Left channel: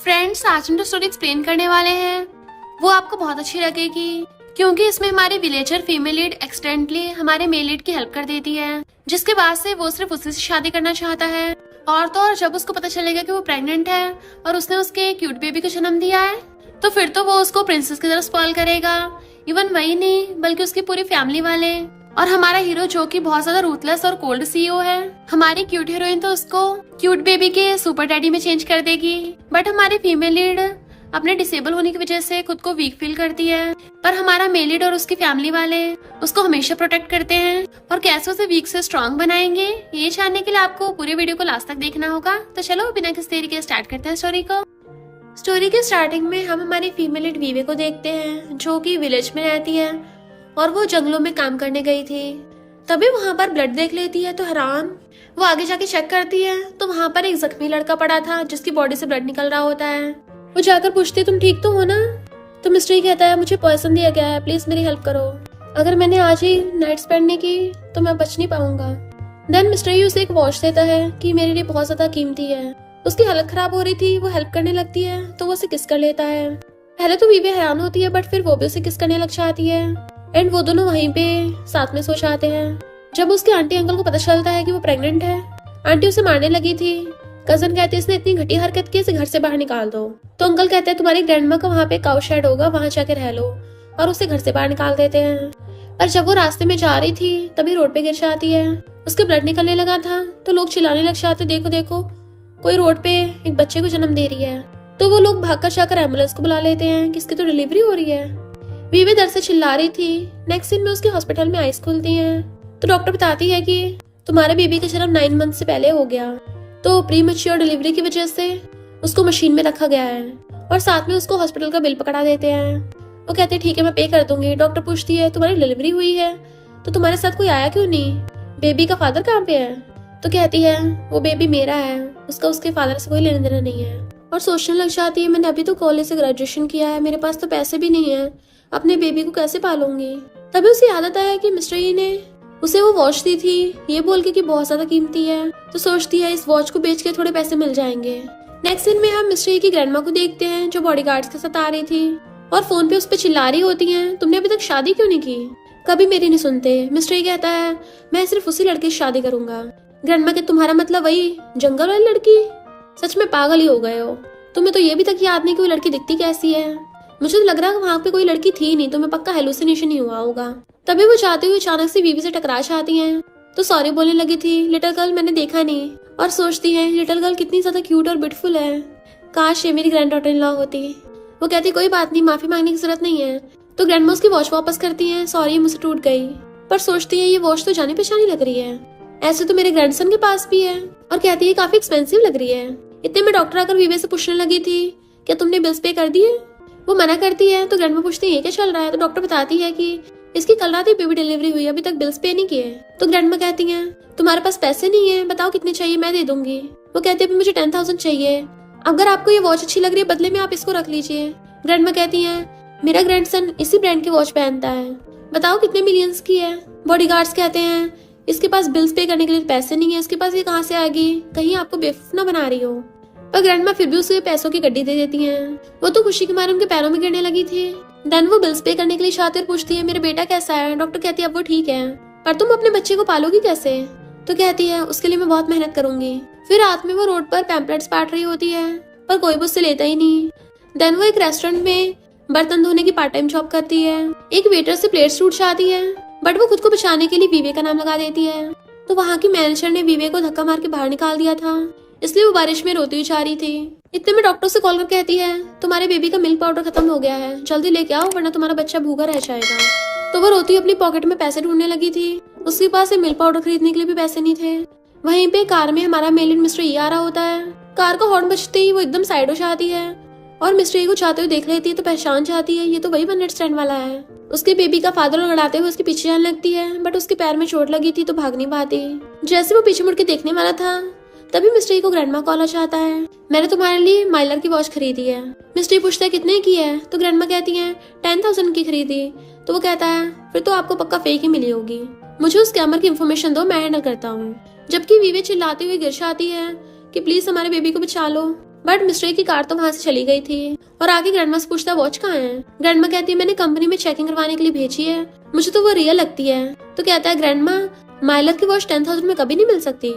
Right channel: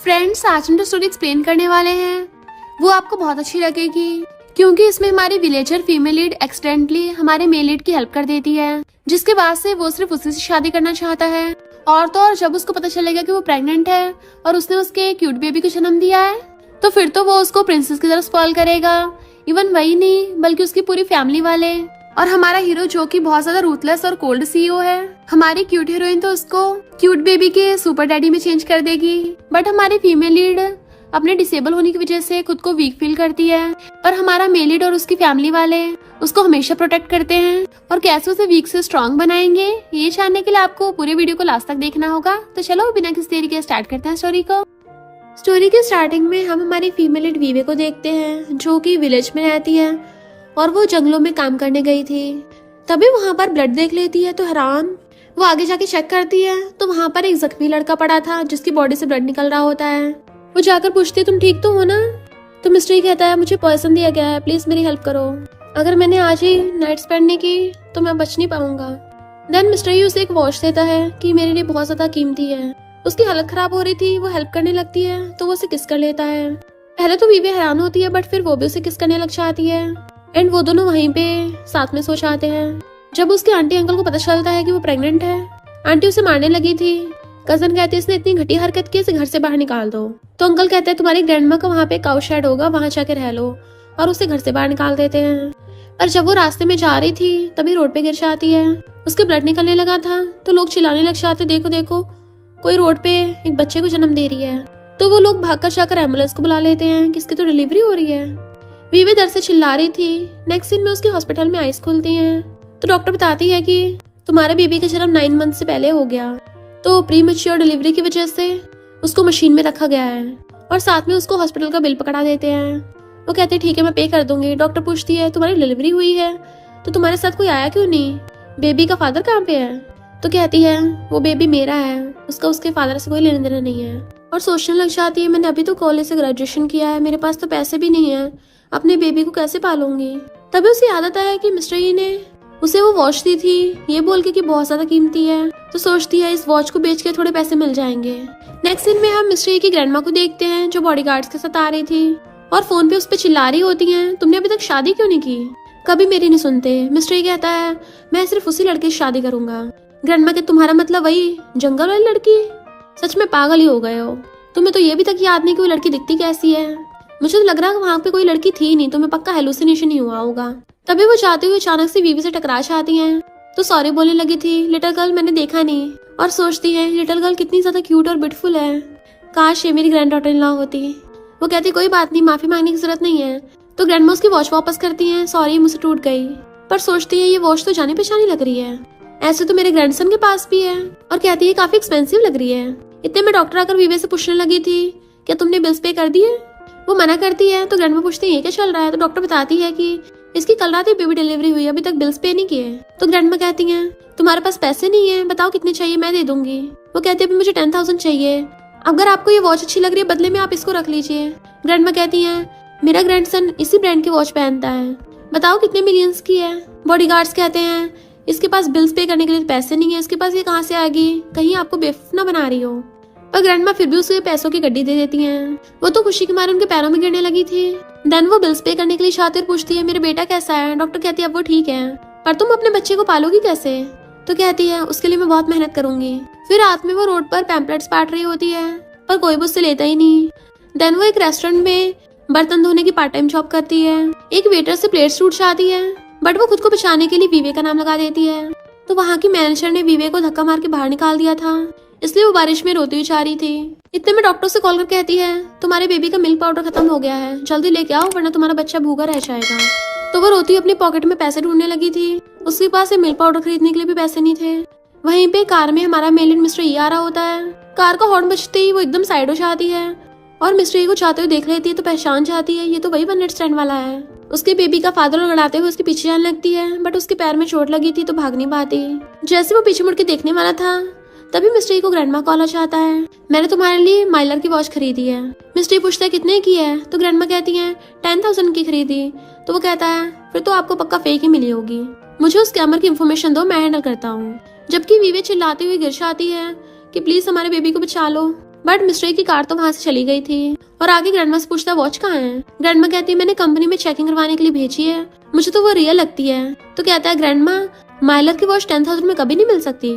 Friends, आज हम जो स्टोरी एक्सप्लेन करने वाले हैं वो आपको बहुत अच्छी लगेगी, क्योंकि इसमें हमारे विलेजर फीमेल लीड एक्सीडेंटली हमारे मेल लीड की हेल्प कर देती है, जिसके बाद से वो सिर्फ उसी से शादी करना चाहता है। और तो और जब उसको पता चलेगा कि वो प्रेग्नेंट है और उसने उसके क्यूट बेबी को जन्म दिया है, तो फिर तो वो उसको प्रिंसेस की तरह स्पॉइल करेगा। इवन वही नहीं बल्कि उसकी पूरी फैमिली वाले। और हमारा हीरो जो कि बहुत ज्यादा रूथलेस और कोल्ड सीईओ है, हमारी क्यूट हीरोइन तो उसको क्यूट बेबी के सुपर डैडी में चेंज कर देगी। बट हमारी फीमेल लीड अपने डिसेबल होने की वजह से खुद को वीक फील करती है, पर हमारा मेल लीड और उसकी फैमिली वाले उसको हमेशा प्रोटेक्ट करते हैं और कैसे उसे वीक से स्ट्रॉन्ग बनाएंगे, ये जानने के लिए आपको पूरे वीडियो को लास्ट तक देखना होगा। तो चलो बिना किसी देरी के स्टार्ट करते हैं स्टोरी को। स्टोरी के स्टार्टिंग में हम हमारी फीमेल लीड वीवे को देखते हैं, जो कि विलेज में रहती है और वो जंगलों में काम करने गई थी। तभी वहाँ पर ब्लड देख लेती है तो हैरान। वो आगे जाके चेक करती है तो वहाँ पर एक जख्मी लड़का पड़ा था जिसकी बॉडी से ब्लड निकल रहा होता है। वो जाकर पूछती है तुम ठीक तो हो ना? तो मिस्ट्री कहता है मुझे पॉइजन दिया गया है, प्लीज मेरी हेल्प करो। अगर मैंने आज ही नाइट स्पेंड नहीं की तो मैं बच नहीं पाऊंगा। देन मिस्ट्री उसे एक वॉच देता है कि मेरे लिए बहुत ज्यादा कीमती है। उसकी हालत खराब हो रही थी, वो हेल्प करने लगती है तो वो उसे किस कर लेता है। पहले तो वीवे हैरान होती है बट फिर वो भी उसे किस करने लग जाती है एंड वो दोनों वहीं पे साथ में सो जाते हैं। जब उसके आंटी अंकल को पता चलता है कि वो प्रेग्नेंट है, आंटी उसे मारने लगी थी। कजन कहते इसने इतनी घटी हरकत की, इसे घर से बाहर निकाल दो। तो अंकल कहते हैं तुम्हारी ग्रैंडमा का वहाँ पे काउ शेड होगा, वहाँ जाकर रह लो, और उसे घर से बाहर निकाल देते हैं। पर जब वो रास्ते में जा रही थी तभी रोड पे गिर जाती है। उसके ब्लड निकलने लगा था तो लोग चिल्लाने लग जाते देखो देखो कोई रोड पे एक बच्चे को जन्म दे रही है। तो वो लोग भागकर जाकर एम्बुलेंस को बुला लेते हैं कि इसकी तो डिलीवरी हो रही है। वीवे दर्द से चिल्ला रही थी। नेक्स्ट सीन में उसके हॉस्पिटल में आइज खुलती हैं तो डॉक्टर बताती है कि तुम्हारे बेबी का जन्म 9 मंथ से पहले हो गया, तो प्री मैच्योर डिलीवरी की वजह से उसको मशीन में रखा गया है और साथ में उसको हॉस्पिटल का बिल पकड़ा देते हैं। वो कहते हैं ठीक है मैं पे कर दूंगी। डॉक्टर पूछती है तुम्हारी डिलीवरी हुई है तो तुम्हारे साथ कोई आया क्यों नहीं, बेबी का फादर कहाँ पे है? तो कहती है वो बेबी मेरा है, उसका उसके फादर से कोई लेना देना नहीं है। और सोचने लग जाती है मैंने अभी तो कॉलेज से ग्रेजुएशन किया है, मेरे पास तो पैसे भी नहीं है, अपने बेबी को कैसे पालूंगी। तभी उसे याद आता है कि मिस्टर ई ने उसे वो वॉच दी थी ये बोल के कि बहुत ज्यादा कीमती है, तो सोचती है इस वॉच को बेच के थोड़े पैसे मिल जाएंगे। नेक्स्ट सीन में हम मिस्टर ई की ग्रैंडमा को देखते हैं जो बॉडीगार्ड्स के साथ आ रही थी और फोन पे उस पर चिल्ला रही होती है तुमने अभी तक शादी क्यों नहीं की, कभी मेरी नहीं सुनते। मिस्टर ई कहता है मैं सिर्फ उसी लड़के से शादी करूंगा। ग्रैंडमा के तुम्हारा मतलब वही जंगल वाली लड़की? सच में पागल ही हो गए हो, तुम्हें तो ये भी तक याद नहीं कि वो लड़की दिखती कैसी है। मुझे तो लग रहा है वहाँ पे कोई लड़की थी नहीं, तुम्हें पक्का हेलुसिनेशन ही हुआ होगा। तभी वो जाते हुए अचानक से वीवी से टकरा जाती हैं तो सॉरी बोलने लगी थी लिटिल गर्ल मैंने देखा नहीं, और सोचती है लिटिल गर्ल कितनी ज्यादा क्यूट और ब्यूटीफुल है, काश ये मेरी ग्रैंड डॉटर इन लॉ होती। वो कहती कोई बात नहीं, माफी मांगने की जरूरत नहीं है। तो ग्रैंडमा उसकी वॉच वापस करती है, सॉरी मुझसे टूट गई। पर सोचती है ये वॉच तो जानी पहचानी लग रही है, ऐसे तो मेरे ग्रैंडसन के पास भी है। और कहती है काफी एक्सपेंसिव लग रही है। इतने में डॉक्टर आकर वीवे से पूछने लगी थी क्या तुमने बिल्स पे कर दिए? वो मना करती है तो ग्रैंडमा पूछती है ये क्या चल रहा है? तो डॉक्टर बताती है कि इसकी कल रात ही बेबी डिलीवरी हुई, अभी तक बिल्स पे नहीं किए। तो ग्रैंडमा कहती है तुम्हारे पास पैसे नहीं है, बताओ कितने चाहिए मैं दे दूंगी। वो कहती है मुझे 10,000 चाहिए, अगर आपको ये वॉच अच्छी लग रही है बदले में आप इसको रख लीजिए। ग्रैंडमा कहती है मेरा ग्रैंडसन इसी ब्रांड की वॉच पहनता है, बताओ कितने मिलियंस की है। बॉडीगार्ड्स कहते हैं इसके पास बिल्स पे करने के लिए पैसे नहीं है, इसके पास ये कहाँ से आ गई, कहीं आपको बेवकूफ ना बना रही हो। पर ग्रैंडमा फिर भी उसे पैसों की गड्डी दे देती हैं। वो तो खुशी के मारे उनके पैरों में गिरने लगी थी। देन वो बिल्स पे करने के लिए शातिर पूछती है मेरा बेटा कैसा है? डॉक्टर कहती है अब वो ठीक है, पर तुम अपने बच्चे को पालोगी कैसे? तो कहती है उसके लिए मैं बहुत मेहनत करूंगी। फिर रात में वो रोड पर पैम्पलेट्स बांट रही होती है पर कोई भी उससे लेता ही नहीं। देन वो एक रेस्टोरेंट में बर्तन धोने की पार्ट टाइम जॉब करती है। एक वेटर से प्लेट्स टूट जाती है बट वो खुद को बचाने के लिए वीवे का नाम लगा देती है। तो वहाँ की मैनेजर ने वीवे को धक्का मार के बाहर निकाल दिया था, इसलिए वो बारिश में रोती हुई जा रही थी। इतने में डॉक्टर से कॉल कर कहती है तुम्हारे बेबी का मिल्क पाउडर खत्म हो गया है, जल्दी लेके आओ वरना तुम्हारा बच्चा भूखा रह जाएगा। तो वो रोती अपने पॉकेट में पैसे ढूंढने लगी थी, उसके पास मिल्क पाउडर खरीदने के लिए भी पैसे नहीं थे। वहीं पे कार में हमारा मेल लीड मिस्टर ई आ रहा होता है। कार का हॉर्न बजते ही वो एकदम साइड हो जाती है और मिस्टर ई को जाते हुए देख लेती है तो पहचान जाती है ये तो वही 1 नाइट स्टैंड वाला है। उसके बेबी का फादर लड़ाते हुए उसके पीछे जाने लगती है बट उसके पैर में चोट लगी थी तो भाग नहीं पाती। जैसे वो पीछे मुड़ के देखने वाला था तभी मिस्टर ई को ग्रैंडमा कॉल आ जाता है मैंने तुम्हारे लिए माइलर की वॉच खरीदी है। मिस्टर ई पूछता है कितने की है? तो ग्रैंडमा कहती है 10,000 की खरीदी। तो वो कहता है फिर तो आपको पक्का फेक ही मिली होगी, मुझे उस स्कैमर की इन्फॉर्मेशन दो, मैं हैंडल करता हूँ। जबकि वीवे चिल्लाती हुई गिर जाती है कि प्लीज हमारे बेबी को बचा लो। बट मिस्टर की कार तो वहाँ से चली गई थी। और आगे ग्रैंडमा से पूछता वॉच कहाँ है। ग्रैंडमा कहती है मैंने कंपनी में चेकिंग करवाने के लिए भेजी है, मुझे तो वो रियल लगती है। तो कहता है ग्रैंडमा माइलर की वॉच 10,000 में कभी नहीं मिल सकती।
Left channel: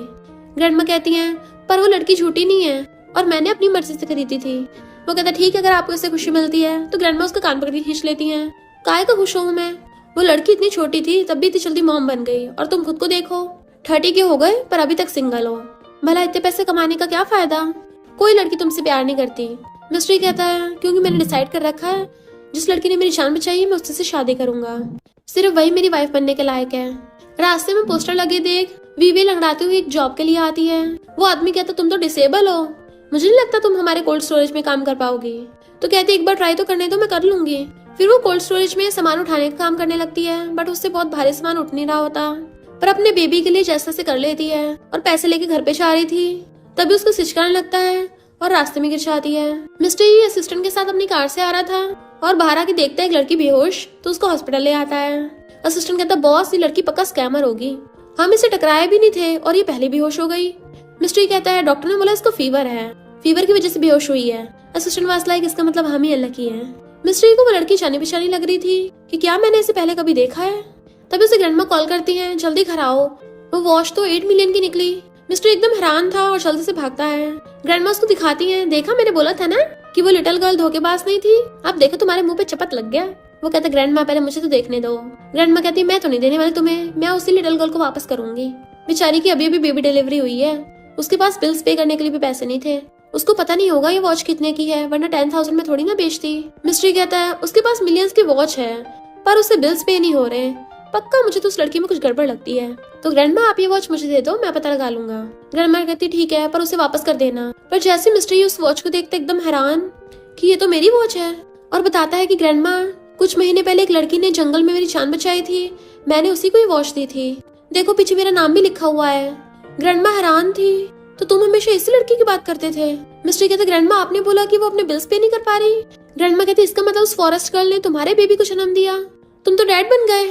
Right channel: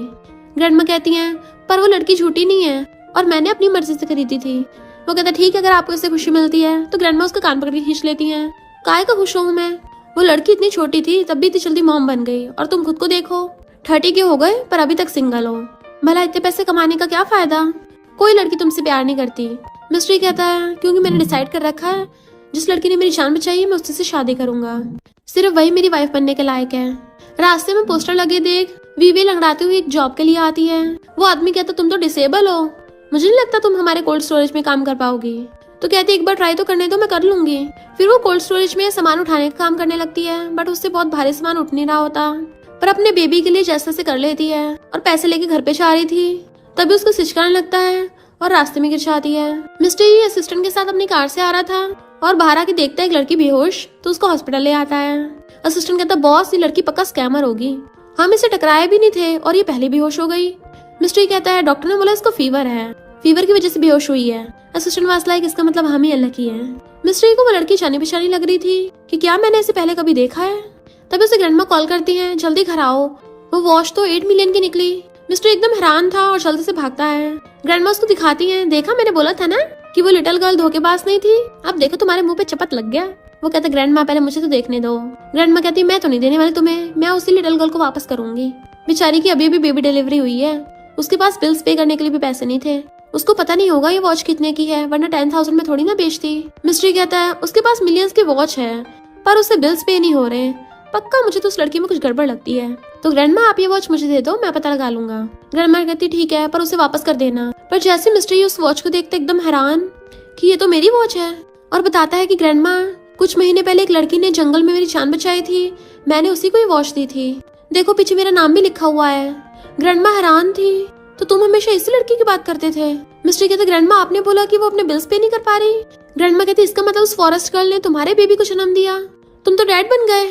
ग्रैंडमा कहती है पर वो लड़की छोटी नहीं है और मैंने अपनी मर्जी से खरीदी थी। वो कहता है ठीक है, अगर आपको इससे खुशी मिलती है। तो ग्रैंडमा उसका कान पकड़ के खींच लेती है। काहे का खुश हूँ मैं, वो लड़की इतनी छोटी थी तब भी इतनी जल्दी मॉम बन गई, और तुम खुद को देखो 30 के हो गए पर अभी तक सिंगल हो। भला इतने पैसे कमाने का क्या फायदा, कोई लड़की तुमसे प्यार नहीं करती। मिस्ट्री कहता है क्योंकि मैंने डिसाइड कर रखा है जिस लड़की ने मेरी जान बचाई है मैं उससे शादी करूंगा, सिर्फ वही मेरी वाइफ बनने के लायक है। रास्ते में पोस्टर लगे देख वीवे लंगड़ाते हुए एक जॉब के लिए आती है। वो आदमी कहता तुम तो डिसेबल हो, मुझे नहीं लगता तुम हमारे कोल्ड स्टोरेज में काम कर पाओगी। तो कहते एक बार ट्राई तो करने दो, मैं कर लूंगी। फिर वो कोल्ड स्टोरेज में सामान उठाने का काम करने लगती है, बट उससे बहुत भारी सामान उठ नहीं रहा होता, पर अपने बेबी के लिए जैसे से कर लेती है। और पैसे लेके घर पे जा रही थी तभी उसको सिचकाने लगता है और रास्ते में गिर जाती है। मिस्टर ये असिस्टेंट के साथ अपनी कार से आ रहा था और बाहर आके देखता है एक लड़की बेहोश, तो उसको हॉस्पिटल ले आता है। असिस्टेंट कहता बॉस ये लड़की पक्का स्कैमर होगी, हम इसे टकराए भी नहीं थे और ये पहले बेहोश हो गई। मिस्टर कहता है डॉक्टर ने बोला इसको फीवर है, फीवर की वजह से बेहोश हुई है। असिस्टेंट वास्ता है इसका मतलब हम ही अनलकी है। मिस्टर को वो लड़की जानी पहचानी लग रही थी कि क्या मैंने इसे पहले कभी देखा है। तभी उसे ग्रैंडमा कॉल करती है जल्दी घर आओ, वो वॉच तो 8 मिलियन की निकली। मिस्टर एकदम हैरान था और जल्दी से भागता है। ग्रैंडमा उसको दिखाती है देखा मैंने बोला था ना कि वो लिटिल गर्ल धोखेबाज नहीं थी, अब देखो तुम्हारे मुंह पे चपत लग गया। वो कहते ग्रैंडमा पहले मुझे तो देखने दो। ग्रैंडमा कहती मैं तो नहीं देने वाली तुम्हें, मैं उसी लिटिल गर्ल को वापस करूंगी। बेचारी की अभी भी बेबी डिलीवरी हुई है, उसके पास बिल्स पे करने के लिए भी पैसे नहीं थे। उसको पता नहीं होगा ये वॉच कितने की है, वरना 10,000 में थोड़ी ना बेचती। मिस्ट्री कहता है उसके पास मिलियंस के वॉच है पर उसे बिल्स पे नहीं हो रहे, पक्का मुझे तो उस लड़की में कुछ गड़बड़ लगती है। तो ग्रैंडमा आप ये वॉच मुझे दे दो, मैं पता लगा लूंगा। ग्रैंडमा कहती ठीक है पर उसे वापस कर देना। पर जैसे मिस्ट्री उस वॉच को देखते एकदम हैरान कि ये तो मेरी वॉच है, और बताता है कि ग्रैंडमा कुछ महीने पहले एक लड़की ने जंगल में मेरी जान बचाई थी, मैंने उसी को ही वॉच दी थी, देखो पीछे मेरा नाम भी लिखा हुआ है। ग्रैंडमा हैरान थी तो तुम हमेशा इसी लड़की की बात करते थे। मिस्ट्री कहते ग्रैंडमा आपने बोला कि वो अपने बिल्स पे नहीं कर पा रही। ग्रैंडमा कहती इसका मतलब उस फॉरेस्ट गर्ल ने तुम्हारे बेबी को जन्म दिया, तुम तो डैड बन गए।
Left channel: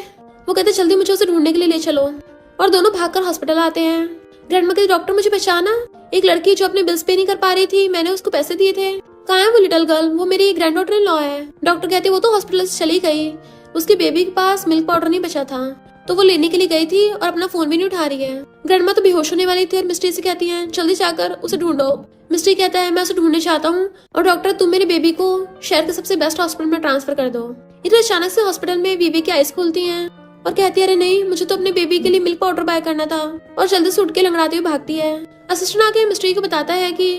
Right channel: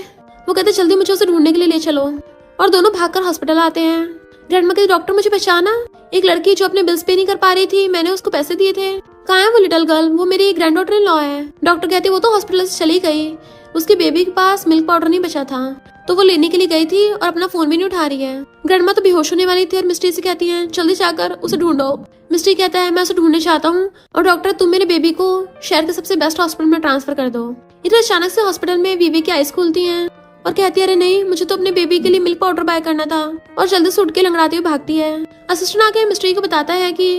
वो कहते जल्दी मुझे उसे ढूंढने के लिए ले चलो, और दोनों भागकर हॉस्पिटल आते हैं। ग्रैंडमा कहती डॉक्टर मुझे पहचाना, एक लड़की जो अपने बिल्स पे नहीं कर पा रही थी, मैंने उसको पैसे दिए थे। कहाँ है वो लिटिल गर्ल, वो मेरी ग्रैंड डॉटर इन लॉ है। डॉक्टर कहते वो तो हॉस्पिटल से चली गई, उसके बेबी के पास मिल्क पाउडर नहीं बचा था तो वो लेने के लिए गई थी और अपना फोन भी नहीं उठा रही है। ग्रैंडमा तो बेहोश होने वाली थी और मिस्ट्री से कहती है जल्दी जाकर उसे ढूंढो। मिस्ट्री कहता है मैं उसे ढूंढने चाहता हूँ और डॉक्टर तुम मेरे बेबी को शहर के सबसे बेस्ट हॉस्पिटल में ट्रांसफर कर दो। इधर अचानक से हॉस्पिटल में बेबी की आईज खुलती है और कहती है अरे नहीं मुझे तो अपने बेबी के लिए मिल्क पाउडर बाय करना था, और जल्दी से उठ के लंगड़ाती हुई भागती है। असिस्टेंट आके मिस्ट्री को बताता है कि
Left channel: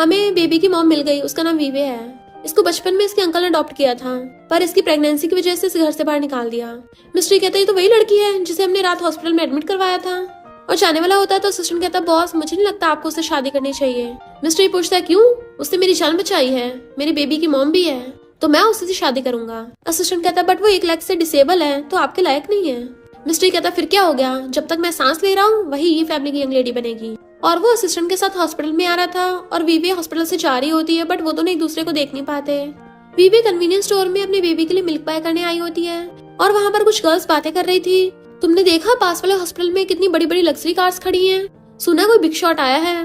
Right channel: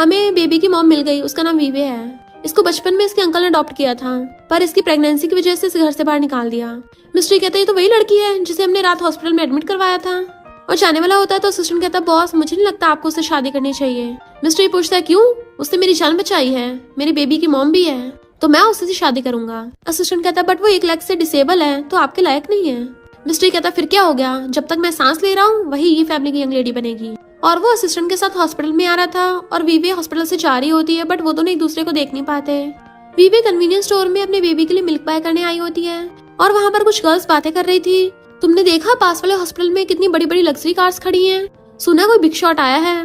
हमें बेबी की मॉम मिल गई, उसका नाम वीवे है, इसको बचपन में इसके अंकल ने अडॉप्ट किया था पर इसकी प्रेगनेंसी की वजह से इसे घर से बाहर निकाल दिया। मिस्ट्री कहते हैं तो वही लड़की है जिसे हमने रात हॉस्पिटल में एडमिट करवाया था। और जाने वाला होता है तो असिस्टेंट कहता है बॉस मुझे नहीं लगता आपको उससे शादी करनी चाहिए। मिस्ट्री पूछता है क्यों, उसने मेरी जान बचाई है, मेरी बेबी की मॉम भी है, तो मैं उससे शादी करूंगा। असिस्टेंट कहता है बट वो एक लेग से डिसेबल है तो आपके लायक नहीं है। मिस्ट्री कहता फिर क्या हो गया, जब तक मैं सांस ले रहा हूँ वही ये फैमिली की यंग लेडी बनेगी। और वो असिस्टेंट के साथ हॉस्पिटल में आ रहा था और वीवे हॉस्पिटल से जा रही होती है, बट वो दोनों एक दूसरे को देख नहीं पाते। वीवे कन्वीनियंस स्टोर में अपने बेबी के लिए मिल्क बाय करने आई होती है और वहाँ पर कुछ गर्ल्स बातें कर रही थी। तुमने देखा पास वाले हॉस्पिटल में कितनी बड़ी बड़ी लग्जरी कार्स खड़ी हैं, सुना कोई बिग शॉट आया है,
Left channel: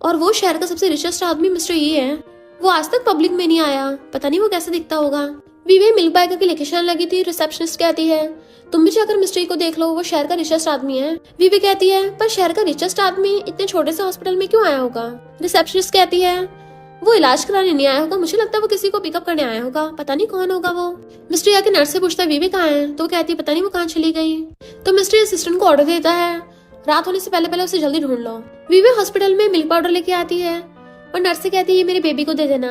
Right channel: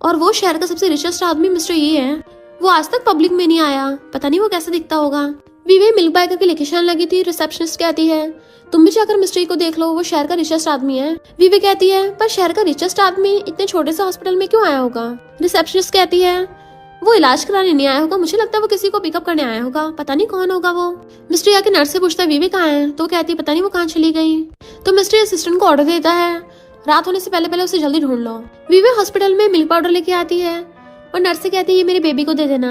और वो शहर का सबसे रिचेस्ट आदमी मिस्टर ये है, वो आज तक पब्लिक में नहीं आया, पता नहीं वो कैसे दिखता होगा। वीवे मिल्क बाय करके लेके जाने लगी थी। रिसेप्शनिस्ट कहती है तुम भी जाकर मिस्टर को देख लो, वो शहर का रिचेस्ट आदमी है। वीवे कहती है पर शहर का रिचेस्ट आदमी इतने छोटे से हॉस्पिटल में क्यों आया होगा। रिसेप्शनिस्ट कहती है वो इलाज कराने नहीं आया होगा, मुझे लगता है वो किसी को पिकअप करने आया होगा, पता नहीं कौन होगा वो। मिस्टर आके नर्स से पूछता है वीवे कहाँ है, तो कहती है पता नहीं वो कहाँ चली गई। तो मिस्टर असिस्टेंट को ऑर्डर देता है रात होने से पहले पहले उसे जल्दी ढूंढ लो। वीवे हॉस्पिटल में मिल्क पाउडर लेके आती है और नर्स से कहती है मेरी बेबी को दे देना।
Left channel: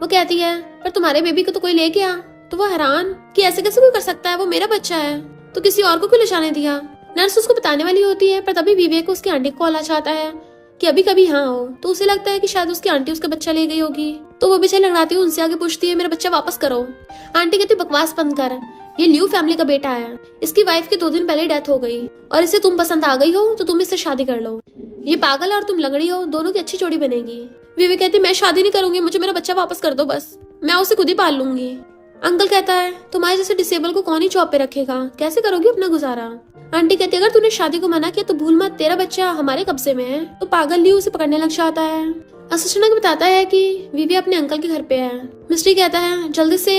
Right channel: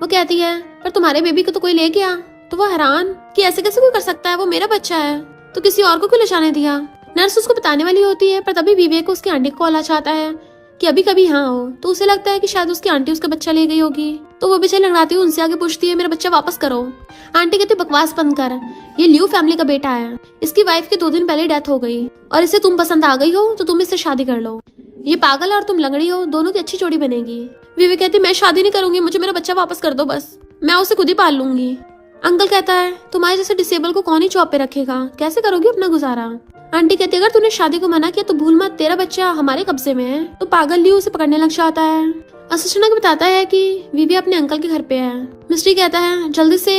वो कहती है पर तुम्हारे बेबी को तो कोई ले गया। तो वो हैरान कि ऐसे कैसे कोई कर सकता है, वो मेरा बच्चा है, तो किसी और को क्यों ले जाने दिया। नर्स उसको बताने वाली होती है पर तभी वीवे को उसकी आंटी को कॉल आ जाता है कि अभी कभी हाँ हो, तो उसे लगता है कि शायद उसकी आंटी उसका बच्चा ले गई होगी। तो वो बेचारी लड़ाती हुई उनसे आगे पूछती है मेरा बच्चा वापस करो। आंटी कहती बकवास बंद कर, ये ल्यू फैमिली का बेटा है, इसकी वाइफ की 2 दिन पहले डेथ हो गई और इसे तुम पसंद आ गई हो तो तुम इससे शादी कर लो। ये पागल है और तुम लंगड़ी हो, दोनों की अच्छी जोड़ी बनेगी। वीवे कहती मैं शादी नहीं करूंगी, मुझे मेरा बच्चा वापस कर दो, बस मैं उसे खुद ही पाल लूंगी। अंकल कहता है तुम्हारे जैसे डिसेबल को कौन ही जॉब पे रखेगा, कैसे करोगे अपना गुजारा। आंटी कहती है अगर तूने शादी को मना किया तो भूल मत तेरा बच्चा हमारे कब्जे में है। तो पागल ल्यू उसे पकड़ने लग जाता है। असिस्टेंट को बताता है कि वीवी अपने अंकल के घर पे है। मिस्ट्री कहता है जल्दी से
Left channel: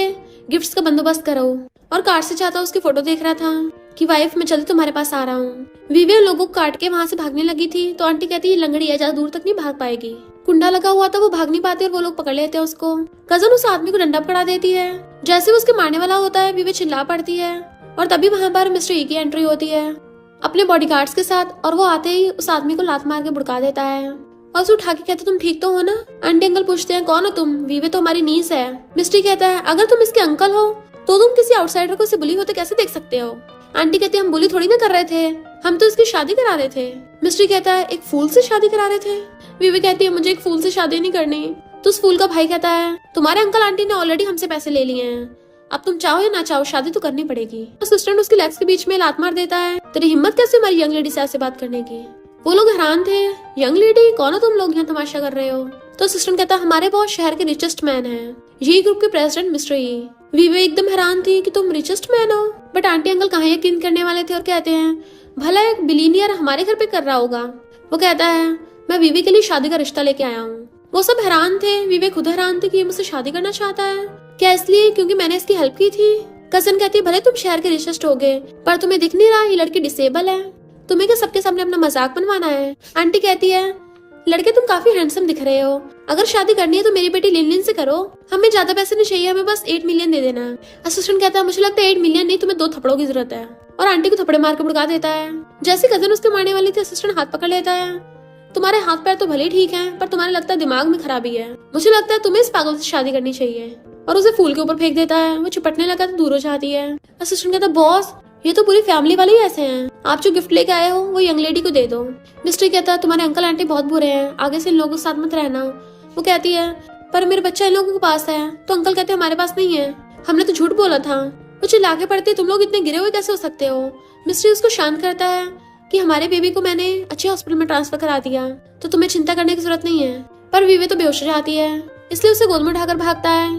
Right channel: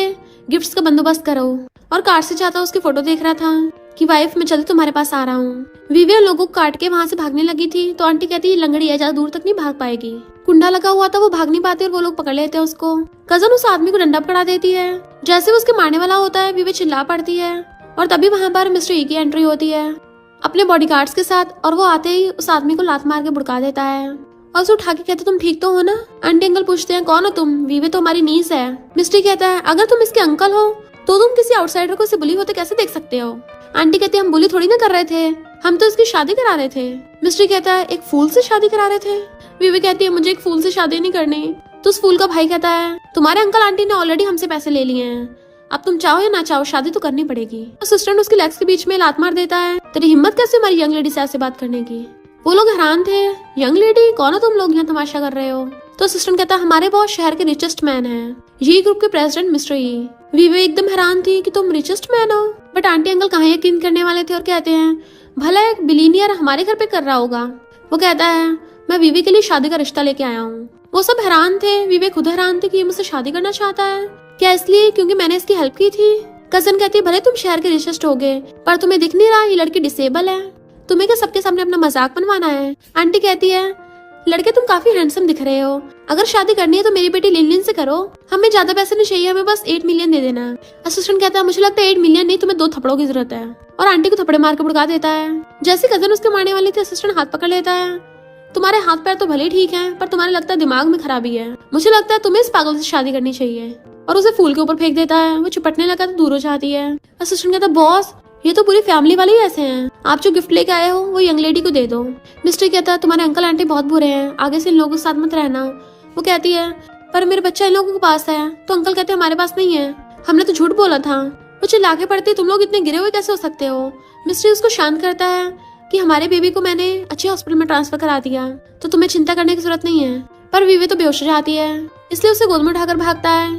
गिफ्ट्स का बंदोबस्त करो और कार से जाता उसकी फोटो देख रहा था कि वाइफ मैं जल्दी तुम्हारे पास आ रहा हूँ। विविया लोगों को काट के वहाँ से भागने लगी थी तो आंटी कहती है लंगड़ी है, ज्यादा दूर तक नहीं भाग पाएगी। कुंडा लगा हुआ था, वो भाग नहीं पाती और वो लोग पकड़ लेते हैं उसको। कजन उस आदमी को डंडा पकड़ा देती है। जैसे वो उसके मारने वाला होता है विविया चिल्ला पड़ती है और तभी वहाँ पर मिस्टर ई की एंट्री होती है अपने बॉडीगार्ड्स के साथ और वो आते ही उस आदमी को लात मार के भड़का देता है और उसे उठा के कहते तुम ठीक तो हो ना। आंटी अंकल पूछते हैं कौन हो तुम? विवी तो हमारी नीस है। मिस्ट्री कहता है अगर तुम इसके अंकल हो तो तुम किसी आउटसाइडर को बुली होते कैसे देख सकते हो? आंटी कहती है हम बुली थोड़ी ना कर रहे थे, हम तो उसकी शादी करा रहे थे। मिस्ट्री कहता है एक फूल से शादी करा रहे थे? विवी कहती है मुझे एक फूल से शादी नहीं करनी। तो उस फूल का भाई कहता है तुम्हारे अंकल आंटी ने ऑलरेडी हमसे पैसे ले लिए हैं, अब तुम चाहो या ना चाहो शादी तो करनी पड़ेगी। असिस्टेंट उसके लेग्स के बीच में लात मार देता है। तेरी हिम्मत कैसे हमारी यंग लेडी से ऐसे बात करने की? वो लोग हैरान थे, यंग लेडी कौन हो तुम लोग यहाँ तमाशा कर रहे हो? तो असिस्टेंट कहता है हमारे बॉस शहर के रिचेस्ट मैन हैं, ये ग्रुप के प्रेसिडेंट मिस्टर ई। विवे एकदम हैरान थी कि तुम रिचेस्ट मैन हो, बट आंटी अंकल कहाँ यकीन करने वाले थे और कहते हैं भला एक बिलीनियर हमारे घर पे कर रहा होगा। वो कहता है मैं विवे के लिए शादी का रिश्ता लेके आया हूँ। वो सब हैरान थे, विवे खुद हैरान थे कि ये मुझसे शादी करना चाहता है। क्या इसलिए क्योंकि मैंने इसकी हेल्प की थी? कजन कहती है भले तुम शहर के रिचेस्ट हो गए पर तुम्हें दिख नहीं रहा ये लड़की डिसेबल है, तुम्हें तो सबके सामने अपना मजाक बनवाना है। आंटी कहती है लड़के तुम काफी हैंडसम दिख रहे हो, अगर शादी करनी है तो मेरी बेटी लिनलिन से करो, हमें ज्यादा पैसे नहीं चाहिए, हमें बस 8 मिलियन दे देना। असिस्टेंट कहता है मुझे लगता है 8 मिलियन नहीं, तुम्हें 2 थप्पड़ों की जरूरत है और आंटी को थप्पड़े मार के भड़का देता है। जैसे कजन उसके मारने वाली थी असिस्टेंट हाथ पकड़ लेता है। तुम्हारे हाथ पैर तो भले ठीक है पर तुम्हारे लगता है दिमाग में खराबी है, मुझे लगता है तुम्हें इस पागल से शादी करनी चाहिए और उसे फूल के ऊपर फेंक देता है। वो चिपटने लगा तो दूर हो जाती है। असिस्टेंट कहता है बॉस ये तो पूरी फैमिली वाले ही ऐसे हैं, आप जो गिफ्ट लेके आए हो वो यंग लेडी को दे दो। मिस्टर कहता है तुम्हारे अंकल आंटी बहुत बुरे हैं, आगे से इन लोगों के साथ मत रहना। वो कहती है पर मेरे बच्चा इन लोगों के पास है। तो अंकल कहते हैं हमारे पास नहीं है, हमने तो झूठ बोला था। वो चिल्लाके पड़ती तुम लोग इतने गिरे हुए कैसे हो सकते हो? मिस्टर उसको शांत करता है कि हमारे बेबी को मैंने अच्छे हॉस्पिटल में ट्रांसफर करा दिया तो तुम्हें चिंता करने की जरूरत नहीं है। पर विवी तो बेहोश हो जाती है, इसलिए उसे गोद में उठाकर भागता है।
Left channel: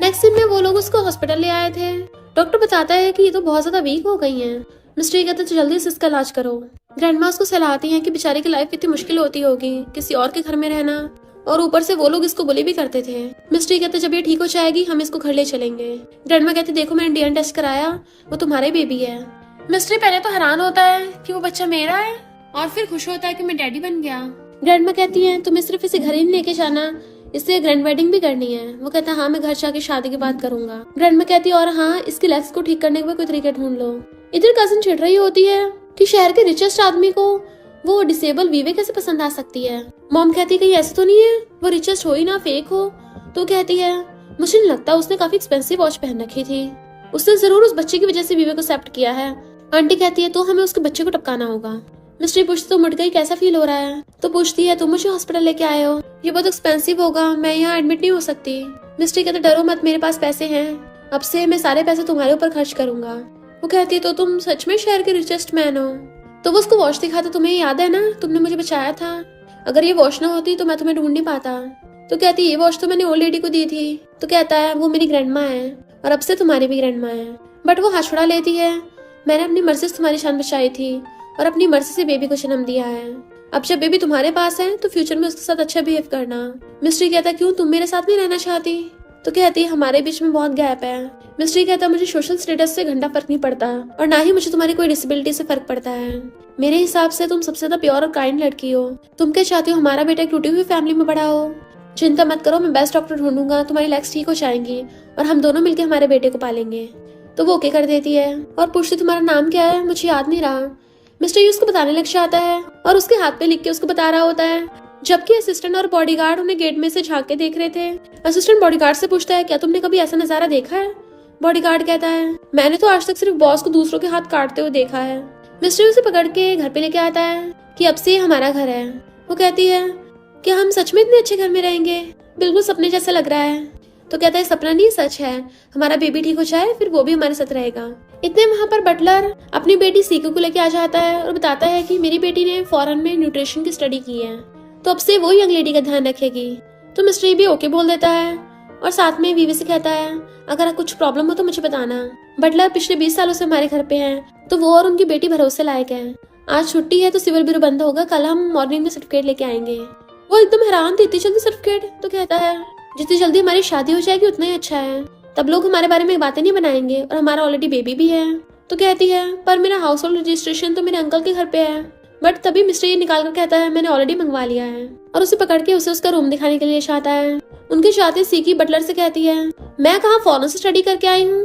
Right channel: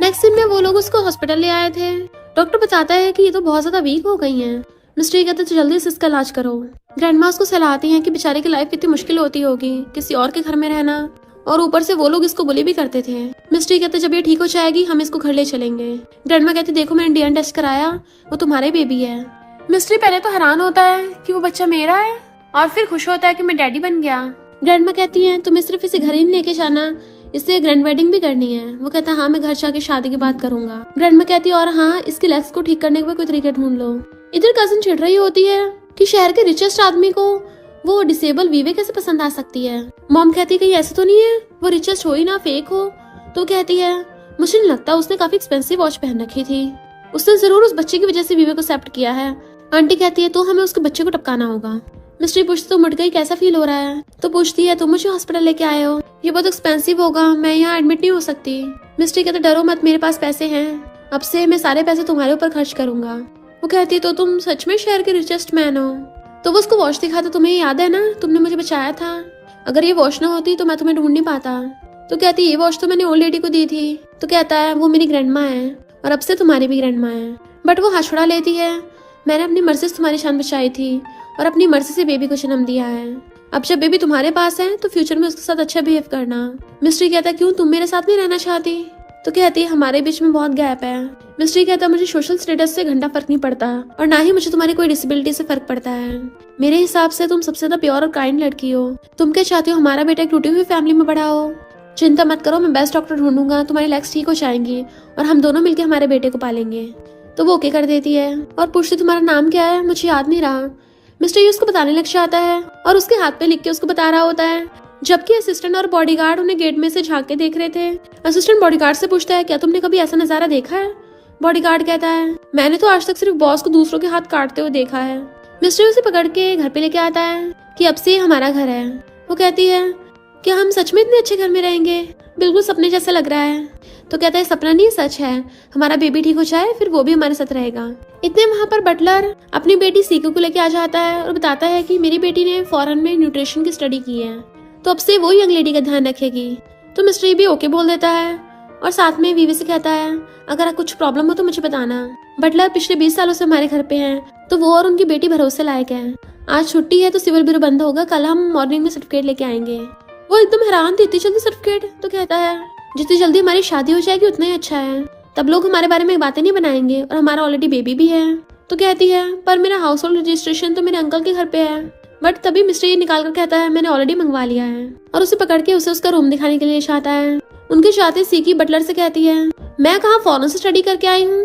नेक्स्ट दिन में वो लोग उसको हॉस्पिटल ले आए थे। डॉक्टर बताता है कि ये तो बहुत ज्यादा वीक हो गई है। मिस्ट्री कहते तो जल्दी से इसका इलाज करो। ग्रैंडमा उसको सलाहती हैं कि बेचारे की लाइफ कितनी मुश्किल होती होगी, किसी और के घर में रहना, और ऊपर से वो लोग इसको बुली भी करते थे। मिस्ट्री कहते जब ये ठीक हो जाएगी हम इसको घर ले चलेंगे। ग्रैंडमा कहते देखो मैंने डीएनए टेस्ट कराया, वो तुम्हारे बेबी है। मिस्ट्री पहले तो हैरान होता है कि वो बच्चा मेरा है और फिर खुश होता है कि मैं डैडी बन गया। ग्रैंडमा कहती है तुम्हें सिर्फ इसे घर ही नहीं लेके जाना, इससे ग्रैंड वेडिंग भी करनी है। वो कहता है हाँ मैं घर जाके शादी की बात करूंगा। ग्रैंडमा कहती है और हाँ इसके लेग्स को ठीक करने के कोई तरीके ढूंढ लो। इधर कजन चिढ़ रही होती है कि शहर के रिचेस्ट आदमी को वो डिसेबल वीवे कैसे पसंद आ सकती है। मॉम कहती है कि ऐसा तो नहीं है वो रिचेस्ट हो ही ना फेक हो। तो कहती है मुझे नहीं लगता, उसने काफी एक्सपेंसिव वॉच पहन रखी थी, उसने जरूर उस बच्चे की वजह से वीवे को एक्सेप्ट किया है। आंटी कहती है तो हमें उसके बच्चे को टपकाना होगा। मिस्ट्री पूछती तो मट गई कैसा फील हो रहा है? तो पूछती है तुम मुझे हॉस्पिटल लेके आए हो, ये बहुत एक्सपेंसिव होगा, मैं यहाँ एडमिट नहीं हो सकती। मिस्ट्री कहते डरो मत, मेरे पास पैसे हैं, अब से मैं सारे पैसे तुम्हारे ऊपर खर्च करूंगा। वो कहती है तो तुम सच में शहर के रिचेस्ट मैन हो? तो वो उसको वॉच दिखाता, तुम्हें याद है ना तुमने मुझे बचाया था, अगर ये वॉच ना होती तो मैं तुम्हें ढूंढ नहीं पाता। तो कहती है ये वॉच तो मैंने ओल्ड लेडी को दी थी। तो कहता है वो मेरी ग्रैंडमा है और अब से तुम्हारी भी ग्रैंडमा है। बट वो हाथ छुड़ा लेती है, मैंने अपनी मर्जी से तुम्हारी जान बचाई थी और अपनी मर्जी से बेबी को जन्म दिया है, अब जब बेबी तुम्हारे पास है तो फ्यूचर में उसके साथ अच्छा बिहेव करना। मिस्ट्री कहता है क्यों तुम मेरे साथ नहीं रहना चाहती? तो कहती है हमारे बीच में बहुत गैप है। मिस्ट्री कहता है मुझे सोशल स्टेटस से घंटा फर्क नहीं पड़ता और ना ही मुझे तुम्हारी कोई डिसेबिलिटी से फर्क पड़ता है। मेरे हिसाब से तुम सबसे ज्यादा प्योर और काइंड लड़की हो। तुम क्या चाहती हो हमारा बेटा एक टूटी हुई फैमिली में बड़ा हो? चिंता मत करो, मैं बेस्ट डॉक्टर ढूंढूंगा, तुम्हारी लेग्स ठीक हो जाएंगी और हम दोनों मिलकर हमारे बेटे को पालेंगे। तो वो ओके कर देती है और पूछती तुम्हारा नाम क्या है? मुझे याद नहीं रहा। मिस्टर उसको बताने लग जाता है और उसके हाथ पे लिख के उसको बता रहा होता है, जबकि असिस्टेंट और बॉडीगार्ड उन्हें गेट में से झांक के देख रहे थे। असिस्टेंट बॉडीगार्ड से पूछता है क्या तुमने कभी ऐसा नजारा देखा है? बॉडीगार्ड कहता है मैंने तो आज तक सिर्फ बॉस को दूसरों के हाथ काटते हुए देखा है। मिस्टर उसे पकड़ के घर पे लेके आता है कि अब से हमारा घर है। वो कहती है क्या हम सच में इतने अच्छे घर में रहेंगे? बिल्कुल सपने जैसे लग रहा है। तो कहता है सपना नहीं सच है, हमारा बेबी ठीक हो जाए फिर वो भी हमारे साथ रहेगा। इतने वहाँ पर बटलर अपनी बेटी सीकू को लेके आ जाता है और बताता है कि मेरी बेटी ने फॉरेन में न्यूट्रिशन की स्टडी की है तो अब से वो यंग लेडी का ध्यान रखेगी। तो मिस्टर भी ओके बोल देता है और साथ में वीवी से कहता है अगर कुछ प्रॉब्लम हो तो मुझे बताना। बटलर पिछले 20 सालों से हमारे घर पे है तो वो और उनकी बेटी भरोसे लायक है। आज छुट्टी है तो सिविल ब्यूरो बंद होगा, कल हम मॉर्निंग में सर्टिफिकेट लेके आएंगे। वो एकदम हैरान थी, इतनी जल्दी सर्टिफिकेट? तो कहता है जितनी जल्दी हमारी शादी हो जाएगी उतना ही अच्छा है, तब लोग हमारे बारे में बातें नहीं बनाएंगे और हमारा ऑलरेडी बेबी भी है। तो कहती है पर मेरा हाउस होल्ड रजिस्ट्रेशन तो मेरे अंकल के घर पे है। बट तभी मिस्टर ये निकाल कर कहता है मैंने ऑलरेडी मंगवा लिया है, और उसे पकड़ के उसे उसका रूम दिखाने के लिए चाहता है। उनके चाहते सीकी बटलर से कहती है मैं कहाँ फॉरेन से स्टडी करके आई हूँ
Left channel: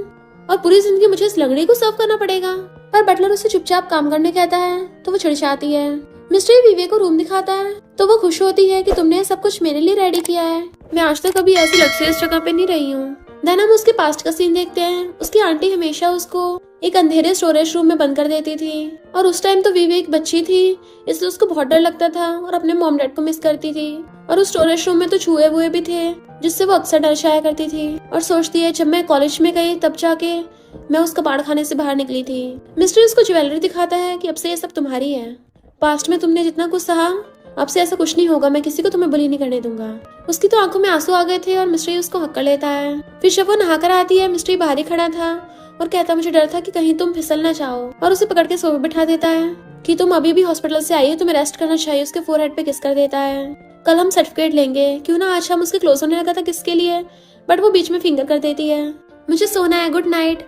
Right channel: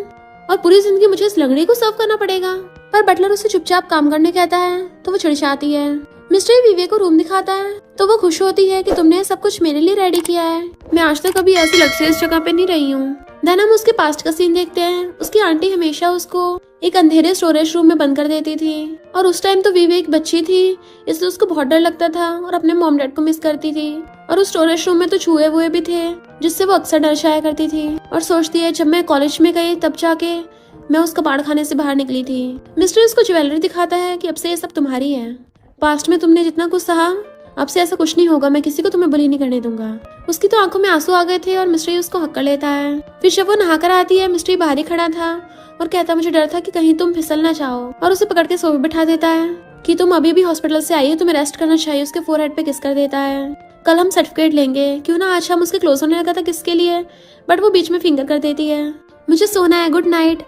और पूरी जिंदगी मुझे इस लंगड़ी को सर्व करना पड़ेगा। पर बटलर उसे चुपचाप काम करने कहता है तो वो चिढ़ जाती है। मिस्टर विवेक को रूम दिखाता है तो वो खुश होती है कि तुमने सब कुछ मेरे लिए रेडी किया है, मैं आज तक कभी ऐसी लग्जरियस जगह पे नहीं रही हूँ। देन हम उसके पास्ट का सीन देखते हैं। उसकी आंटी हमेशा उसको एक अंधेरे स्टोरेज रूम में बंद कर देती थी, और उस टाइम तो विवेक बच्ची थी इसलिए उसको बहुत डर लगता था और अपने मॉम डैड को मिस करती थी। और उस स्टोरेज रूम में तो चूहे वूहे भी थे जिससे वो अक्सर डर जाया करती थी, और सोचती है जब मैं कॉलेज में गई तब जाके मैं उस कबाड़ खाने से बाहर निकली थी। मिस्टर उसको ज्वेलरी दिखाता है कि अब से ये सब तुम्हारी है, पास्ट में तुमने जितना कुछ सहा अब से ऐसा कुछ नहीं होगा, मैं किसी को तुम्हें बुली नहीं करने दूंगा। उसकी तो आंखों में आंसू आ गए थे और मिस्ट्री उसको हक कर लेता है। फिर जब वो नहाकर आती है मिस्ट्री बाहर ही खड़ा था और कहता मुझे डर था कि कहीं तुम फिसल ना चाहो, और उसे पकड़ के सोफे बिठा देता है कि तुम अभी भी हॉस्पिटल से आई हो, तुम्हें रेस्ट करना चाहिए। उसके फोरहेड पे किस कर देता है। कल हम सर्टिफिकेट लेंगे, क्यों ना आज हम उसके क्लोज होने लगा था किसके लिए, बट वो बीच में फिंगर कर देती है मुझे सोना है, गुड नाइट।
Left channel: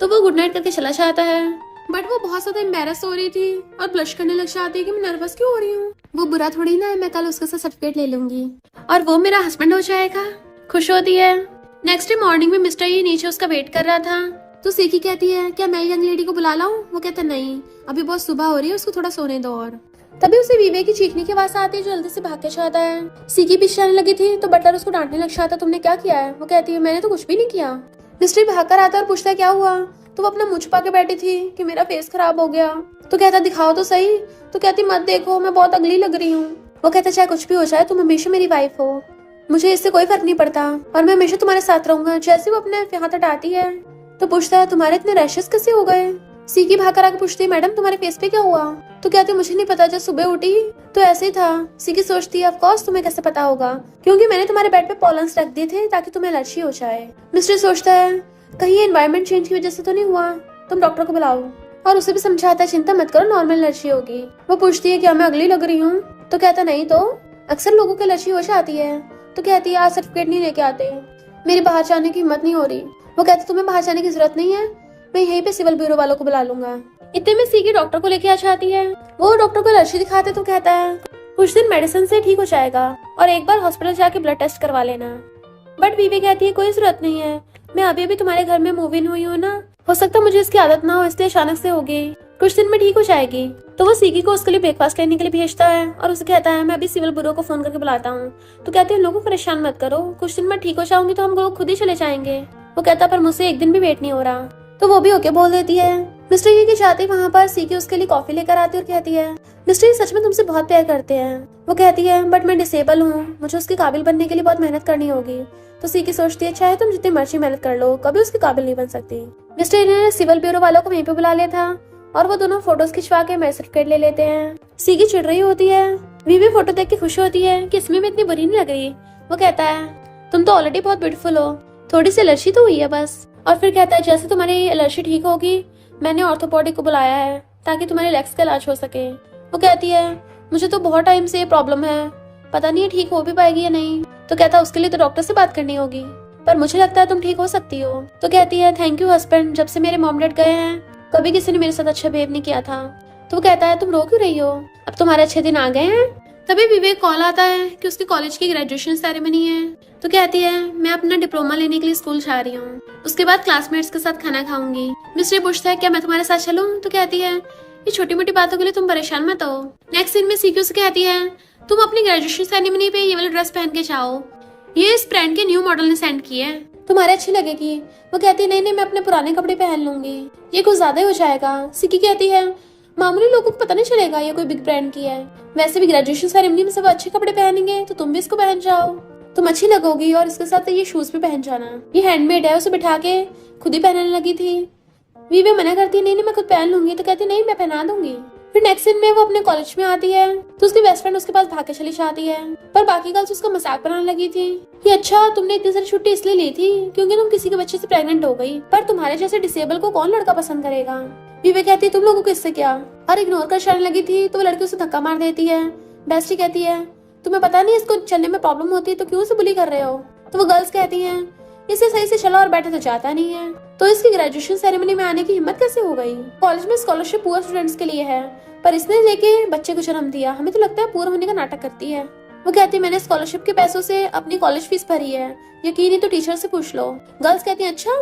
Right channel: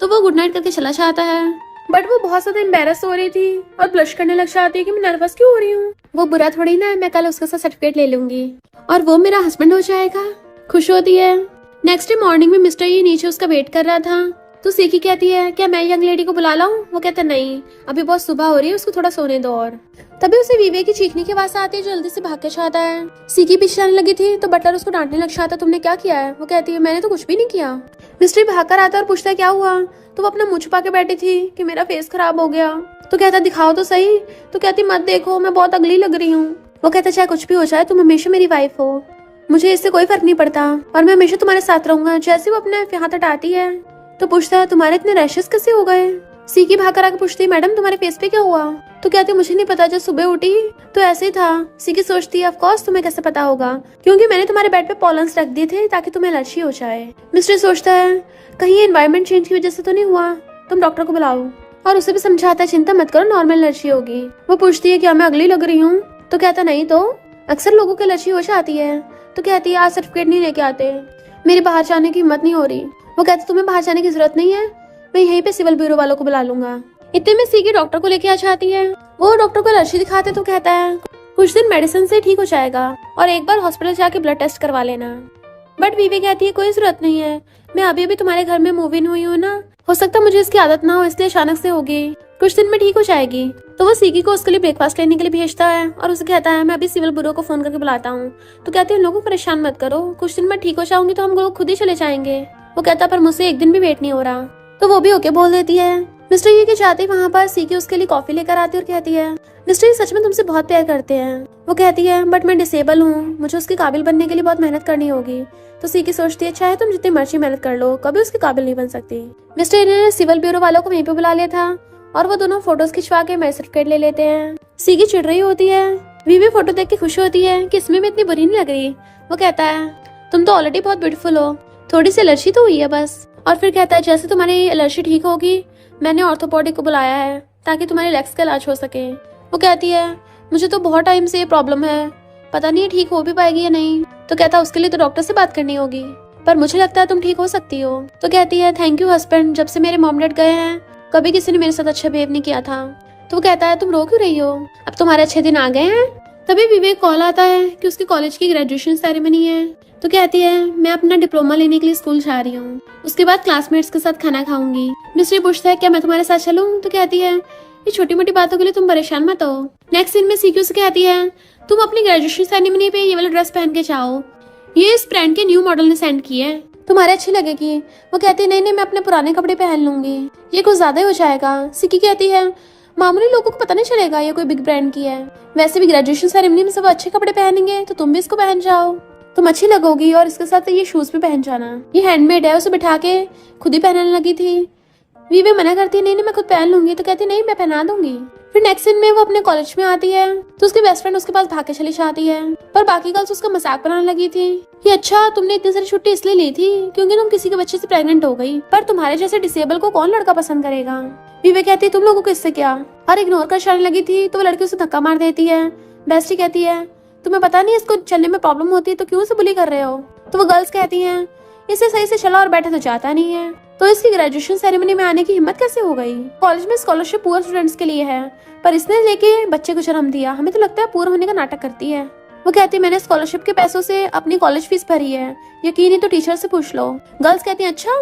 तो वो गुड नाइट करके चला जाता है, बट वो बहुत ज्यादा एम्बेरस हो रही थी और ब्लश करने लग जाती है कि मैं नर्वस क्यों हो रही हूँ। वो बुरा थोड़ी ना है, मैं कल उसके साथ सर्टिफिकेट ले लूंगी और वो मेरा हस्बैंड हो जाएगा। खुश होती है। नेक्स्ट डे मॉर्निंग में मिस्टर ये नीचे उसका वेट कर रहा था तो सीकी कहती है क्या मैं यंग लेडी को बुला लाऊं? वो कहता नहीं, अभी बहुत सुबह हो रही है, उसको थोड़ा सोने दो। और तभी उसे विवेक की चीखने की आवाज आती है, जल्दी से भाग के जाता है। सीकी पीछे आने लगी थी तो बटलर उसको डांटने लग जाता, तुमने क्या किया है? वो कहती है मैंने तो कुछ भी नहीं किया। मिस्ट्री भाग कर आता है और पूछता है क्या हुआ? तो वो अपना मुंह छुपा के बैठी थी कि मेरा फेस खराब हो गया। तो कहता दिखाओ तो सही। तो कहती मत देखो, मैं बहुत अगली लग रही हूँ। वो कहता चाहे कुछ भी हो जाए तुम हमेशा मेरी वाइफ हो, मुझे इससे कोई फर्क नहीं पड़ता और मैं हमेशा तुम्हारे साथ रहूंगा। जैसे वो अपने हाथ हटाती है तो पूछता है तुम्हारे इतने रैशेस कैसे हो गए? सीकी भाग कर आकर पूछती है मैडम तुम्हारे फेस पे क्या हुआ? तो कहती मुझे नहीं पता, जब सुबह उठी तो ऐसे ही था। सीकी सोचती है ऑफ कोर्स तुम्हें कैसे पता होगा, क्योंकि मैंने तुम्हारे बेड पे पॉलन्स रख दिए थे ताकि तुम्हें एलर्जी हो जाए। मिस्टर सोचता है कहीं एनवायरनमेंट चेंज की वजह से तो नहीं हुआ, तुम डॉक्टर को बुलाओ। और उसे भी समझाता है चिंता मत करो, नॉर्मल एलर्जी होगी। वो पूछती है क्या मैं अगली लग रही हूँ? तो कहता नहीं तो अक्सर लोगों की एलर्जी हो जाती है। तो कहती है आज सर्टिफिकेट नहीं लेके आते, मेरे बाहर जाने की हिम्मत नहीं हो रही। वो कहती तुम्हें बाहर जाने की जरूरत नहीं है, मैं यहीं पे सिविल ब्यूरो वालों को बुला लूंगा। इतने में सीकी डॉक्टर को लेके आ जाती है। वो डॉक्टर को एलर्जी दिखाते तो कहता है कुछ दिन मेडिसिन से ठीक हो जाएगा और एक बार हॉस्पिटल जाके ब्लड टेस्ट करवा लेना। बट बीवी कहती है कोई जरूरत नहीं है, मैं अभी अभी तुम्हारे घर में मूव इन हुई हूँ ना, हो सकता है मुझे इसकी आदत ना हो इसलिए अचानक से होगी, कुछ दिन में ठीक हो जाएगी। तो वो सीकी को उसके लिए ब्रेकफास्ट लेने के लिए भेजता है और उसे कहता है मैं अभी सिविल ब्यूरो को फोन करके बुलाता हूँ। तो कहते हैं लोगों को परेशान मत करो, कुछ दिन में ठीक हो जाऊंगी तो हम लोग खुद ही चले जाएंगे। वो कहता पर मुझसे एक दिन भी वेट नहीं हो रहा। तो वो भी ओके बोल देती है। मिस्टर ये के जाते वहाँ पर सीकी उसके लिए कॉफी लेकर आती है और कहती है मिस्टर ये सच में तुमसे बहुत प्यार करते हैं। वो कहती है बट मैं डिसेबल हूँ, मुझे उसके काबिल बनने के लिए बहुत मेहनत करनी होगी। तो सीकी सोचती है चाहे तुम जितनी मर्जी मेहनत कर लो कभी उसके काबिल नहीं बन सकती। मिस्टर ने सिविल ब्यूरो वालों को वहीं पे बुला लिया था और वो दोनों फोटोज खिंचवा के मैरिज सर्टिफिकेट ले लेते हैं। सीकी चिढ़ रही होती है, वीवी फोटो देख के खुश होती है कि इसमें भी इतनी बुरी नहीं लग रही। वो कहता है तुम तो ऑलरेडी बहुत ब्यूटीफुल हो, थोड़ी सी एलर्जी तो हुई है बस। और फिर कहता है जैसे तुम्हारी एलर्जी ठीक होगी मैंने ऑर्थोपेडिक को बुलाया है ताकि तुम्हारे लेग्स का इलाज हो सके। वो कहती है मुझे तो बहुत टाइम से ये प्रॉब्लम है, पता नहीं ठीक हो भी पाएगी या नहीं। तो कहता है उसके लिए तो डॉक्टर से बात करनी होगी, पर मुझे लगता है तुम ठीक हो सकती हो। तो कहती है थैंक यू हस्बैंड, जब से मेरे मॉम डैड गए हैं कभी किसी ने मेरे साथ अच्छा बिहेव नहीं किया था। तो वो कहता है तुम रो क्यों रही हो, अब तुम्हारे अच्छे दिन आ गए हैं। तभी विवेक कॉल आता है कि उसके कॉलेज की ग्रेजुएशन सेरेमनी है। तो कहती है मैं अपना डिप्लोमा लेने के लिए स्कूल जा रही हूँ, उसके बाद क्लासमेट्स के साथ खाना खाऊंगी। मिस्टर पूछता है क्या मैं तुम्हारे साथ चलूं? तो कहती है ये छोटी मोटी बातों के लिए तुम परेशान मत हो। नेक्स्ट सीन में सीक्यू से कहती है तुम अपनी ग्रेजुएशन सेरेमनी पे ये वाला ड्रेस पहन के जाओ, ये इस ब्रांड के न्यू मॉडल ने सेंड की है, तुम्हारे अच्छी लगेगी। वो कहती है नहीं मैं अपने पुराने कपड़े पहन लूंगी, ये कुछ ज्यादा ही हो जाएगा। सिक्की कहती है मामूली लोगों को पता नहीं चलेगा ये कोई बिग ब्रांड की है, वैसे भी ग्रेजुएशन सेरेमनी में सब अच्छे कपड़े पहनेंगे तो तुम भी इसको पहन जाओ, तुम अच्छी लगोगी और इसके साथ ये शूज भी पहन जाना, ये हैंडमेड है। उसे बिठा के खुद ही पहनने लगी थी। वीवी मना करती नहीं मैं खुद पहन लूंगी। तो कहती नहीं मैं पहना दूंगी। फिर नेक्स्ट दिन में वो अपने कॉलेज में आती है तो उसकी बेस्ट फ्रेंड उसके पास भाग के चली जाती है, पर बाकी गर्ल्स उसका मजाक बनाने लगी थी कि अच्छा तुमने इतनी सारी छुट्टी इसलिए ली थी क्योंकि तुम किसी के बच्चे से प्रेग्नेंट हो गई, पर तुम्हारे जैसे डिसेबल को कौन लड़का पसंद करेगा। वीवी कहती है तुम लोगों को इससे क्या, और इग्नोर कर जाने लगी थी तो वो लड़की उसे धक्का मार देती है। बेस्टी कहती है तुम्हें पता नहीं इसको चलने में प्रॉब्लम होती है तो क्यों उसे बुली कर रहे हो? तो वो गर्ल्स कहती हैं इसे सही से चला और बैठे तो जाता नहीं है, तो इसकी ग्रेजुएशन सेरेमनी में आने की हिम्मत कैसे हो गई? कॉलेज में स्कॉलरशिप पुअर स्टूडेंट्स के लिए है, पर इसने लेके बच्चे को जन्म दिया। हमें तो लगता है पुअर होने का नाटक करती है। वो कहती है मैंने स्कॉलरशिप के पैसों से अपनी कॉलेज फीस भरी है, यकीन ही तो टीचर से पूछ लो। गर्ल्स कहती है अच्छा,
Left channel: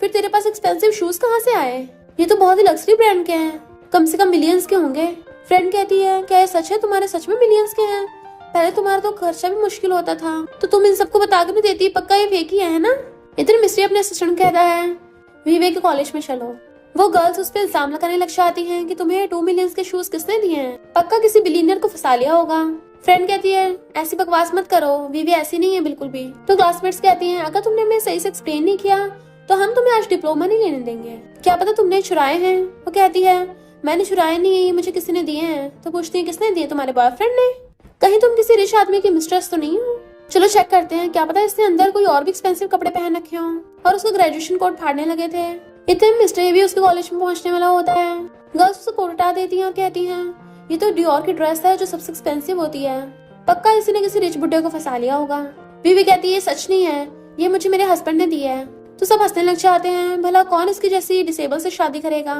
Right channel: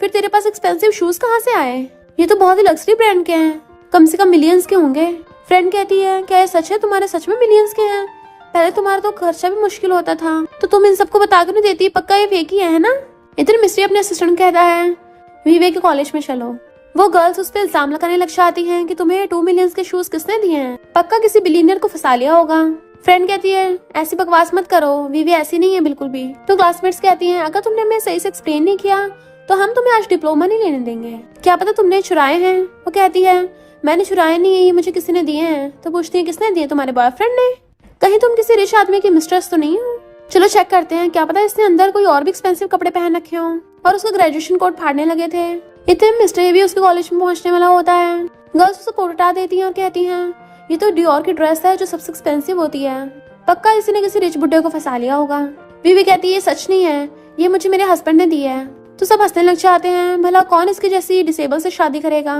फिर तेरे पास एक्सपेंसिव शूज कहाँ से आए? ये तो बहुत ही लग्जरी ब्रांड के हैं, कम से कम मिलियंस के होंगे। फ्रेंड कहती है क्या ये सच है, तुम्हारे सच में मिलियंस के हैं? पहले तुम्हारा तो खर्चा भी मुश्किल होता था, तो तुम इन सबको बता क्यों नहीं देती? पक्का ये फेक ही है ना? इधर मिस्ट्री अपने असिस्टेंट कहता है वीवे के कॉलेज में चलो। वो गर्ल्स उस पर इल्जाम लगाने लग जाती हैं कि तुम्हें 2 मिलियन के शूज किसने दिए हैं, पक्का किसी बिलियनर को फंसा लिया होगा। फ्रेंड कहती है ऐसी बकवास मत करो, वीवे ऐसी नहीं है बिल्कुल भी। तो क्लासमेट्स कहती हैं अगर तुमने हमें सही से एक्सप्लेन नहीं किया तो हम तुम्हें आज डिप्लोमा नहीं लेने देंगे, क्या पता तुमने चुराए हैं। वो कहती है मैंने चुराए नहीं है, ये मुझे किसी ने दिए हैं। तो पूछती है किसने दिए? तुम्हारे बॉयफ्रेंड ने? कहीं तुम किसी रिच आदमी की मिस्ट्रेस तो नहीं हो? चलो चेक करते हैं, क्या पता इसने अंदर कोई और भी एक्सपेंसिव कपड़े पहन रखे हो। और उसका ग्रेजुएशन कोट फाड़ने लगे थे। इतने मिस्टर भी उसके कॉलेज में पहुंचने वाला होता है। गर्ल्स उसको कोट हटा देती हैं और कहती हैं ये तो डियोर की ड्रेस है जो सबसे एक्सपेंसिव होती है, पक्का इसी ने किसी रिच बुड्ढे को फंसा लिया होगा। बीवी कहती है ये सच नहीं है, ये मुझे मेरे हस्बैंड ने दी है। तो सब हंसने लग जाते हैं, भला कौन इसके जैसी डिसेबल से शादी करेगा,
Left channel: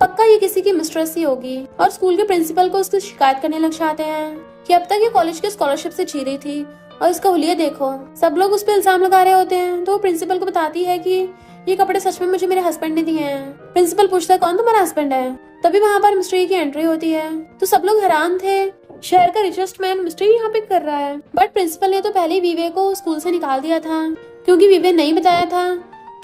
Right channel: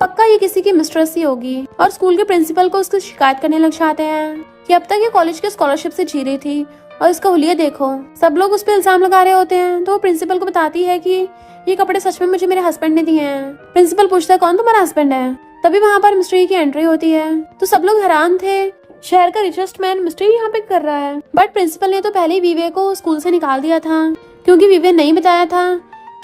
पक्का ये किसी की मिस्ट्रेस ही होगी। और स्कूल के प्रिंसिपल को उसकी शिकायत करने लग जाते हैं कि अब तक ये कॉलेज के स्कॉलरशिप से जी रही थी और इसका हुलिया देखो। सब लोग उस पर इल्जाम लगा रहे होते हैं। तो वो प्रिंसिपल को बताती है कि ये कपड़े सच में मुझे मेरे हस्बैंड ने दिए हैं। प्रिंसिपल पूछता है कौन तुम्हारा हस्बैंड है? तभी वहाँ पर मिस्ट्री की एंट्री होती है। तो सब लोग हैरान थे, शहर का रिचेस्ट मैन मिस्ट्री यहाँ पे कर रहा है। बट प्रिंसिपल ने तो पहले ही वीवे को स्कूल से निकाल दिया था, क्योंकि वीवे नहीं बताया था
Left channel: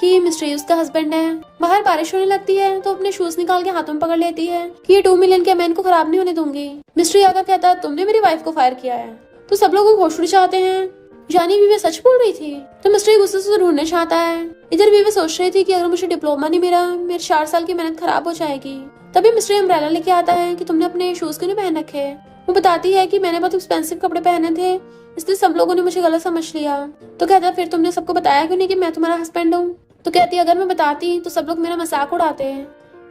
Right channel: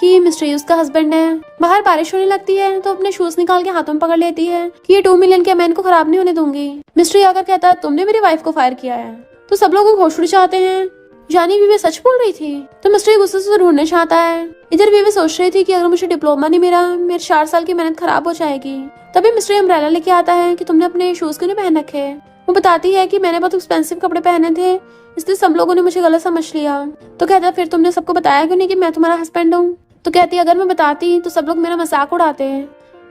कि मिस्ट्री उसका हस्बैंड है। बाहर बारिश होने लगती है तो अपने शूज निकाल के हाथों में पकड़ लेती है कि ये 2 मिलियन के मैं इनको खराब नहीं होने दूंगी। मिस्ट्री आकर कहता है तुमने मेरी वाइफ को फायर किया है। तो सब लोग होश उड़ जाते हैं, यानी वीवे सच बोल रही थी। तो मिस्ट्री गुस्से से ढूंढने चाहता है। इधर वीवे सोच रही थी कि अगर मुझे डिप्लोमा नहीं मिला मेरे 4 साल की मेहनत खराब हो जाएगी। तभी मिस्ट्री अम्ब्रेला लेके आता है कि तुमने अपने शूज क्यों नहीं पहन रखे। वो बताती है कि मैंने बहुत एक्सपेंसिव कपड़े पहने थे, इसलिए सब लोगों ने मुझे गलत समझ लिया। तो कहता है फिर तुमने सबको बताया क्यों नहीं कि मैं तुम्हारा हस्बैंड हूँ? तो कहती है अगर मैं बताती तो सब लोग मेरा मजाक उड़ाते हैं।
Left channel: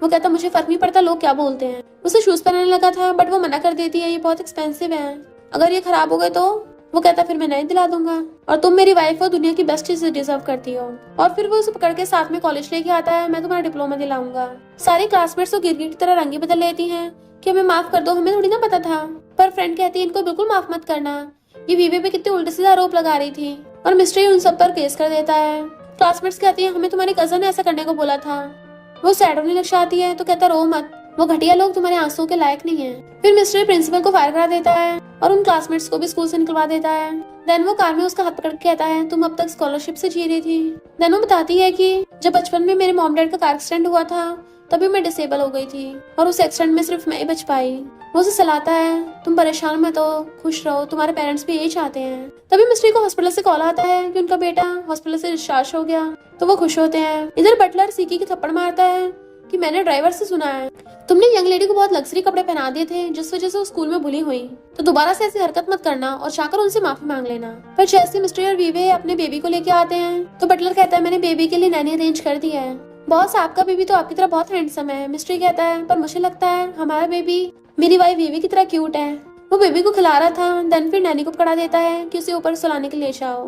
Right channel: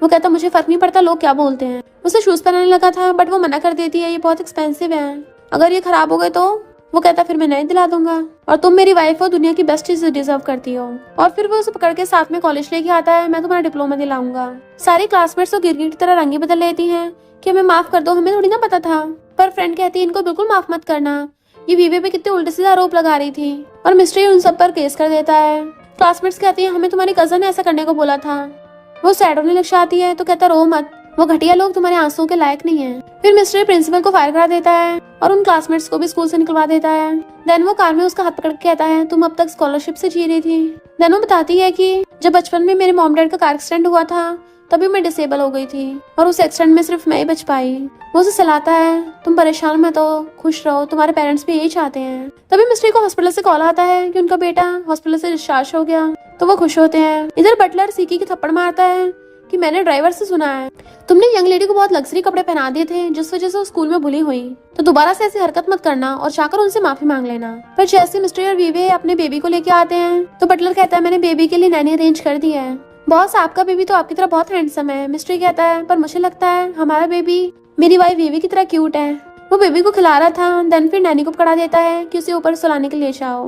वो कहता मुझे फर्क नहीं पड़ता लोग क्या बोलते हैं। उसे शूज पहनने लगा था बट वो मना कर देती है ये बहुत एक्सपेंसिव है, अगर ये खराब हो गए तो। वो कहता फिर मैं नए दिला दूंगा और तुम मेरी वाइफ हो, दुनिया की बेस्ट चीज डिजर्व करती हो। और फिर वो उसे पकड़ के साथ में कॉलेज लेके आता है, मैं तुम्हारा डिप्लोमा दिलाऊंगा। सारी क्लासमेट्स तो गिरगिट की तरह रंगी बदल लेती है कि हमें माफ कर दो, हमें थोड़ी ना पता था। पर फ्रेंड कहती है इनको बिल्कुल माफ मत करना, ये वीवे पे कितने उल्टे सीधे आरोप लगा रही थी। और मिस्ट्री उन सब पर केस कर देता है। क्लासमेट्स कहती है हमें तुम्हारी कजन ने ऐसा करने को बोला था। वो सैड होने लग जाती है तो कहता रो मत, वो घटिया लोग तुम्हारे आंसुओं के लायक नहीं है। फिर मिस्टर प्रिंसिपल को फायर करा देता है और उन क्लासमेट्स को भी स्कूल से निकलवा देता है। देन वो कार में उसका हाथ पकड़ के कहता है तुम अब तक स्कॉलरशिप से जी रही थी। देन वो बताती है कि जब बचपन में मेरे मॉम डैड का कार एक्सीडेंट हुआ था तभी मैं डिसेबल हो गई थी और उस एक्सीडेंट में सिर्फ मैं ही बच पाई। वो उसे सलाहता है तुम परेशान मत हो, खुश रहो, तुम्हारे पेरेंट्स भी यही चाहते हैं। तभी मिस्ट्री को हॉस्पिटल से कॉल आता है कि उनका बेटा हॉस्पिटल से डिस्चार्ज हो गया, तो वो खुश होते हैं। इधर बटलर सीकी की थप्पड़ मारता है कि मैंने ड्राइवर से सुना है तुमने यंग लेडी को बहुत लग्जरी कपड़े पहना दिए थे जिस वजह से वो स्कूल में भूली हुई, तो दोबारा से ऐसी हरकत मत करना और जाकर उनसे माफी मांग लेना। फिर जैसे मिस्टर और वीवे अपने बेबी को लेके आते हैं तो बटलर कहता है मैंने बेबी के लिए नैनी अरेंज कर दी है। बॉस आपका बेबी तो आपकी तरह बहुत हैंडसम है। मिस्ट्री कहता है पर मुझे लगता है हमारा बेबी मेरी वाइफ वीवी की तरह क्यूट है। वो बेबी को खिला रहा था, देन फिर नैनी को पकड़ा देता है कि उसे ऊपर सुलाने के लिए जाओ।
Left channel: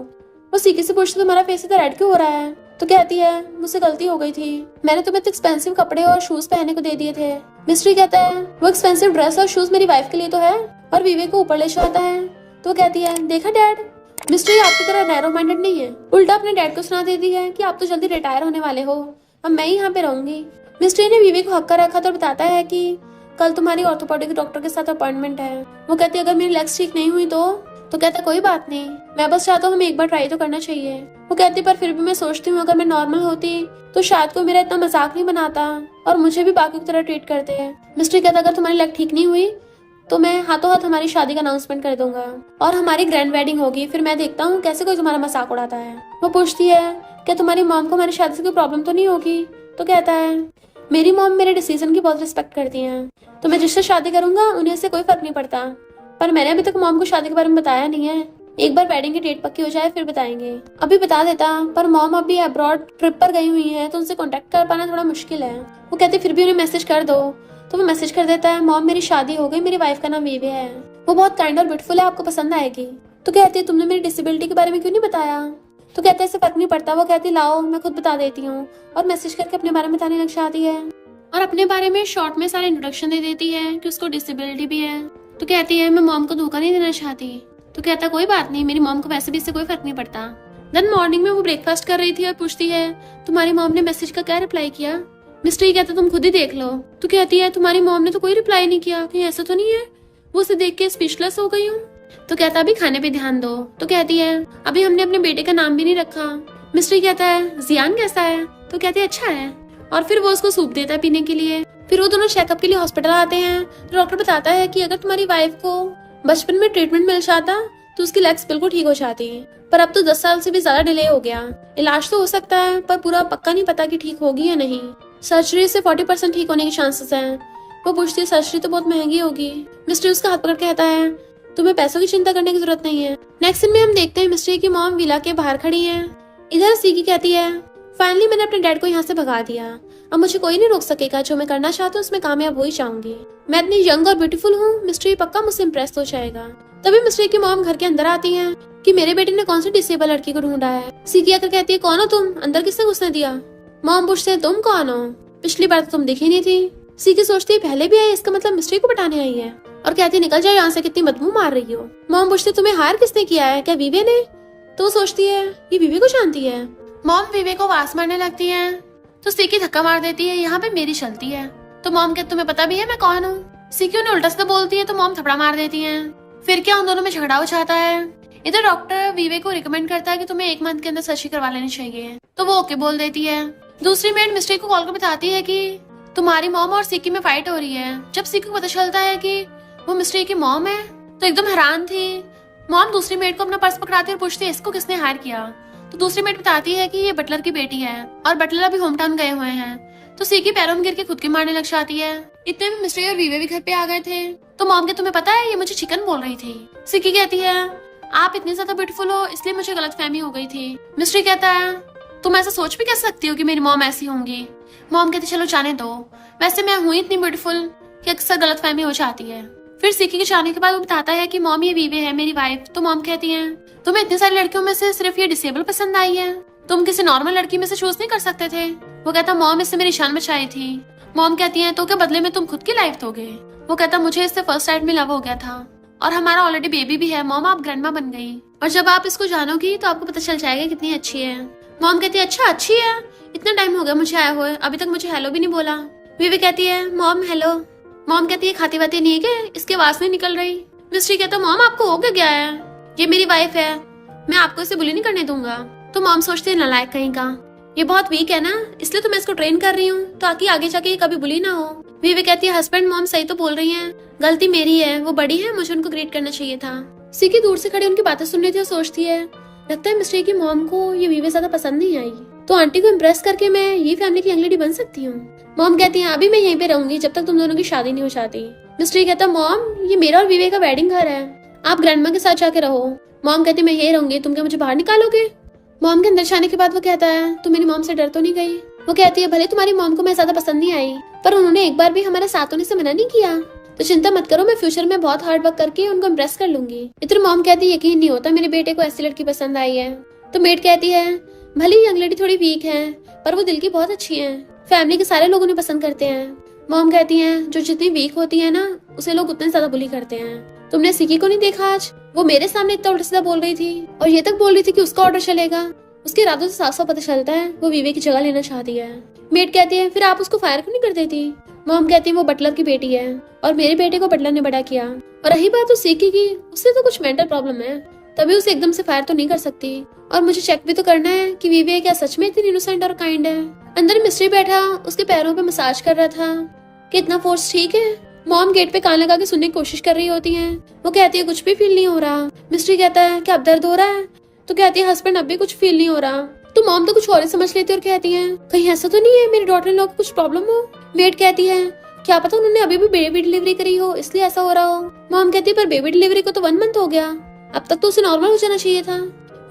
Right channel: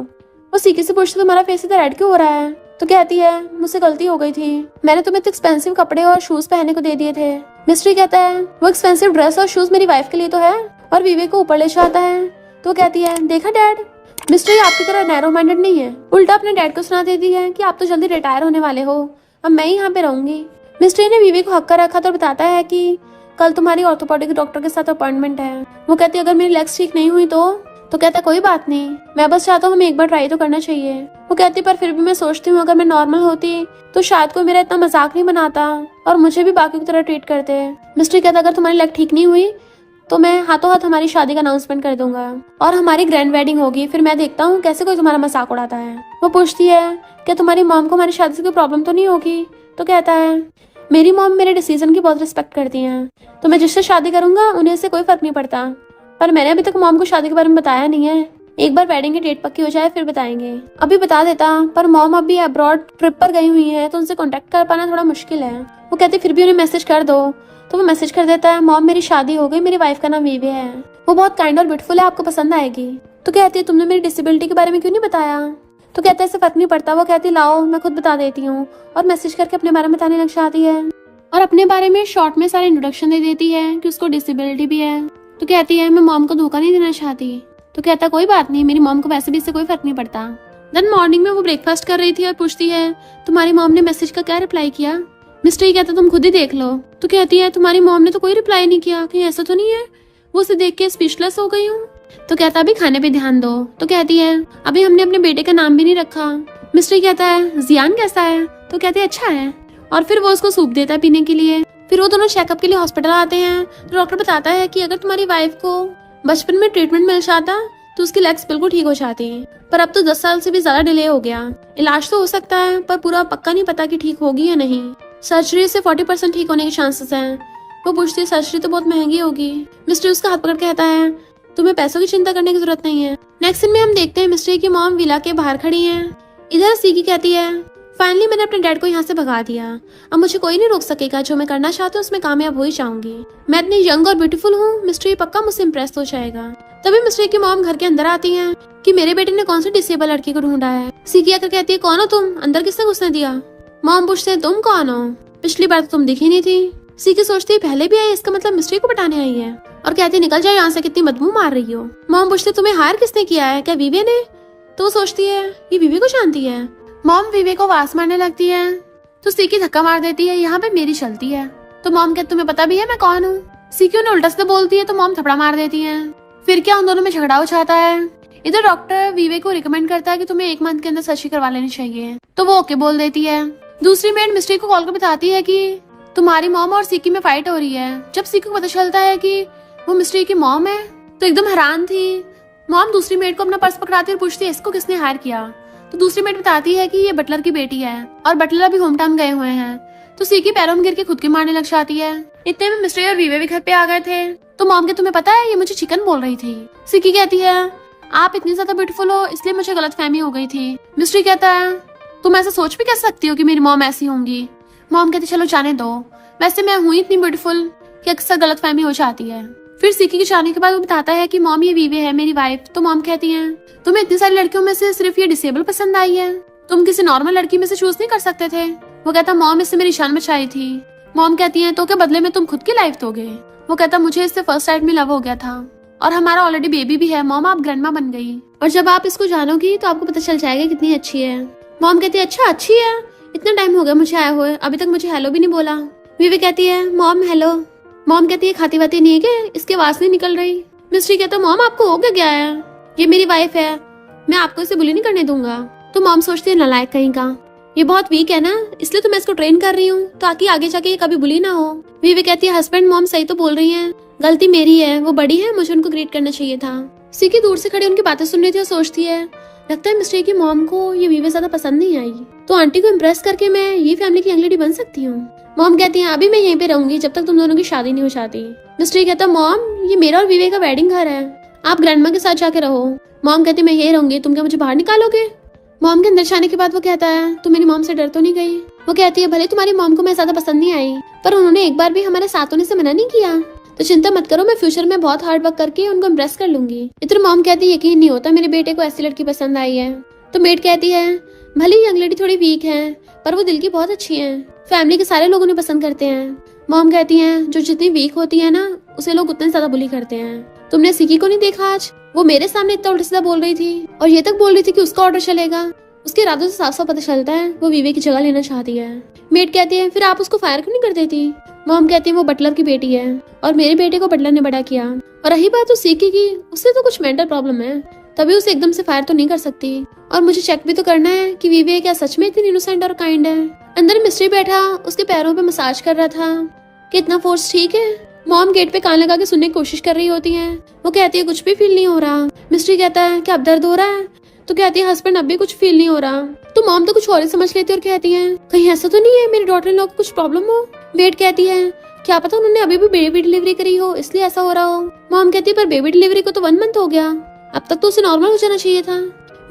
वो सीकी से पूछता तुम्हारा फेस इतना रेड क्यों हो रहा है? तो कहती है मुझसे गलती हो गई थी, मैंने तुम्हें इतने एक्सपेंसिव कपड़े और शूज पहनने को दे दिए थे। मिस्ट्री कहता है वो एक्सपेंसिव ड्रेस और शूज मेरी वाइफ के लिए तो है, और वीवे को ऊपर ले जाता है। तो कहती है देखा डैड, मिस्ट्री आपकी तरह नैरो माइंडेड नहीं है, उल्टा अपने डैड को सुना देती है कि आप तो जल्दी रिटायर होने वाले हो, अब मैं यहाँ पे रहूंगी। मिस्ट्री ने वीवी को हक कर रखा तो बताता है कि कल तुम्हारी ऑर्थोपेडिक डॉक्टर के साथ अपॉइंटमेंट है। वो कहती है अगर मेरी लेग्स ठीक नहीं हुई तो कहता कोई बात नहीं, मैं बस चाहता हूँ हमें एक बार ट्राई तो करना चाहिए। वो कहती पर फिर भी मैं सोचती हूँ अगर मैं नॉर्मल होती तो शायद कोई मेरा इतना मजाक नहीं बनाता और मुझे भी बाकी की तरह ट्रीट करते। मिस्ट्री कहता अगर तुम्हारी लेग ठीक नहीं हुई तो मैं हाथों हाथ हमारी शादी का अनाउंसमेंट कर दूंगा और हमारी ग्रैंड वेडिंग होगी, फिर मैं देखता हूँ कैसे कोई तुम्हारा मजाक उड़ाता है। वो पूछती है कि तुम्हारी मॉम को हमारी शादी से कोई प्रॉब्लम तो नहीं होगी? तो कहता है मेरी मॉम मेरे डिसीजन की बहुत रिस्पेक्ट करती हैं, तो मैं जिससे शादी करूंगा उन्हें इससे कोई फर्क नहीं पड़ता, पर मैंने अभी तक मॉम को शादी के बारे में बताया नहीं है, एक बार वेडिंग की डेट पक्की हो जाए फिर बताएंगे। अभी बता देता पर मॉम अभी अब्रॉड ट्रिप पर गई हुई है तो उनसे कांटेक्ट कर पाना थोड़ा मुश्किल है। वो कहती फिर भी उन्हें मैसेज कर दो, तो वो मैसेज कर देता है मॉम मेरी शादी हो गई, मेरी वाइफ का नाम वीवे है, वो बहुत काइंड और ब्यूटीफुल है, आपको पसंद आएगी। तो कहती है तुमने मेरी डिसेबिलिटी के बारे में क्यों नहीं बताया? तो कहता है इससे फर्क नहीं पड़ता। वो कहती लाओ मैं खुद बता देती हूँ, और मैसेज करके अपने बारे में बताने लग जाती है और अपने बारे में शॉर्ट में सारा इंट्रोडक्शन दे देती है कि उसको डिसेबिलिटी भी है। तो कहती है मैं मॉम को धोखा नहीं देना चाहती। तो कहता कोई बात नहीं, मेरी मॉम को वैसे भी इससे कोई फर्क नहीं पड़ता। देन मॉर्निंग में वो ब्रेकफास्ट कर रही थी और पूछती है तुम्हारी मॉम ने मैसेज का क्या रिप्लाई किया? मिस्ट्री कहता तुम खुद ही देख लो। तो कहती है तुम्हारी मॉम ने तो कोई रिप्लाई नहीं किया, कहीं ऐसा तो नहीं है? वो उसे देख के स्पीचलेस हो गई हूँ। तो कहता अभी खाने पे ध्यान दो। तो कहती है अभी हमने अपने बेटे का नाम भी नहीं रखा। मिस्ट्री कहता है जियान कैसा है? तो कहती है अच्छा है, और फिर वो उसको सूप देता है पीने के लिए। फिर वो दोनों चेकअप के लिए हॉस्पिटल आते हैं। तो डॉक्टर बताता है कि अगर तुम्हारी वाइफ को बचपन में ट्रीटमेंट मिल जाता तो उसकी लेग्स बिल्कुल ठीक हो जाती, पर अब तो 10 साल से भी ज्यादा डिले हो गया। इलाज तो हो सकता है पर पूरा पक्का नहीं पता कि ठीक होगी या नहीं। सर्जरी से 40% ठीक होने के चांसेस है। वो पूछती है सर्जरी तो बहुत महंगी होगी। मिस्ट्री उसका हाथ पकड़ के कहता है तुम्हें पैसों की चिंता करने की जरूरत नहीं है। नेक्स्ट सीन में हम देखते हैं मिस्ट्री की मॉम विला के बाहर खड़ी है। इधर सीकी कहती है फाइनली मैंने अपने डैड को यहाँ से भगा दिया, अब मुझे कोई नहीं रोक सकेगा। जो मैं करना चाहती हूँ उसमें कामयाब हो ही जाऊंगी। मैं इतनी यंग और ब्यूटीफुल हूँ, मिस्ट्री पक्का मुझसे इम्प्रेस हो जाएगा। तभी मिस्ट्री की मॉम घर के अंदर आती है कि मेरे बेटे ने कौन सी डिसेबल लड़की को ढूंढा है। सीकी आकर कहती है कौन हो तुम, अंदर किसने घुसने दिया? मॉम पूछते है तुम कौन हो, पिछली बार तो तुम दिखी नहीं थी। सीकी सोचती है पहले भी आई, इसका मतलब मिस्ट्री को पटाने आई है, और कहती है निकल जाए यहाँ से, कितनी बदबू मार रही हो। मॉम पूछते तुम्हें हायर किसने किया है, क्या विवे ने? तो सोचती है ये विवे को जानती है। मॉम विवे को आवाज मारने लगती है तो सीकी धक्का मार देती है, यहाँ पे मेरी चलती है। तो मॉम कहती तुम्हें पता भी है मैं कौन हूँ? सीकी उन्हें उल्टा सीधा बोलती है तो मॉम थपड़ा मार देती है। फिर क्या उन दोनों में झगड़ा हो जाता है। इधर डॉक्टर विवे को रिकमेंड करता है कि तुम्हें 1 मंथ के अंदर सर्जरी करवा लेनी चाहिए, तो वो ओके बोल देती है। दूसरी मेड मिस्ट्री को कॉल कर बताती है कि तुम्हारी मॉम और सीकी में फाइट हो रही है। जब सीकी को पता चलता है कि वो मिस्ट्री की मॉम है तो एकदम हैरान थी। मॉम दूसरी मेड को अपना पर्स पकड़ाती है और पूछती है इसको किसने हायर किया? तो दूसरी मेड बताती है कि ये बटलर की बेटी है और बटलर अभी होम टाउन गए हुए हैं। तो सीकी पैरों में गिर के खुद की मारने लग जाती है। इतने में मिस्ट्री और विवे भी घर पे आ गए थे। तो मॉम के तुम्हें पता है ये मुझे चिकन बोल रही थी। सीकी कहती है आप इतनी ज्यादा ब्यूटीफुल हो इसलिए मुझे गलतफहमी हो गई थी। मिस्ट्री कहता है तुम ऐसा सोच भी कैसे सकती हो कि मेरी मॉम ऐसी होंगी? मॉम कहती चलो जाने दो, वैसे मैं हुई इतनी ब्यूटीफुल कि अक्सर गलतफहमी हो जाती है। फिर सीकी के जाने के बाद वो बताता है कि मॉम ये विवे है मेरी वाइफ। तो मॉम कहती है तुम्हें इतनी सारी लड़कियों में से सिर्फ ये डिसेबल पसंद आई है, तुम किसी नॉर्मल लड़की में से चूज नहीं कर सकते थे? वो कहता मॉम इससे मेरी शान मचाई थी। मॉम कहती है तो क्या बदले में तुम खुद की लाइफ दोगे? वो कहता मुझे इससे फर्स्ट साइड में लव हो गया था और हमारा ऑलरेडी बेबी भी है। मॉम आप ग्रैंडमा बन गई और जब आप इसको जानोगी तो आपको पता चल जाएगा कितनी अच्छी है। मॉम कहती है अच्छा अच्छी है, इतना टाइम हो गया मुझे आए हुए, अभी तक मुझे हेलो भी नहीं बोला। विवे कहती है मॉम हेलो। मॉम कहती है खाती वाती नहीं है क्या, इसकी आवाज नहीं निकल रही। मिस्ट्री कहता मॉम आपको हो क्या है, ये मेरी वाइफ है, मैं आपको इसे बुली नहीं करने दूंगा। तो मॉम सोचती है नालायक कहीं का, ये बहुत वीक है ना, इसलिए तो मैं इसको ट्रेन कर रही हूँ ताकि आगे जाके ये कभी बुली ना हो। विवे कहती है हस्बैंड मॉम सही तो बोल रही है, गलती मेरी है, वो बड़ी है, मुझे उनको ग्रीट करना चाहिए था। सीकी दूर से खड़ी उनकी बातें सुन रही थी और सोचती है लगता है मिस्ट्री की मॉम को ये विवे ज्यादा पसंद नहीं आई, तो आंटी को इम्प्रेस करके मैं ये फैमिली की अंगड़ी बन सकती हूँ। मॉम कहती है अभी मैं यहीं पे रहूंगी जब तक तुम दोनों की शादी नहीं हो जाती। मिस्ट्री कहता मॉम ये मेरा और विवे का वेडिंग घर है, आप ग्रैंडमा के साथ जाके रहो। मॉम कहती मैं यहीं रहूंगी, तुम क्या मुझे बाहर निकालोगे? मॉम के अंदर जाने के बाद वो कहता है तुम मेरी मॉम से डर तो नहीं गई? वो कहती है भले तुम्हारी मॉम को मैं ज्यादा पसंद नहीं आई पर उन्होंने एक बार भी हमारे साथ होने से मना नहीं किया, तो चिंता मत करो, मैं फ्यूचर में बहुत हार्ड वर्क करके उनको इम्प्रेस कर लूंगी। इधर मॉम कहती है यकीन नहीं होता मेरे बेटे को ऐसी लड़की पसंद आई है। तो मेड कहती है भले यंग लेडी थोड़ी वीक है पर वो दिल की बहुत अच्छी है, फैमिली के सारे लोग उन्हें पसंद करते हैं। मॉम कहती है जो जितनी वीक होती है ना उसे लोग उतने ज्यादा बुली करते हैं। तुमने सिकी को नहीं देखा आज, वो मेरे सामने इतना उल्टा सीधा बोल रही थी और ये तक बोल रही थी कि उसका ऑर्डर चलेगा। उसके इरादों से साफ साफ पता चलता है वो विवे की जगह लेना चाहती है। मेड कहती है फिर आप उसको फायर क्यों नहीं कर देती? मॉम कहती है वो बटलर की बेटी है और मेरे बेटे को बटलर ने बड़ा किया, और रही बात तो सीकी की, उससे तो कुछ मेंटल प्रॉब्लम है, तभी उसे एकदम से फायर तो नहीं कर सकती। और मुझे चेक भी तो करना है कि विवे क्या सच में इतनी इनोसेंट और काइंड है। अंदर मिस्ट्री बैठा उसके पैरों पे मसाज कर रहा था कि इतना फोर्स ठीक है। मॉम गेट पे कान लगा के सुनने की कोशिश कर रही होती है। वो कहती है कुछ भी फील नहीं हो रहा। मिस्ट्री कहता है क्या अब दर्द हो रहा है? तो कहती है हस्बैंड अब भी कुछ फील नहीं हो रहा। तो मॉम तो कुछ और ही समझ लेती है और कहती है कहीं ऐसा तो नहीं है मेरी डॉटर लोग कुछ प्रॉब्लम हो? मेड कहती है क्या पता उन्होंने अभी भी बेबी डिलीवरी करी हो इसलिए ऐसा हो रहा हो। मॉम कहती है पर बेबी डिलीवरी को तो 1 मंथ हो गया, अब तक तो उसे नॉर्मल हो जाना चाहिए था।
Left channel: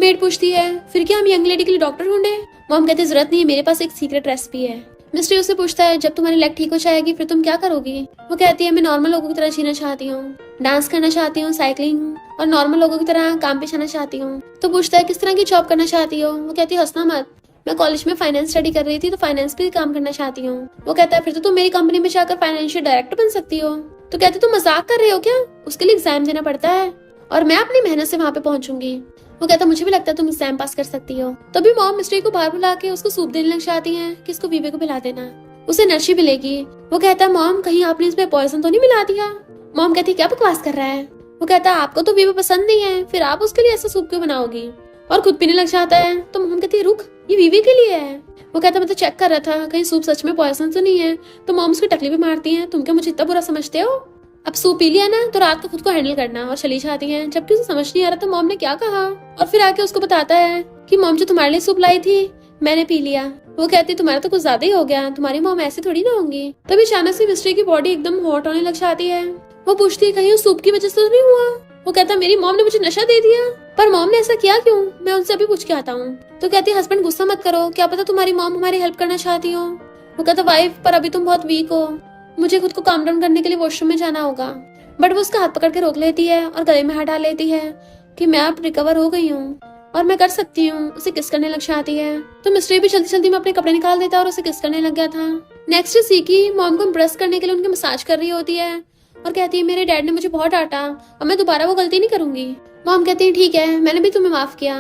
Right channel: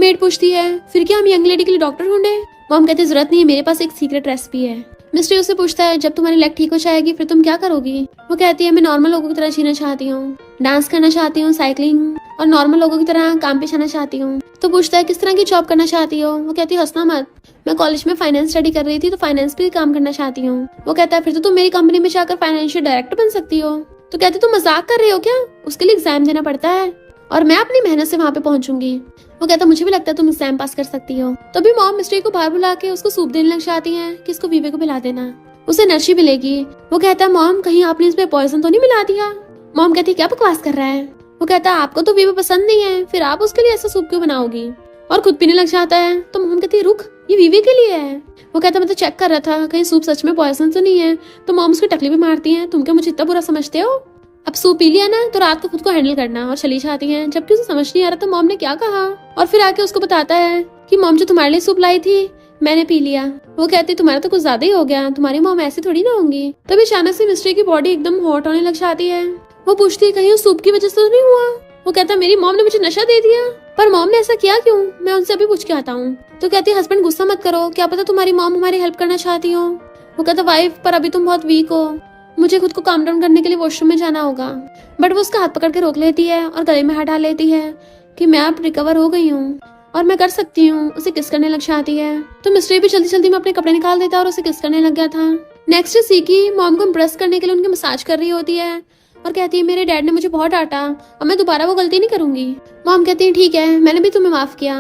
मेड पूछती है फिर क्या हम यंग लेडी के लिए डॉक्टर ढूंढे? मॉम कहती है जरूरत नहीं है, मेरे पास एक सीक्रेट रेसिपी है। मिस्ट्री उससे पूछता है जब तुम्हारी लेग ठीक हो जाएगी फिर तुम क्या करोगी। वो कहती है मैं नॉर्मल लोगों की तरह जीना चाहती हूँ, डांस करना चाहती हूँ, साइकिलिंग और नॉर्मल लोगों की तरह काम पे जाना चाहती हूँ। तो पूछता है किस तरह की जॉब करना चाहती हो। वो कहती है हंसना मत, मैं कॉलेज में फाइनेंस स्टडी कर रही थी तो फाइनेंस पे काम करना चाहती हूँ। वो कहता है फिर तो तुम मेरी कंपनी में जाकर फाइनेंशियल डायरेक्टर बन सकती हो। तो कहती तुम मजाक कर रही हो क्या, उसके लिए एग्जाम देना पड़ता है और मैं अपनी मेहनत से वहाँ पे पहुंचूंगी। वो कहता मुझे भी लगता है तुम एग्जाम पास कर सकती हो। तभी मॉम मिस्ट्री को बाहर बुला के उसको सूप देने लग जाती है कि इसको वीवे को पिला देना, उसे एनर्जी मिलेगी। वो कहता है मॉम कहीं आपने इसमें पॉइजन तो नहीं मिला दिया। मॉम कहती क्या बकवास कर रहा है। वो कहता है आपको तो वीवे पसंद नहीं है, फिर आप उसके लिए ऐसा सूप क्यों बनाओगी, और खुद पीने लग जाता है। तो मॉम कहती है रुक, ये वीवे के लिए है। वो कहता मैं तो चेक कर रहा था कहीं सूप सच में पॉइजन तो नहीं है। तो मॉम उसकी टकली भी मारती है, तुम क्या मुझे इतना बुरा समझते हो, अब सूप पी लिया ना तो रात को खुद को हैंडल करना, और चली जाती है। जबकि उसे समझ नहीं आ रहा था मॉम ने क्या कहा, और फिर आके उसको बताता है कि मॉम जो तुम्हारे लिए सूप लाई थी मैंने पी लिया। वो कहती तुम्हारा तो कुछ ज्यादा ही हो गया, तुम्हारी मॉम ऐसी थोड़ी ना होंगी। तभी अचानक से मिस्ट्री की बॉडी एकदम हॉट होने लग जाती है। वो पूछती है कहीं सूप की वजह से तो नहीं हुआ। वो कहता है मेरी मॉम ने मुझे नशा दे दिया, पर मॉम ने ऐसा किया क्यों, मैं उनसे अभी पूछ के आता हूँ। तो कहती है हस्बैंड गुस्सा मत करो, क्या पता तुम्हारी मॉम हमारी हेल्प करना चाहती हो। वो कहता वाइफ पर अभी तुम बहुत वीक हो, मुझे खुद को काम डाउन करने के लिए वॉशरूम में जाना होगा। बट वो उसका हाथ पकड़ के रोक लेती है और गले में हाथ डाल लेती है कि मैं अब रिकवर हो गई हूँ और मैं कर सकती हूँ। उसे किस करने लग जाती है। तो मिस्ट्री भी जल्दी जल्दी में अपने कपड़े निकाल देता है और उसे किस करने लग गया था। नेक्स्ट सीकी मॉम को इम्प्रेस करने के लिए उनकी मसाज कर रही होती है और कहती है मेरे डैड ने मुझे बहुत डांटा और मैं दोबारा वो गलती नहीं करूंगी। मॉम कहती है ठीक है, मैंने भी तुम्हें माफ किया।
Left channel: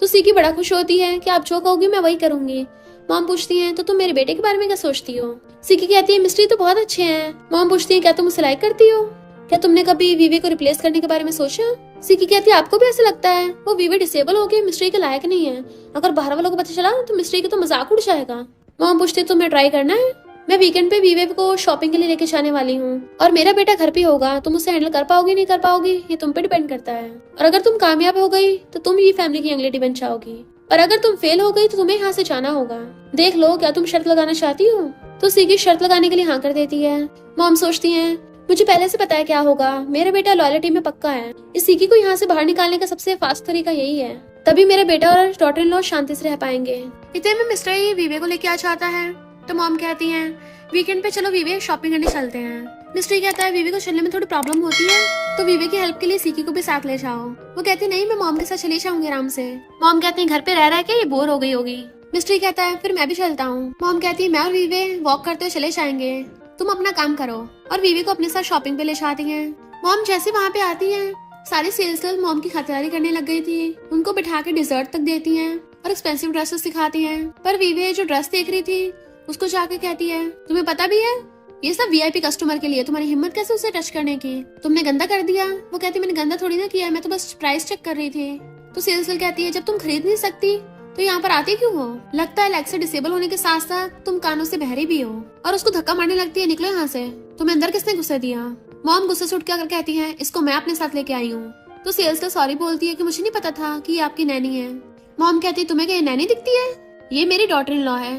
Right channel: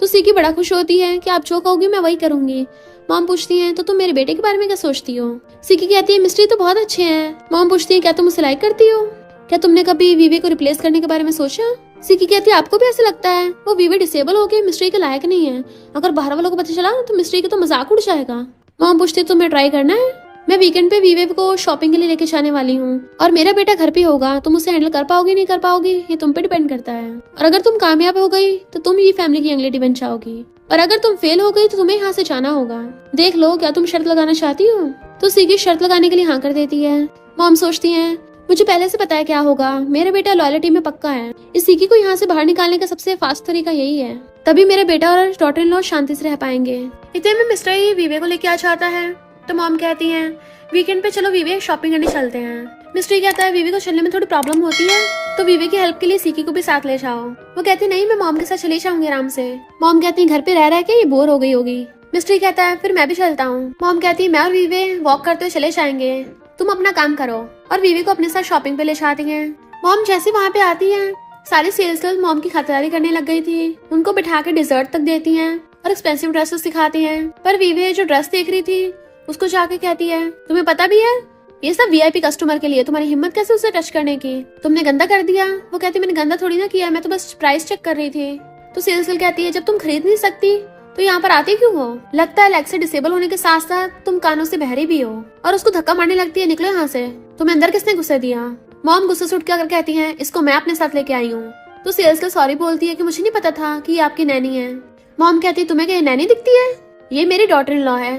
तो सीकी बड़ा खुश होती है कि आप जो कहोगी मैं वही करूंगी। मॉम पूछती है तो तुम मेरे बेटे के बारे में क्या सोचती हो। सीकी कहती है मिस्ट्री तो बहुत अच्छे हैं। मॉम पूछती है क्या तुम उसे लाइक करती हो, क्या तुमने कभी वीवे को रिप्लेस करने के बारे में सोचा। सीकी कहती है आपको भी ऐसा लगता है, वो वीवे डिसेबल हो गई, मिस्ट्री के लायक नहीं है, अगर बाहर वालों को पता चला तो मिस्ट्री का तो मजाक उड़ जाएगा। मॉम पूछती है तुम्हें ट्राई करना है, मैं वीकेंड पे वीवे को शॉपिंग के लिए लेके जाने वाली हूँ और मेरा बेटा घर पे होगा, तुम उसे हैंडल कर पाओगी नहीं कर पाओगी ये तुम पे डिपेंड करता है। और अगर तुम कामयाब हो गई तो तुम ये फैमिली की अंगली बन जाओगी, और अगर तुम फेल हो गई तो तुम्हें यहाँ से जाना होगा। देख लो क्या तुम शर्त लगाना चाहती हो। तो सीकी शर्त लगाने के लिए हाँ कर देती है। मॉम सोचती है मुझे पहले से पता है क्या होगा, मेरा बेटा लॉयल्टी में पक्का है, इस सीकी को यहाँ से बाहर निकालने का सबसे फास्ट तरीका यही है, तभी मेरे बेटा और डॉटर इन लॉ शांति से रह पाएंगे। इतने में मिस्टर ये वीवे को लेके आ जाता है। तो मॉम कहती है वीकेंड पे चलो वीवे शॉपिंग करने चलते हैं। मिस्ट्री कहता है वीवे को चलने में थोड़ी प्रॉब्लम होती है तो वीवे की हेल्प के लिए सीकी को भी साथ ले जाओ। वो कहती नहीं मैं मॉम के साथ चली जाऊंगी आराम से। मॉम कहती है घर पे रह रहा के ये बोर हो गई होगी। मिस्ट्री कहता है फिर मैं भी चलता हूँ। मॉम कहती है मैं और वीवे वॉक करते हुए चले जाएंगे, तुम अपना काम करो, और वीवे को अपने साथ शॉपिंग पे ले जाती है। मॉम जैसे वहाँ पे आती है सारी सेल्स गर्ल मॉम की खातिरदारी करने लग गई थी, उनको बिठा के डिजर्ट तक देती हैं और एक्सपेंसिव ड्रेसेस दिखाती हैं। पर वीवे जो ड्रेस देख रही थी उसको जाके कहती है तुम्हें पता भी है ये सब वीआईपी कस्टमर के लिए, तुम्हारी हिम्मत कैसे उसे टच करने की, तुमने गंदा कर दिया। वो कहती मैंने गंदा थोड़ी ना किया, मैं तो बस प्राइस चेक कर रही थी। तो सेल्स गर्ल कहती है जब तुम खरीद नहीं सकती तो यहाँ पर आती क्यों हो, लगता है लेग से डिसेबल होने के साथ साथ तुम कानों से बहरी भी हो। और उसको धक्का मारने लगती है निकलो यहाँ से, तुम्हें अंदर किसने गुस्से दिया। मॉम गुस्से से उठ के कहती है इसको मैं अपने साथ लेके आई हूँ। तो सेल्स गर्ल सॉरी बोलती है कि मुझे नहीं पता था कि ये आपकी नैनी है। मॉम कहती है तुम्हें क्या नैनी दिखती है, ये मेरी डॉटर इन लॉ है।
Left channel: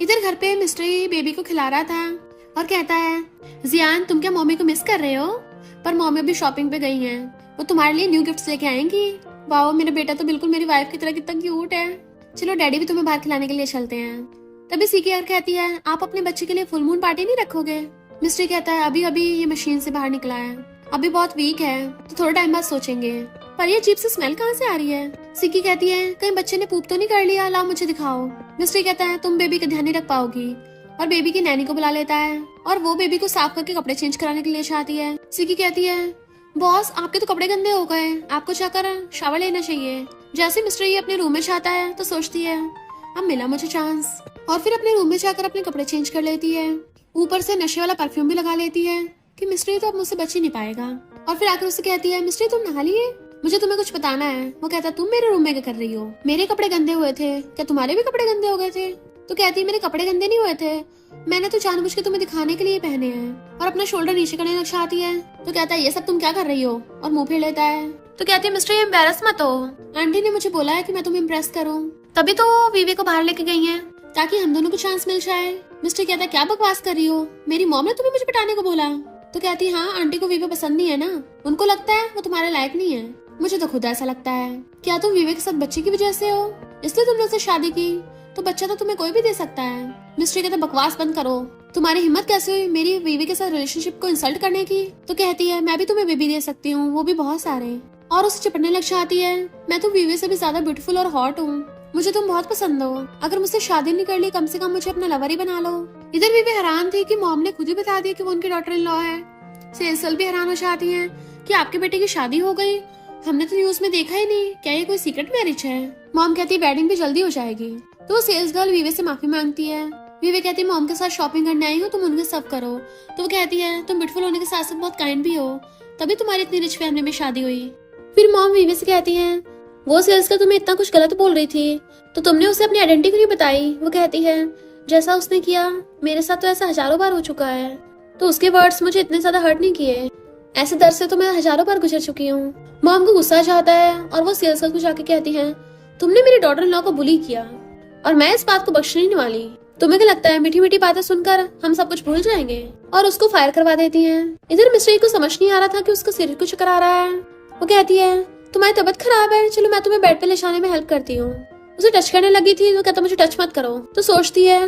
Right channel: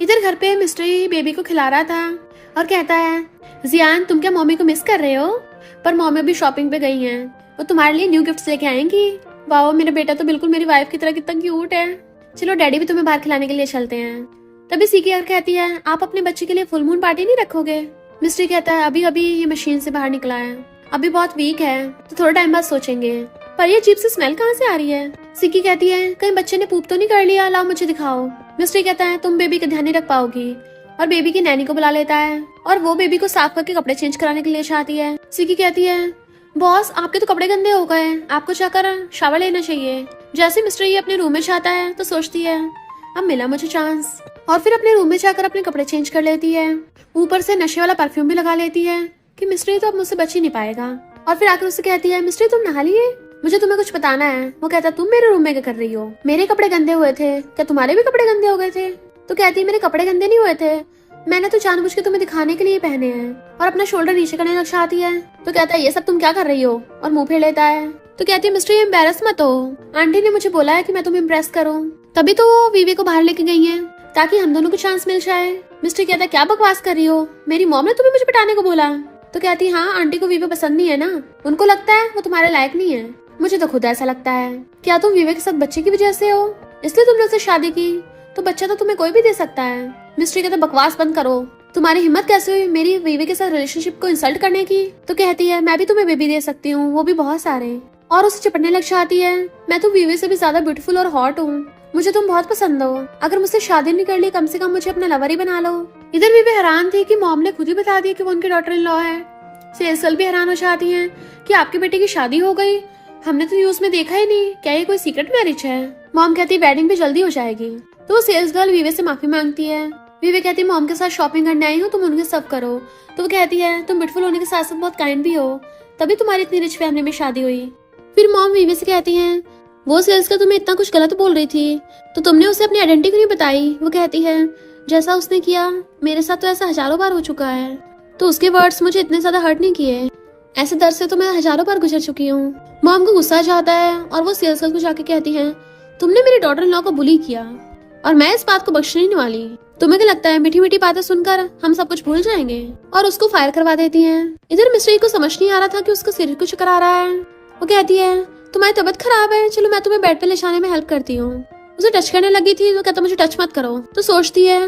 इधर घर पे मिस्ट्री बेबी को खिला रहा था और कहता है जियान तुम क्या मम्मी को मिस कर रहे हो, पर मम्मी भी शॉपिंग पे गई हैं, वो तुम्हारे लिए न्यू गिफ्ट्स लेके आएंगी। वाओ मेरा बेटा तो बिल्कुल मेरी वाइफ की तरह कितना क्यूट है, चलो डैडी भी तुम्हें बाहर खिलाने के लिए चलते हैं। तभी सीकी और कहती है आप अपने बच्चे के लिए फुल मून पार्टी नहीं रखोगे। मिस्ट्री कहता है अभी अभी ये मशीन से बाहर निकला है, अभी बहुत वीक है तो थोड़ा टाइम बाद सोचेंगे। पर ये अजीब सी स्मेल कहाँ से आ रही है। सीकी कहती है कहीं बच्चे ने पूप तो नहीं कर लिया, लाओ मुझे दिखाओ। मिस्ट्री कहता है तुम बेबी का ध्यान नहीं रख पाओगी, और बेबी की नैनी को बुला लेता है और वो बेबी को साफ करके कपड़े चेंज कराने के लिए चाहती है। सीकी कहती है बॉस आपके तो कपड़े गंदे हो गए, आपको जाकर शावर लेना चाहिए। जैसे मिस्ट्री अपने रूम में जाता है तो सोचती है अब मिला मुझे चांस, और फिर अपने रूम में जाकर अपने कपड़े चेंज कर लेती है, ऊपर से नशे वाला परफ्यूम भी लगा लेती है कि मिस्ट्री तो अब मुझसे बच ही नहीं पाएगा। और फिर आकर उससे कहती है मिस्ट्री तुम नहा लिए, मुझे तुम्हें कुछ बताना है। वो कहता तुम मेरे रूम में क्या कर रही हो, मेरे कपड़े गंदे हुए थे, क्या तुम्हारे भी कपड़े गंदे हो गए थे। तो कहती है मेरे कपड़े गंदे नहीं हुए थे, मैंने तो जानबूझ के तुम्हें दिखाने के लिए पहने हैं, और अपना शोल्डर नीचे करने लग जाती है। तो कहता है ये सब तुम क्या कर रही हो, और मुंह फेर लेता है। तो कहती है मिस्टर एम्बैरस मत हो, आंटी ने मुझे बोला है कि मैं तुम्हें इम्प्रेस करूं, तभी तो वो वीवे को बाहर लेके गई है ताकि हम दोनों को चांस मिल जाए। मिस्टर कहता है क्या बकवास कर रही हो, मेरी मॉम ने तुम्हें मुझे पिटाने को बोला। तो कहती है हाँ आंटी को वीवे पसंद नहीं है ना, उनको लगता है वो तुम्हारे लायक नहीं है, मुझे तो खुद ऐसा लगता है। क्या तुम वीवे के साथ बच्चे की वजह से हो, इसलिए तुमने उससे शादी की, तो बच्चा तो तुम्हें कोई भी दे सकता है। मिस्ट्री कहता बकवास बंद करो, तुम्हारी हिम्मत कैसे हुई मेरी बीवी के साथ रिलेशनशिप को इंसल्ट करने की। तो कहती है मैं भी तुम्हें बेबी दे सकती हूँ, वो भी बहुत सारे, और उसे चिपटने लग जाती है। मैं तो बीवी से भी ज्यादा ब्यूटीफुल और हॉट हूँ, मुझे तुम बहुत पसंद हो, अगर मुझसे शादी नहीं कर ली कम से कम मुझे अपना लवर ही बना लो। इधर बीवी हैरान थी कि मॉम ने खुद ही बता दिया कि वो उनकी डॉटर इन लॉ है। सेल्स गर्ल भी हैरान हो जाती है कि आपके बेटे की शादी हो गई, हमने तो न्यूज में देखा ही नहीं, क्या ये कोई सीक्रेट मैरिज है। मॉम कहती है वेडिंग भी जल्दी हो जाएगी। तो वो सेल्स गर्ल वीवे से माफी मांगती है। वीवे कहती है मॉम के साथ शॉपिंग करने आई हूँ, तुम उनके सब करो। तो वो कहती है तुम ब्यूटीफुल होने के साथ साथ बहुत काइंड भी हो, तभी तुम्हारी इतनी रिच फैमिली में शादी हुई। फिर मॉम वीवे से कहती है वो सेल्स का तुम्हें इतना कुछ गलत बोल रही थी तो तुमने उसे अपनी आइडेंटिटी क्यों नहीं बताई। वो कहती है जैसा उसने किया मेरे साथ तो ऐसा हजारों बार हो चुका है, तो उसके वर्ड्स मुझे इतने ज्यादा हर्ट नहीं किए, ऐसे दर्द से तो मैं हजारों बार गुजर चुकी हूँ। मॉम को गुस्सा आ जाता है और वो सेल्स गर्ल को जाके कहती है तुमने मेरे डॉटर इन लॉ को बुली किया और मैं इस बात को बख्शने नहीं वाली। तुम्हें क्या लगता है मीठी मीठी बातें सुनकर हम सब कुछ भूल जाएंगे, और उसको फायर करवा देती है। इधर मिस्ट्री को समझ नहीं आ रहा था कि उसका सिर क्यों चक्कर आ रहा है। वो कहती है तुम्हारी तबीयत खराब है, चलो मैं तुम्हें बेड पे ले जाने में हेल्प करती हूँ। उसे टच करने लगी थी तो कहता मुझे टच मत करो। तो सोचती है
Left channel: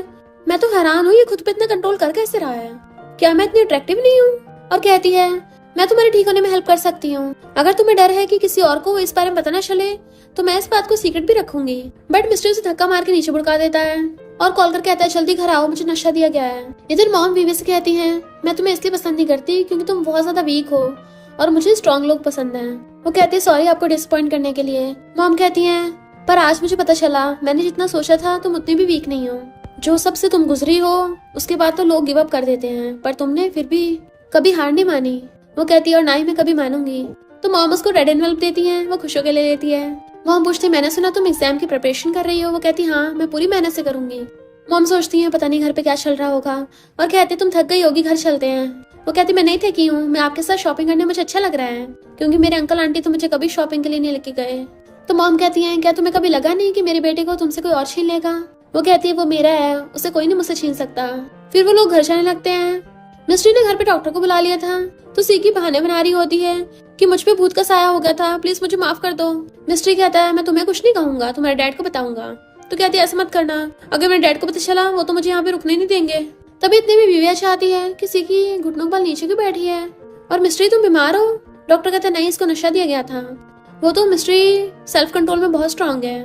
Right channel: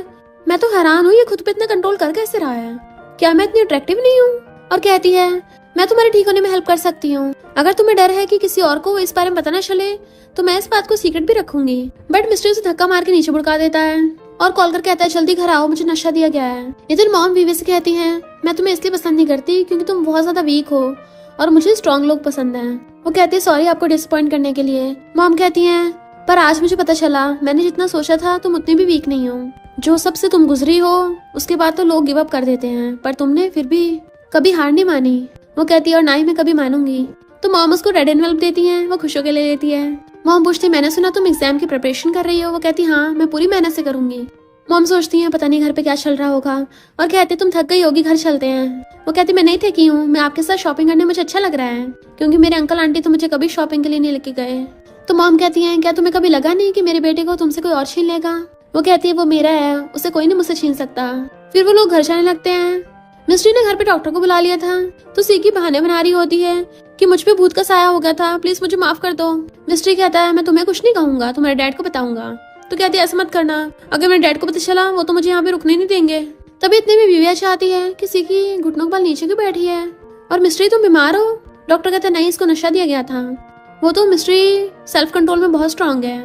मैं तो हैरान हूँ ये खुद पे इतना कंट्रोल कर कैसे रहा है, क्या मैं इतनी अट्रैक्टिव नहीं हूँ। और कहती है मैं तुम्हारे ठीक होने में हेल्प कर सकती हूँ, अगर तुम्हें डर है कि किसी और को इस बारे में पता न चले तो मैं इस बात को सीक्रेट भी रखूंगी। बट मिस्टर उसे धक्का मार के नीचे बुड़का देता है और कॉल कर कहता है जल्दी घर आओ, मुझे नशा दिया गया है। इधर मॉम वीवे से कहती है मैं तुम्हें इसलिए पसंद नहीं करती क्योंकि तुम बहुत ज्यादा वीक हो और मुझे स्ट्रॉन्ग लोग पसंद है। वो कहती है सॉरी आपको डिसअपॉइंट करने के लिए। मॉम कहती है पर आज मुझे पता चला मैंने जितना सोचा था तुम उतनी भी वीक नहीं हो, जो सबसे तुम गुजरी हो उसके बाद तो लोग गिव अप कर देते हैं, पर तुमने फिर भी कभी हार नहीं मानी। वो कहती है और ना ही मैं कभी मानूंगी। तो मॉम उसको रेड एनवेलप देती है, वो खुश होकर ले लेती है। मॉम पूछती मैंने सुना तुम एग्जाम की प्रिपरेशन कर रही हो। वो कहती हाँ मैं पूरी मेहनत से करूंगी। मॉम सोचती है पता नहीं घर पे क्या चल रहा होगा और कहती तुम थक गई होगी, घर चलते हैं। वो कहती मैं नहीं थकी हूँ, मैं आपके साथ शॉपिंग करने मुझे अच्छा लग रहा है क्योंकि मेरे अंकल आंटी तो मुझे कभी शॉपिंग के लिए नहीं लेके गए। तो मॉम कहती है क्या तुम्हें कभी लगा नहीं कि मेरे बेटे को तुमसे कोई और छीन लेगा। वो कहती है वो मेरा है, उसे कोई नहीं मुझसे छीन सकता। फिर वो लोग घर जाने लगते हैं। मिस्ट्री ने घर पे डॉक्टर को बुला लिया था तो सीकी बहाने बना रही होती है कि मुझ पे भूत का साया हो गया था, प्लीज मुझे माफ कर दो। मिस्ट्री कहता है मैं तुम्हें कुछ नहीं कहूंगा, तुम्हारे डैड को बताऊंगा। तो कहती है ऐसा मत करना, अगर मेरे डैड को पता चला वो तो मुझे यहाँ पे रुकने नहीं देंगे। तभी इतने में विविया चाहती है कि सीकी घुटनों पर नीचे क्यों बैठी है और मिस्ट्री तुम बीमार हो। डॉक्टर कहते नहीं इसको नशा दिया गया था, वो तो मिस्ट्री सेल्फ कंट्रोल में बहुत स्ट्रांग है,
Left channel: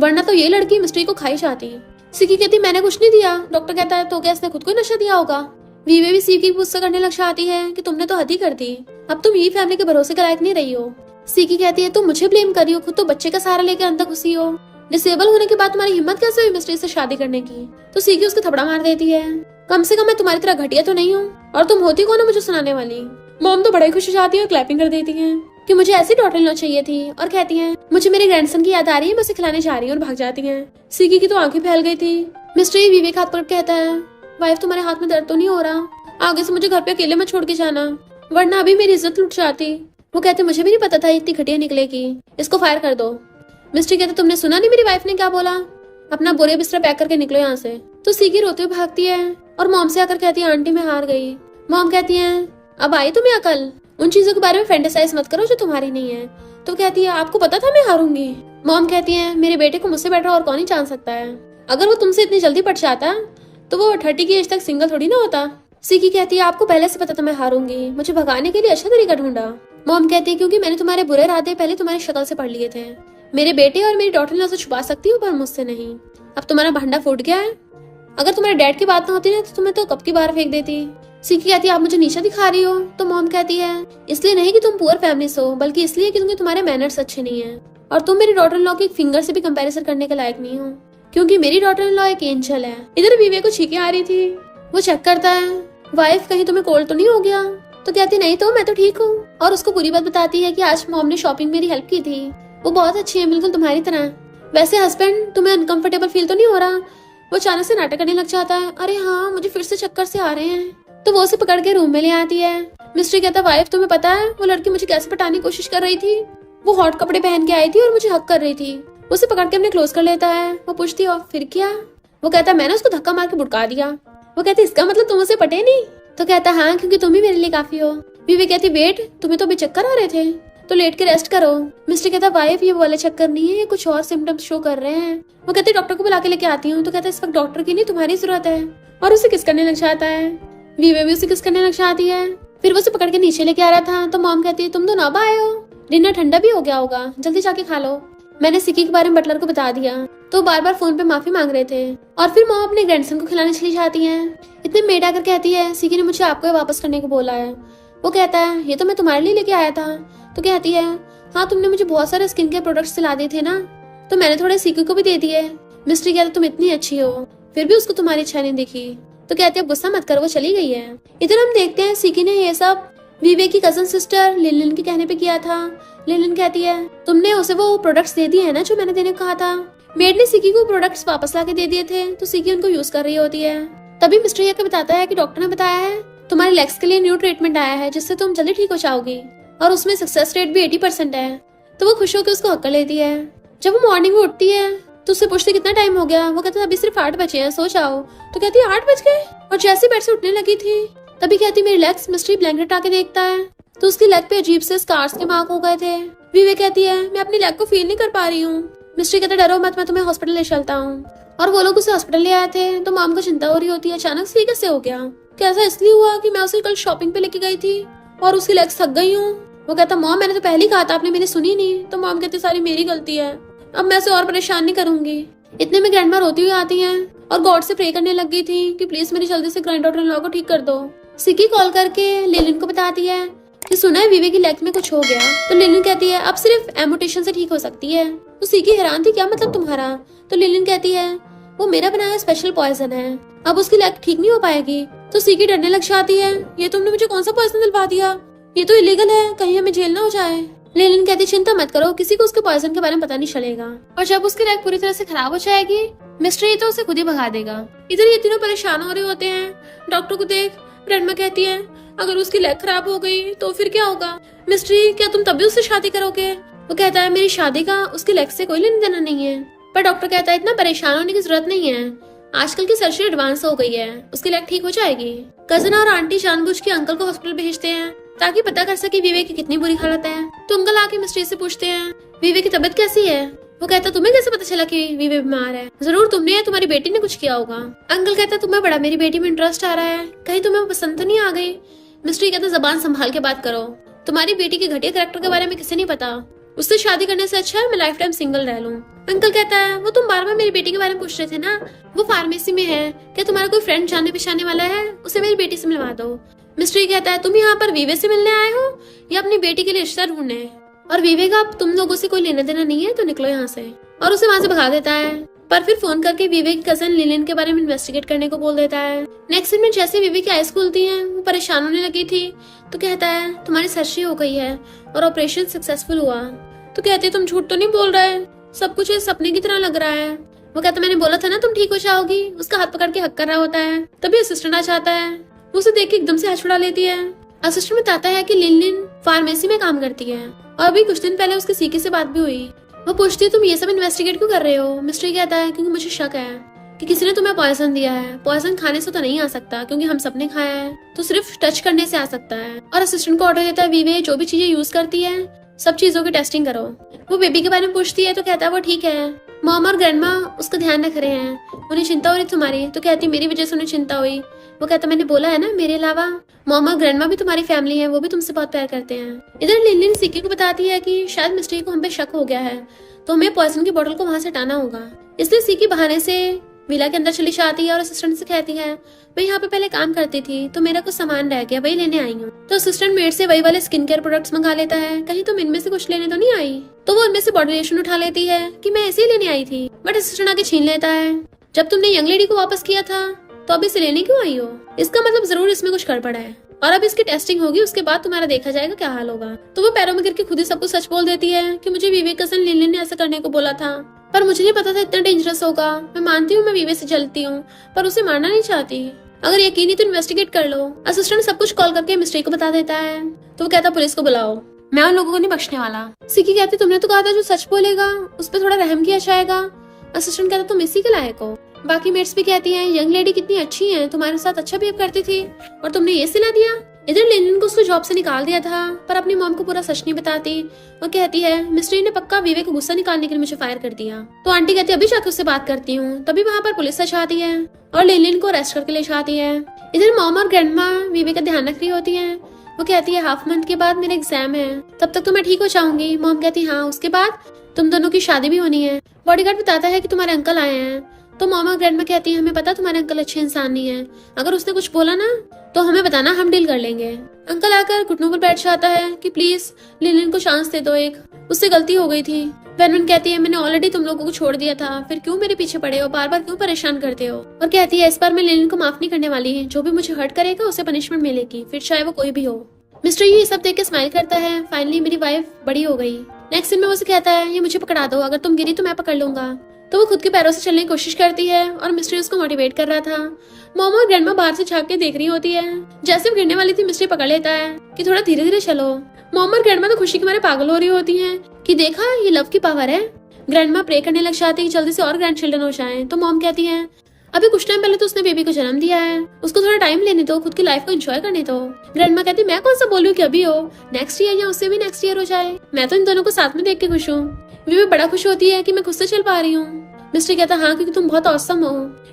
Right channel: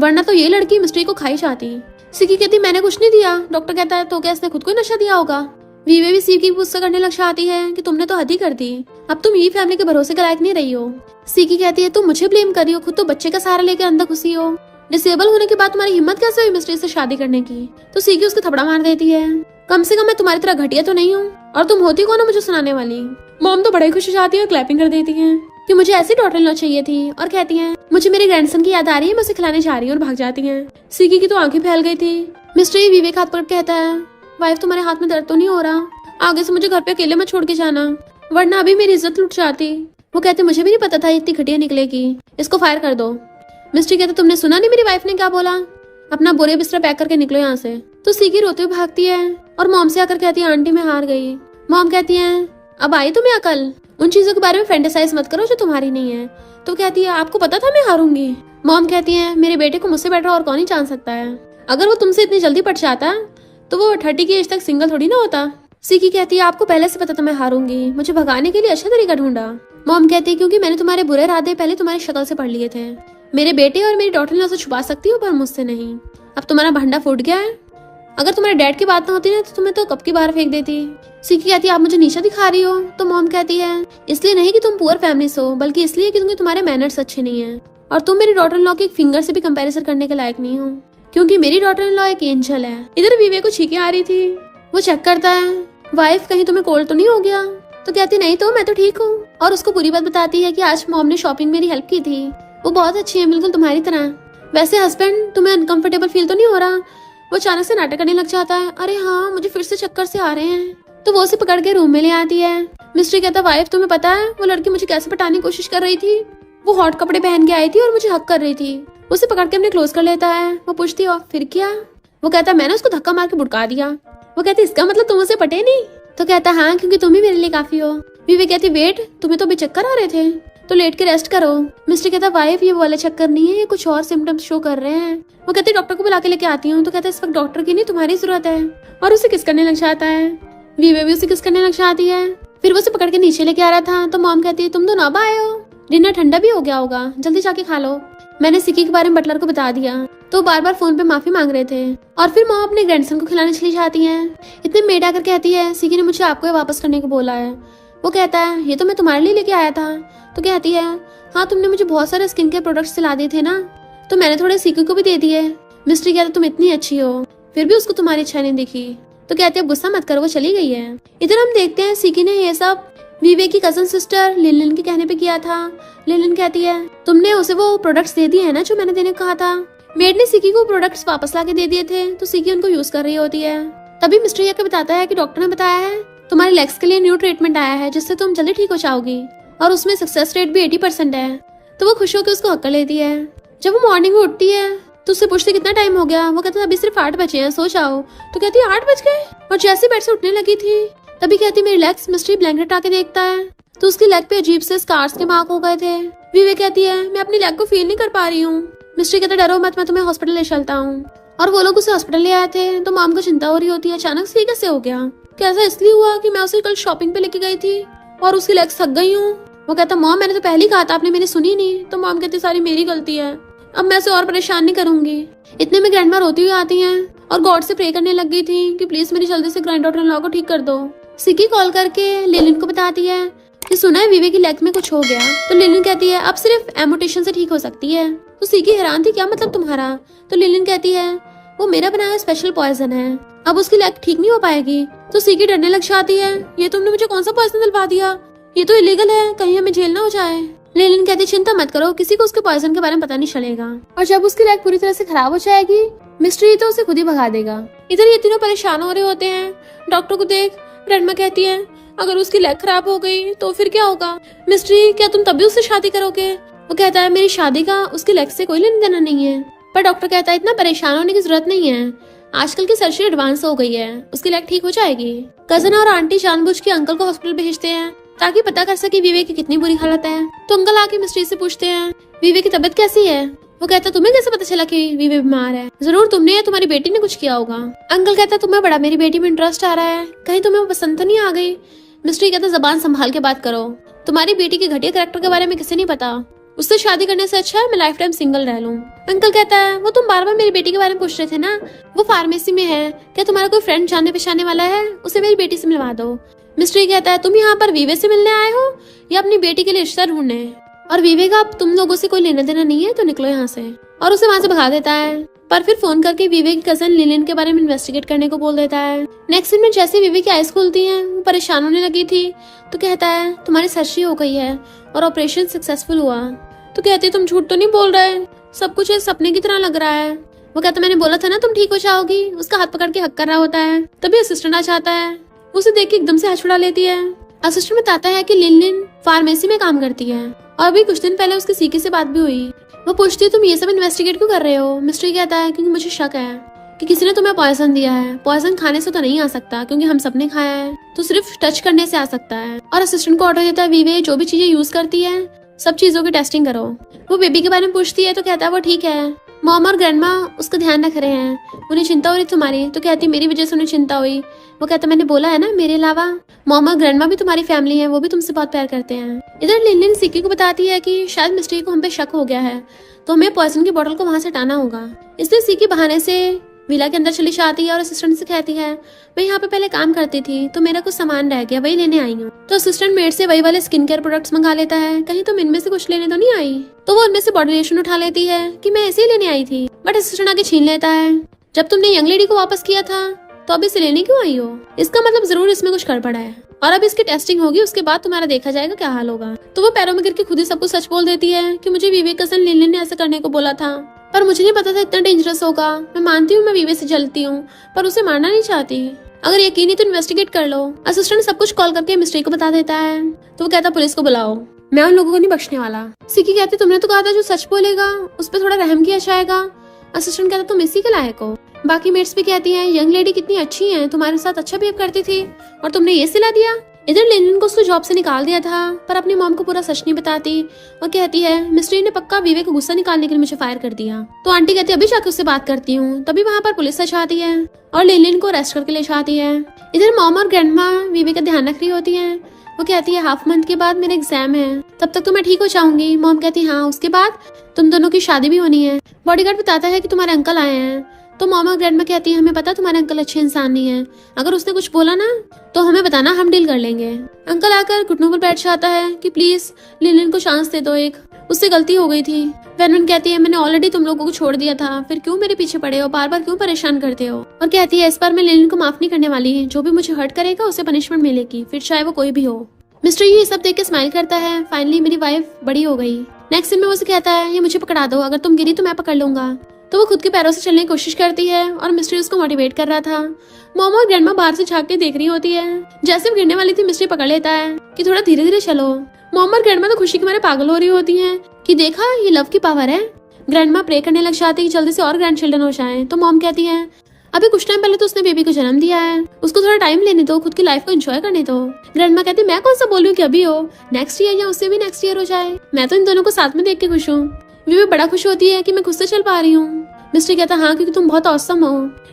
वरना तो ये लड़की मिस्ट्री को खाई चाहती। सीकी कहती मैंने कुछ नहीं दिया। डॉक्टर कहता है तो क्या इसने खुद को नशा दिया होगा। वीवे भी सीकी गुस्सा करने लग जाती है कि तुमने तो हद ही कर दी, अब तुम ये फैमिली के भरोसे के लायक नहीं रही हो। सीकी कहती है तुम मुझे ब्लेम कर रही हो, खुद तो बच्चे का सहारा लेकर अंदर घुसी हो। डिसेबल होने के बाद तुम्हारी हिम्मत कैसे हुई मिस्ट्री से शादी करने की। तो सीकी उसको थपड़ा मार देती है, कम से कम मैं तुम्हारी तरह घटिया तो नहीं हूँ, और तुम होती कौन हो मुझे सुनाने वाली। मॉम तो बड़ी खुश हो जाती है और क्लैपिंग कर देती है कि मुझे ऐसी डॉटर इन लॉ चाहिए थी, और कहती है मुझे मेरे ग्रैंडसन की याद आ रही है, मैं उसे खिलाने जा रही हूँ, और भाग जाती है। सीकी की तो आंखें फैल गई थी। मिस्ट्री विवेक हाथ पकड़ कहता है वाइफ तुम्हारे हाथ में दर्द तो नहीं हो रहा, आगे से मुझे घर पे अकेले में छोड़ के जाना, वरना अभी मेरी इज्जत लुट जाती। वो कहते मुझे भी नहीं पता था इतनी घटिया निकलेगी, इसको फायर कर दो। मिस्ट्री कहती तुमने सुना नहीं मेरी वाइफ ने क्या बोला, अपना बोरिया बिस्तर पैक करके निकलो यहाँ से। तो सीकी रोते हुए भागती है और मॉम से आकर कहती है आंटी मैं हार गई। मॉम कहती है अब आई तुम्हें अकल, उन चीजों के बारे में फैंटेसाइज मत करो जो तुम्हारी नहीं है। तो कहती है आपको पता था मैं हारूंगी। मॉम कहती है मेरे बेटे को मुझसे बेटर और कौन ही जान सकता है, अगर वो तुमसे इतनी जल्दी पट जाता तो वो 30 की एज तक सिंगल थोड़ी ना होता। सीकी कहती है आपको पहले से पता था मैं हारूंगी, मुझे भगाने के लिए अच्छा तरीका ढूंढा। मॉम कहती है क्योंकि मैंने तुम्हारे बुरे इरादे पहले तुम्हारी शक्ल से पढ़ लिए थे, मेरे बेटे और मेरी डॉटर इन लॉ से छुपा सकती हो पर मुझसे नहीं। अब तुम्हारा भंडा फूट गया है, अगर तुम्हारे डैड की बात न होती ना तो तुम्हें तो कब की बाहर फेंक देती। सीकी कहती है आप मुझे नीचा दिखा रही हो। तो मॉम कहती है इसलिए नहीं कि तुम पुअर फैमिली से हो, बल्कि इसलिए कि तुम्हारे मैनर्स अच्छे नहीं है, और तुम मेरी डॉटर इन लॉ के एक फिंगर से भी कंपैरिजन करने के लायक नहीं हो, क्योंकि मेरी डॉटर इन लॉ एक एंजल है। इधर विवेक को छींके आ रही थी, वो चेक करता है वाइफ कहीं तुम्हें कोल्ड तो नहीं हो गया। तो कहती नहीं तो मैं तो ठीक हूँ, और उसको पूरी बात बताती है कि आज मॉम ने शॉपिंग मेरी हेल्प की थी, वो बहुत अच्छी है बिल्कुल तुम्हारी तरह। वैसे हस्बैंड तुम्हें अनकंफर्टेबल फील तो नहीं हो रहा। वो अचानक से नाटक करने लग जाता है, अरे हाँ मुझे फिर से चक्कर से आ रहे हैं। तो वो उसे पकड़ के रूम में ले आती है। मिस्ट्री कहता वाइफ तुम्हें पता है वो लड़की मुझे कैसे पटाने की कोशिश कर रही थी, वो हॉट कपड़े पहन के आई थी और मुझे हक कर रही थी। उसे पकड़ के अपने क्लोज कर लेता है। वो पूछती और फिर क्या। वो कहता है मैंने उसको धक्का मार के भुड़का दिया। वो कहती इसका मतलब तुम उसे पटे नहीं। तो कहता हाँ क्योंकि तुम ही मेरे लिए काफी हो। बीवी कहती वेट तुम्हें तो अभी चक्कर आ रहे थे। तो लेट के रेस्ट करो। मिस्टर कहता वाइफ ये वाला चक्कर नहीं है, ये कुछ और सिम्टम्स शो कर रहे हैं। वो कहते डॉक्टर को बुला के लेके आती हूँ। तो कहता इस वक्त डॉक्टर की नहीं तुम्हारी जरूरत है, और उसे किस करने लग जाता है। वीवे भी उसे किस करने लग जाती है। फिर वो उसे पकड़ के नीचे लेके आ रहा था तो मॉम कहती है तुम दोनों अब आए हो, डिनर ठंडा भी हो गया होगा, जल्दी जाके खा लो। मैंने सिकी के बारे में बटलर को बता दिया तो बार बार फोन पे माफी मांग रहे थे। और फिर मॉम अपने ग्रैंडसन को खिलाने चली जाती है। इतने मेड आकर कहती है सिकी ने मुझे आपको वापस करने को बोला है। वो कहता है ये तो मैं तुम्हारे लिए लेके आया था। तो कहती है हाँ तुमने मुझे बहुत सारे स्किन केयर प्रोडक्ट्स दिला दिए थे ना, तो मैंने थोड़े सिकी को भी दे दिए। मिस्ट्री कहता तुम इतनी अच्छी हो फिर भी उसको तुम्हारी इच्छा नहीं दिखी। तो कहते गुस्सा मत करो, वो चली गई है। इधर हम देखते हैं सिकी ने ये सब वीवे की कजन सिस्टर लिलिन के कहने पे किया था। लिलिन कहती है तुमने उसे वो प्रोडक्ट्स दे दिए है ना जो मैंने देने को कहा था। मेड ने सिकी को प्रोडक्ट्स वापस लाके दे दिए थे तो सिकी उनको यूज कर रही होती है। तभी मिस्टर ये बताता है कि डॉक्टर ने बताया है तुम्हारी लेग्स के लिए न्यू ट्रीटमेंट आया है जिससे तुम जल्दी ठीक हो जाओगी, और उसमें सक्सेस रेट भी 80% है। तो वो खुश होकर उसको हक कर लेती है। जब वो मॉर्निंग में उठती है तो उससे पूछते कितना टाइम हो गया। वो कहता है अभी सिर्फ 8 बजे हैं, सो जाओ। तो कहती है 8 बज गए, और जैसे बेड से उठने लगी थी तभी कहती मेरी लेग्स। मिस्ट्री ब्लैंकेट आके देखता है तो उसकी लेग पे अजीब से स्कार्स के मार्क हो गए थे। वीवे कहती है मैं अपनी लेग को फील नहीं कर पा रही हूँ। मिस्ट्री कहता डरो मत, मैं तुम्हें हॉस्पिटल ले चलता हूँ। और वो लोग उसे हॉस्पिटल ले आए थे तो मॉम को चिंता हो रही होती है अचानक से कैसे हो गया। कैसे इसलिए हुआ कि मैं उसे कल शॉपिंग पे लेके गई थी और उसकी लेग्स थक गई हूँ। वो कहता मॉम मैंने तो पहले ही कहा था, आपने मेरी सुनी नहीं। तो मॉम कहती सारी मेरी गलती है, अब मैं उसे और परेशान नहीं करूंगी। इतने में ग्रैंडमा रोती हुई आती है और गॉड से प्रे करने लग गई थी कि प्लीज मेरी जल्दी से ग्रैंड डॉटर लॉ को ठीक कर दो। सिकी कॉल करके लिलिन को बताती है कि सुना है वीवे की लेग में कुछ हो गया। तो लिलिन कहती है अब सिर्फ एमोटेशन से ठीक हो सकती है। तो सिकी हैरान थी क्या मतलब तुम्हारा। तो लिलिन कहती है वो मेरा बनाया स्पेशल पॉइजन है, अब उसकी लेग ठीक नहीं हो पाएगी। तो सिकी डरने लग जाती है ये तुमने मुझे कौन सा पॉइजन दिलवा दिया, ये तो इलीगल है, कहीं हमें जेल ना हो जाए। लिलिन कहती चिंता मत करो, किसी को उसके पॉइजन के बारे में पता नहीं चलेगा, और जब उसकी लेग पूरी तरह से खराब हो जाएगी मिस्ट्री तो उसे खुद ही भगा देगा। इधर ये तीनों परेशान हो रहे होते हैं। डॉक्टर को देख ग्रैंडमा कहती है अगर उसकी लेग खराब हो गई तो फिर क्या होगा। मिस्ट्री क्या तुम तब भी उससे शादी करोगे। वो कहता है मेरी शादी का उसकी लेग से कोई लेना देना नहीं है। पर डॉक्टर कहता है इतना परेशान होने की जरूरत नहीं है, आजकल की सर्जरी एडवांस हो गई है, उसकी लेग ठीक हो जाएगी। कजन और आंटी जानबूझ के अंकल को हॉस्पिटल भेजते हैं ताकि पता कर सके वीवे की कितनी बुरी हालत है। तो अंकल आके मिस्ट्री से पूछते हैं वीवे की तबीयत कैसी है। वो कहता तुम्हें कैसे पता चला कि वीवे बीमार है। जरूर तुमने या तुम्हारी बेटी ने कुछ किया होगा। अंकल कहता तुम्हें बड़ा मेरी बेटी में इंटरेस्ट आ रहा है, कहीं तुम्हें पसंद तो नहीं आ गई। मिस्ट्री कहता जबान संभाल के बात करो, तुम्हारी बेटी के घटिया कैरेक्टर के बारे में किसी नहीं पता, उससे शादी करने से अच्छा है मैं लाइफ टाइम सिंगल रह लूं। अंकल कहता है वो तुम बार बार मेरी बेटी के बारे में पूछ रहे थे ना, वो फार्मेसी में है, क्या तुम्हारा कोई फ्रेंड जानने पहचानने वाला है, उसे मेरी बेटी से मिलवा दो। मिस्ट्री कहता है तुम यहाँ पर वीवे से मिलने आए हो या अपनी बेटी के लिए रिश्ता ढूंढने, और वीवे का अब तुम लोगों से कोई लेना देना नहीं है तो निकलो यहाँ से, और उसे वहाँ से भगा देता है। पर फिर फोन करके वीवे की कजन लिलिन के बारे में इन्वेस्टिगेट करने को बोल देता है। नेक्स्ट दिन में जैसे वीवे की आइज खुलती है वो परेशान होने लगी थी तो कहता है तुम्हारी सर्जरी हो गई है और ऑपरेशन सक्सेसफुल हुआ। तो कहते तुम झूठ तो नहीं बोल रहे, सब कुछ एक सपने की तरह लग रहा है। वो कहता मैंने बोला था ना तुम ठीक हो जाओगी। उसका हाथ पकड़ के हक कर रहा होता है तभी असिस्टेंट आ जाता है, उसे देख के एकदम से हाथ छुड़ा लेती है। असिस्टेंट बताता है कि लिलिन फार्मेसी में काम करती है और अभी कुछ दिन पहले उसकी सीकी से बात भी हुई। वो पूछती है तुम ये सब इन्वेस्टिगेट क्यों कर रहे हो। मिस्ट्री कहता है क्योंकि मुझे शक है कि किसी ने तुम्हें पॉइजन दिया है, पॉइजन खाने से तो नहीं आ सकता क्योंकि हम सबने खाया है, तो सिर्फ टच करने से आ सकता है। और असिस्टेंट को ऑर्डर देता है वीवे जो भी चीजें यूज करती है सब चीजों की टेस्टिंग करो। वो बेबी के बारे में पूछती है तो कहता है वो ठीक है, मॉम और ग्रैंडमा उसका ध्यान रख रहे हैं, उन्हें चिंता हो रही तुम्हारी। तो कहती मेरी वजह से उन्हें चिंता हुई। वो कहता मैंने बोला है ना मेरे अलावा मॉम और ग्रैंडमा भी तुम्हारी फैमिली है, वो भी तुमसे बहुत प्यार करते हैं। इधर लिलिन सिकी को बताती है कि शायद मिस्ट्री को हम पे शक हो गया है तो हमें पॉइजन की बोतल को वहाँ से हटाना होगा। इसलिए सिकी बहाने से विला के अंदर चली जाती है और असिस्टेंट से कहती है मैं यहाँ पे पहले काम करती थी तो मेरा कुछ सामान रह गया, वही लेने आई हूँ। तो असिस्टेंट मेड से वही वाले स्किन केयर प्रोडक्ट्स मंगा लेता है, कहीं तुम इनमें से कुछ लेने तो नहीं आई। तो वो उनमें से बॉडी लोशन उठा लेती है कि मैं ऐसे ही लेने आई थी, बट असिस्टेंट आके छीन लेता है जब तुमने यंग लेडी को वापस किया था तो अब इसे लेने क्यों आई हो, इसका मतलब जरूर इसमें कुछ गड़बड़ है और अब इसकी टेस्टिंग होगी, उसके बाद तुम्हारा देखा जाएगा क्या हाल होगा। तो वो पैरों में गिर के खुद ही सब कुछ सच बोल देती है कि मुझे वीवे कजन लिलिन ने ऐसे करने को बोला था, पर मुझे नहीं पता था इतना डेंजरस होगा। मैं मानती हूँ मैं वीवे से जलती हूँ पर उसे मारना नहीं चाहती, अगर यकीन है तो इन्वेस्टिगेट कर लो। असिस्टेंट सब कुछ कॉल करके मिस्ट्री को बता देता है तो वो कहता पुलिस को बुलाओ, मैं उन लोगों को नहीं बख्शने वाला। सिकी कहती तुमने तो कहा था जो सच बोलेगा उस पर थोड़ा रहम किया जाएगा। असिस्टेंट कहता तुम इसी के लायक हो। बाकी मेट्स भी कहती है यंग लेडी कितनी अच्छी है, तुम्हारे साथ अच्छा बिहेव करती थी और तुमने ये सिला दिया। इधर लेनिन को उसको जॉब से निकाल दिया था, पर अपनी मॉम को पूरा सच नहीं बताती। वो कहती है मिस्टर ने पक्का विवेक का गुस्सा निकालने के लिए मुझे फायर कर दिया। तो आंटी कहती है अभी जाकर उससे बात करती हूँ। तभी वहाँ पर पुलिस आती है और लेनिन को अरेस्ट करके ले जाती है। इधर मॉम और ग्रैंडमा विवेक का ध्यान रख रही होती है। वो कहती है हाफ मंथ के बाद मेरा एग्जाम है, तब तक तो मैं ठीक हो जाऊंगी। मॉम कहती है हाँ, उसके बाद तुम दोनों की शादी भी होनी है। बॉडीगार्ड बताता है कि तुम्हारे अंकल आए हैं। तो मॉम और ग्रैंडमा कहती है हमें पता तुम्हारा अंकल अच्छे इंसान नहीं है, अगर उसने कुछ बोला ना तो हमें बताना, हम डील कर लेंगे। अंकल आकर घुटनों पर बैठ जाता है कि प्लीज लिलिन को चांस दे दो, एक उससे गलती हो गई थी। वेनवन कहती है मैंने ऑलरेडी तुम लोगों को छोड़ दिया था, फिर क्यों मेरे पीछे पड़े हो, बार बार क्यों परेशान करते हो। और कहती है इस बार मैं लिलिन को माफ नहीं करने वाली, जो भी मुझे हर्ट करेगा उसे पनिशमेंट मिलेगी, फिर चाहे वो कोई भी हो। मिस्टर ये सब देख के स्माइल करता है। फाइनली मेरी वाइफ बड़ी हो गई। नेक्स्ट सीन में उसे कहता है ये मुझे पकड़ा दो, अगर तुम गिरी तो मैं पकड़ लूंगा। तो वो खुद के पैरों से चलने की कोशिश करती है और मिस्ट्री उसको मोटिवेट कर रहा था। मॉम और ग्रैंडमा बाहर से झांक के देख रही होती है। जैसे वो गिरने वाली थी मिस्ट्री पकड़ लेता है कि थोड़ा धीरे धीरे चलो। मॉम और ग्रैंडमा तो खुशी के मारे पागल हो रही होती है कि देखा ये लव की पावर है। ग्रैंडमा प्रे करने लग जाती है जल्दी से और ग्रैंड चिल्ड्रन हो जाए। तो मॉम कहती है अभी कुछ टाइम पहले तो उसने बेबी को जन्म दिया है, उसको थोड़ा टाइम लेने दो, खुद की लाइफ को एंजॉय करने दो। ग्रैंडमा कहती मैं कौन सा बोल रही हूँ कि अभी हो, नेक्स्ट ईयर या उससे भी नेक्स्ट ईयर हो जाए, मैं तो इन दोनों को साथ में देख के खुश हूँ। बेबी बड़ा खुश होती है कि मैं खुद से चल पा रही हूँ। मिस्ट्री कहता हाँ क्योंकि तुम बहुत औसम हो।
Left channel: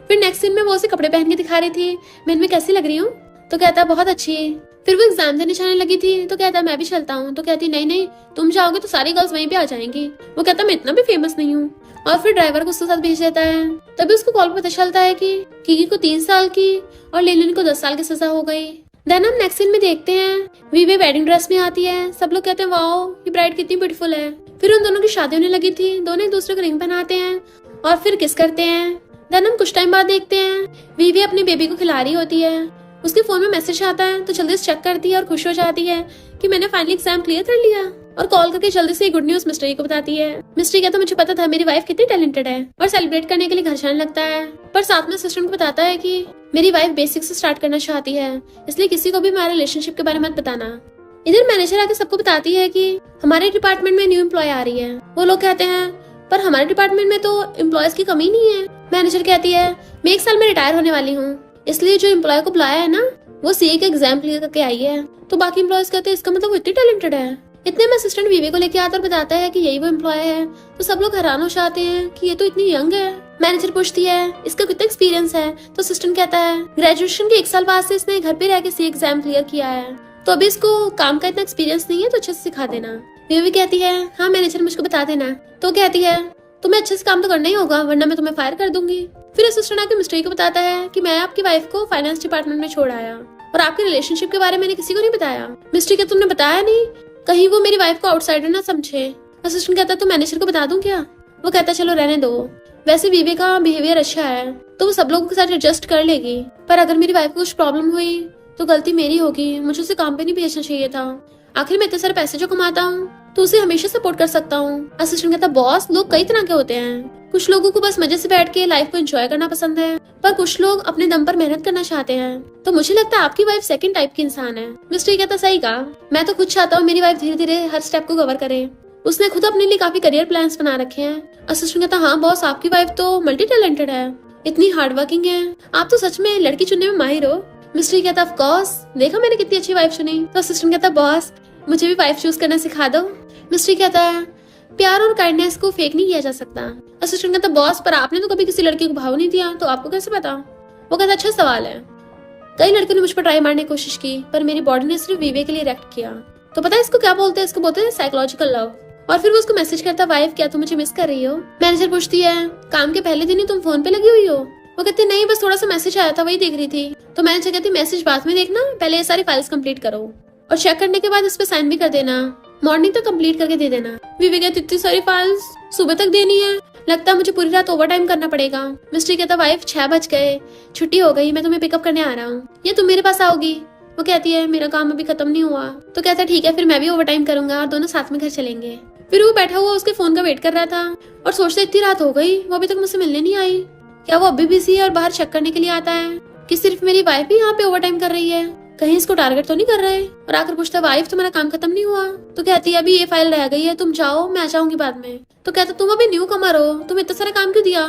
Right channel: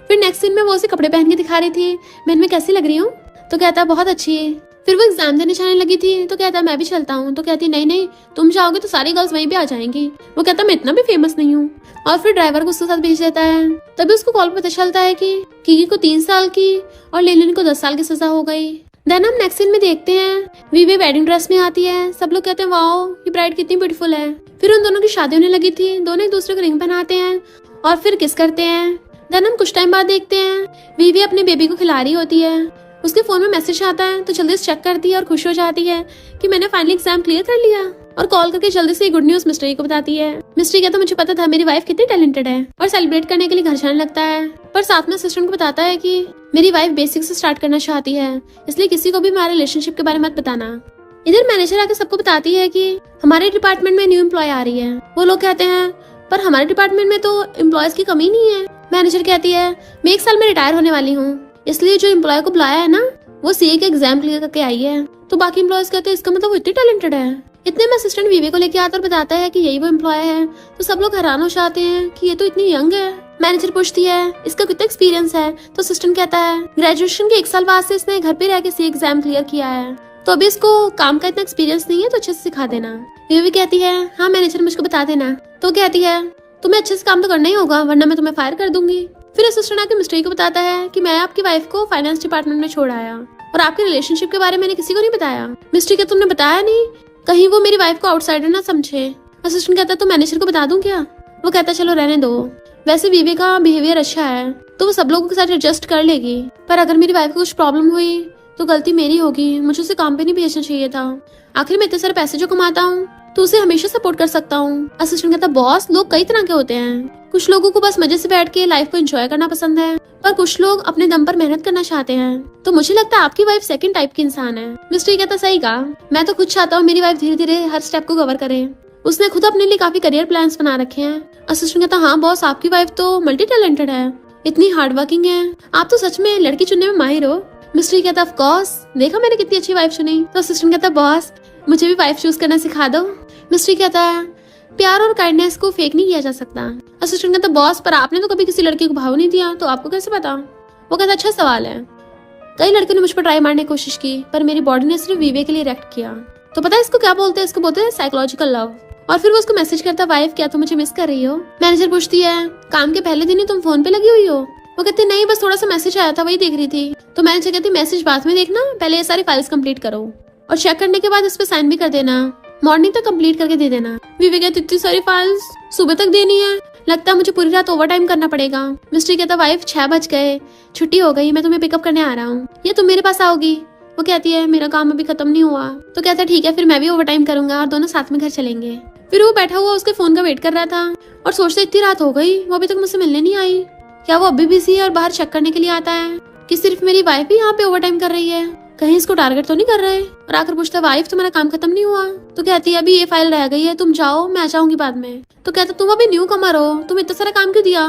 फिर नेक्स्ट सीन में वो उसे कपड़े पहन के दिखा रही थी, मैं इनमें कैसी लग रही हूँ। तो कहता बहुत अच्छी है। फिर वो एग्जाम देने चलने लगी थी तो कहता मैं भी चलता हूँ। तो कहती नहीं नहीं तुम जाओगे तो सारी गर्ल्स वहीं पे आ जाएंगी। वो कहता मैं इतना भी फेमस नहीं हूँ और फिर ड्राइवर को उसके साथ भेज देता है। तभी उसको कॉल पर पता चलता है कि कीकी को 3 साल की और लेलिन को 10 साल की सजा हो गई। देन हम नेक्स्ट सीन में देखते हैं वीवी वेडिंग ड्रेस में आती है। सब लोग कहते हैं वाओ ये ब्राइड कितनी ब्यूटीफुल है। फिर उन दोनों की शादी होने लगी थी, दोनों एक दूसरे को रिंग पहनाते हैं और फिर किस करते हैं। देन हम कुछ टाइम बाद देखते हैं वीवी अपने बेबी को खिला रही होती है। उसके फोन में मैसेज आता है तो जल्दी से चेक करती है और खुश हो जाती है कि मैंने फाइनली एग्जाम क्लियर कर लिया। और कॉल करके जल्दी से गुड न्यूज मिस्ट्री को बताती है। मिस्ट्री कहता मुझे पता था मेरी वाइफ कितनी टैलेंटेड है, और सेलिब्रेट करने के लिए घर जाने लगता है। पर साथ में असिस्टेंट को बताता है कि मेरी वाइफ बेसिक से स्टार्ट करना चाहती है, इसलिए किसी को भी हमारे रिलेशनशिप के बारे में मत बताना। इधर मैनेजर आकर सबको बताती है कि हमारे डिपार्टमेंट में न्यू एम्प्लॉय आ रही है। वो लोग कहते हैं पर हमारे डिपार्टमेंट में तो एम्प्लॉयज की कमी नहीं है। मैनेजर कहती है मैं 1 साल में रिटायर होने वाली हूँ, इसलिए जो एम्प्लॉय को बुलाया है ना वो सीए के एग्जाम क्लियर करके आई है। तो बाकी एम्प्लॉयज कहते हैं इसका मतलब वो इतनी टैलेंटेड है। इतने में असिस्टेंट वीवी को लेके आता और बताता है कि यही वो एम्प्लॉय है। तो सब लोग हैरान हो जाते हैं कि ये तो इतनी यंग है। मैनेजर पूछती है इसका कितना एक्सपीरियंस है। तो असिस्टेंट कहता है ग्रेजुएशन के 1 साल बाद से इसने घर पे रह के सीए एग्जाम क्लियर किया है, तो अभी इसको काम का इतना एक्सपीरियंस नहीं है, तो अच्छे से सिखा देना। वीवी कहती है हाँ मैनेजर मुझको बता देना। तो कहती है तुम्हें अच्छे से काम तो करना ही होगा वरना मैं तुम्हें फायर कर दूंगी। फिर असिस्टेंट आके मिस्ट्री को बताता है कि मैं आपकी वाइफ को फाइनेंस डिपार्टमेंट में छोड़ आया और आपके रिलेशनशिप के बारे में मैंने किसी को नहीं बताया। मिस्ट्री कहता तुमने बताया नहीं, कहीं वो मेरी वाइफ को आउटसाइडर ना समझे। असिस्टेंट कहता तो मैनेजर को बता दूं क्या। वो कहता चलो रहने दो, वैसे वीवी का बिहेवियर अच्छा है तो वो सब लोगों के साथ एडजस्ट कर लेगी, पर अगर मेरी वाइफ को कुछ प्रॉब्लम हुई तो गलती मेरी होगी, मुझे उसे काम पे नहीं भेजना चाहिए था। आखिर मैं इतने सारे पैसे जो कमाता हूँ तो उसे हमेशा सपोर्ट कर सकता हूँ। असिस्टेंट कहता बॉस लोग कई तरह के होते हैं, कुछ लोगों को बस मजे से बैठ के लाइफ को एंजॉय करना पसंद है, पर कुछ लोग अपने दम पर मेहनत करना चाहते हैं। तो मुझे लगता है आपकी वाइफ सेकंड टाइप की इंसान है। मिस्टर कहता सही कहा, मैं तो खुद चाहता हूँ मेरी वाइफ धीरे धीरे हर स्टेप को कवर करे, उसने खुद अपने लिए काफी करियर प्लान्स बना रखे हैं। असिस्टेंट कहता हाँ बॉस आपकी वाइफ तो मल्टी टैलेंटेड है, इतनी हार्ड वर्किंग है, आप तो सच में लड़की चुनने में माहिर हो। मिस्टर कहता ऑफ कोर्स, देखा मैंने कितनी अच्छी वाइफ चुनी। तो असिस्टेंट कहता बॉस मुझे भी वाइफ चूज करना सिखा दो। मिस्टर कहता है प्यार और काइंडनेस को फेक नहीं किया जा सकता। असिस्टेंट कहता बॉस पर आपने तो कभी किसी लड़की को भाव नहीं दिया, तो आपको कैसे पता। वो कहता अच्छा सवाल है, कई लड़के ने मुझ पर ट्राई मारने की कोशिश की पर मेरी बॉडी ने सिर्फ वीवे के लिए रिएक्ट किया। तो पता है इसको क्या बोलते हैं, इसको बोलते हैं साइकोलॉजिकल लव। और फिर वो उसको मैसेज करता वाइफ क्या तुम मुझे मिस कर रही हो। मैनेजर पूछती है काम के पहले दिन ही तुम फोन पे लगी हुई हो। वो कहती नहीं बस थोड़ा सा मैसेज आया था वही देख रही थी। तो मैनेजर कहती मैसेज बाद में देखना, पहले ये सारी फाइल्स कंप्लीट करो और चेक करने के बाद इस पे साइन भी कर देना, मॉर्निंग तक कंप्लीट करके दे देना। विवेक कहती इतनी सारी फाइल्स सुबह तक देनी है, लगता है मुझे पूरी रात ओवर टाइम करना पड़ेगा। मिस्टर कहता वाइफ 6 बज गए, छुट्टी हो गई, मैं तुम्हें पिकअप करने आ रहा हूँ, ये तुम मेरे पास आओगी। वो कहती है मेरा काम अभी खत्म नहीं हुआ। तो कहता है ठीक है फिर मैं भी ओवर टाइम करूंगा और दोनों साथ में घर चलेंगे। फिर वो बैठा हुआ उसके फोन का वेट कर रहा था और सोचता इतनी रात हो गई वो अभी तक मुझसे मिलने नहीं आई, क्या वो अभी बिजी है और बाहर चेक करने के लिए आता है कि सिर्फ मेरी वाइफ ही यहाँ पे ओवर टाइम कर रही है, कहीं इसको टारगेट तो नहीं कर रहे। और आकर पूछता वाइफ तुम्हारा काम खत्म नहीं हुआ। तो कहती है अभी ये फाइल रह गई है, तुम जाओ मैं आ जाऊंगी बाद में। तो कहता तुम अभी न्यू कमर हो, तुम इतना सारा काम क्यों दिया,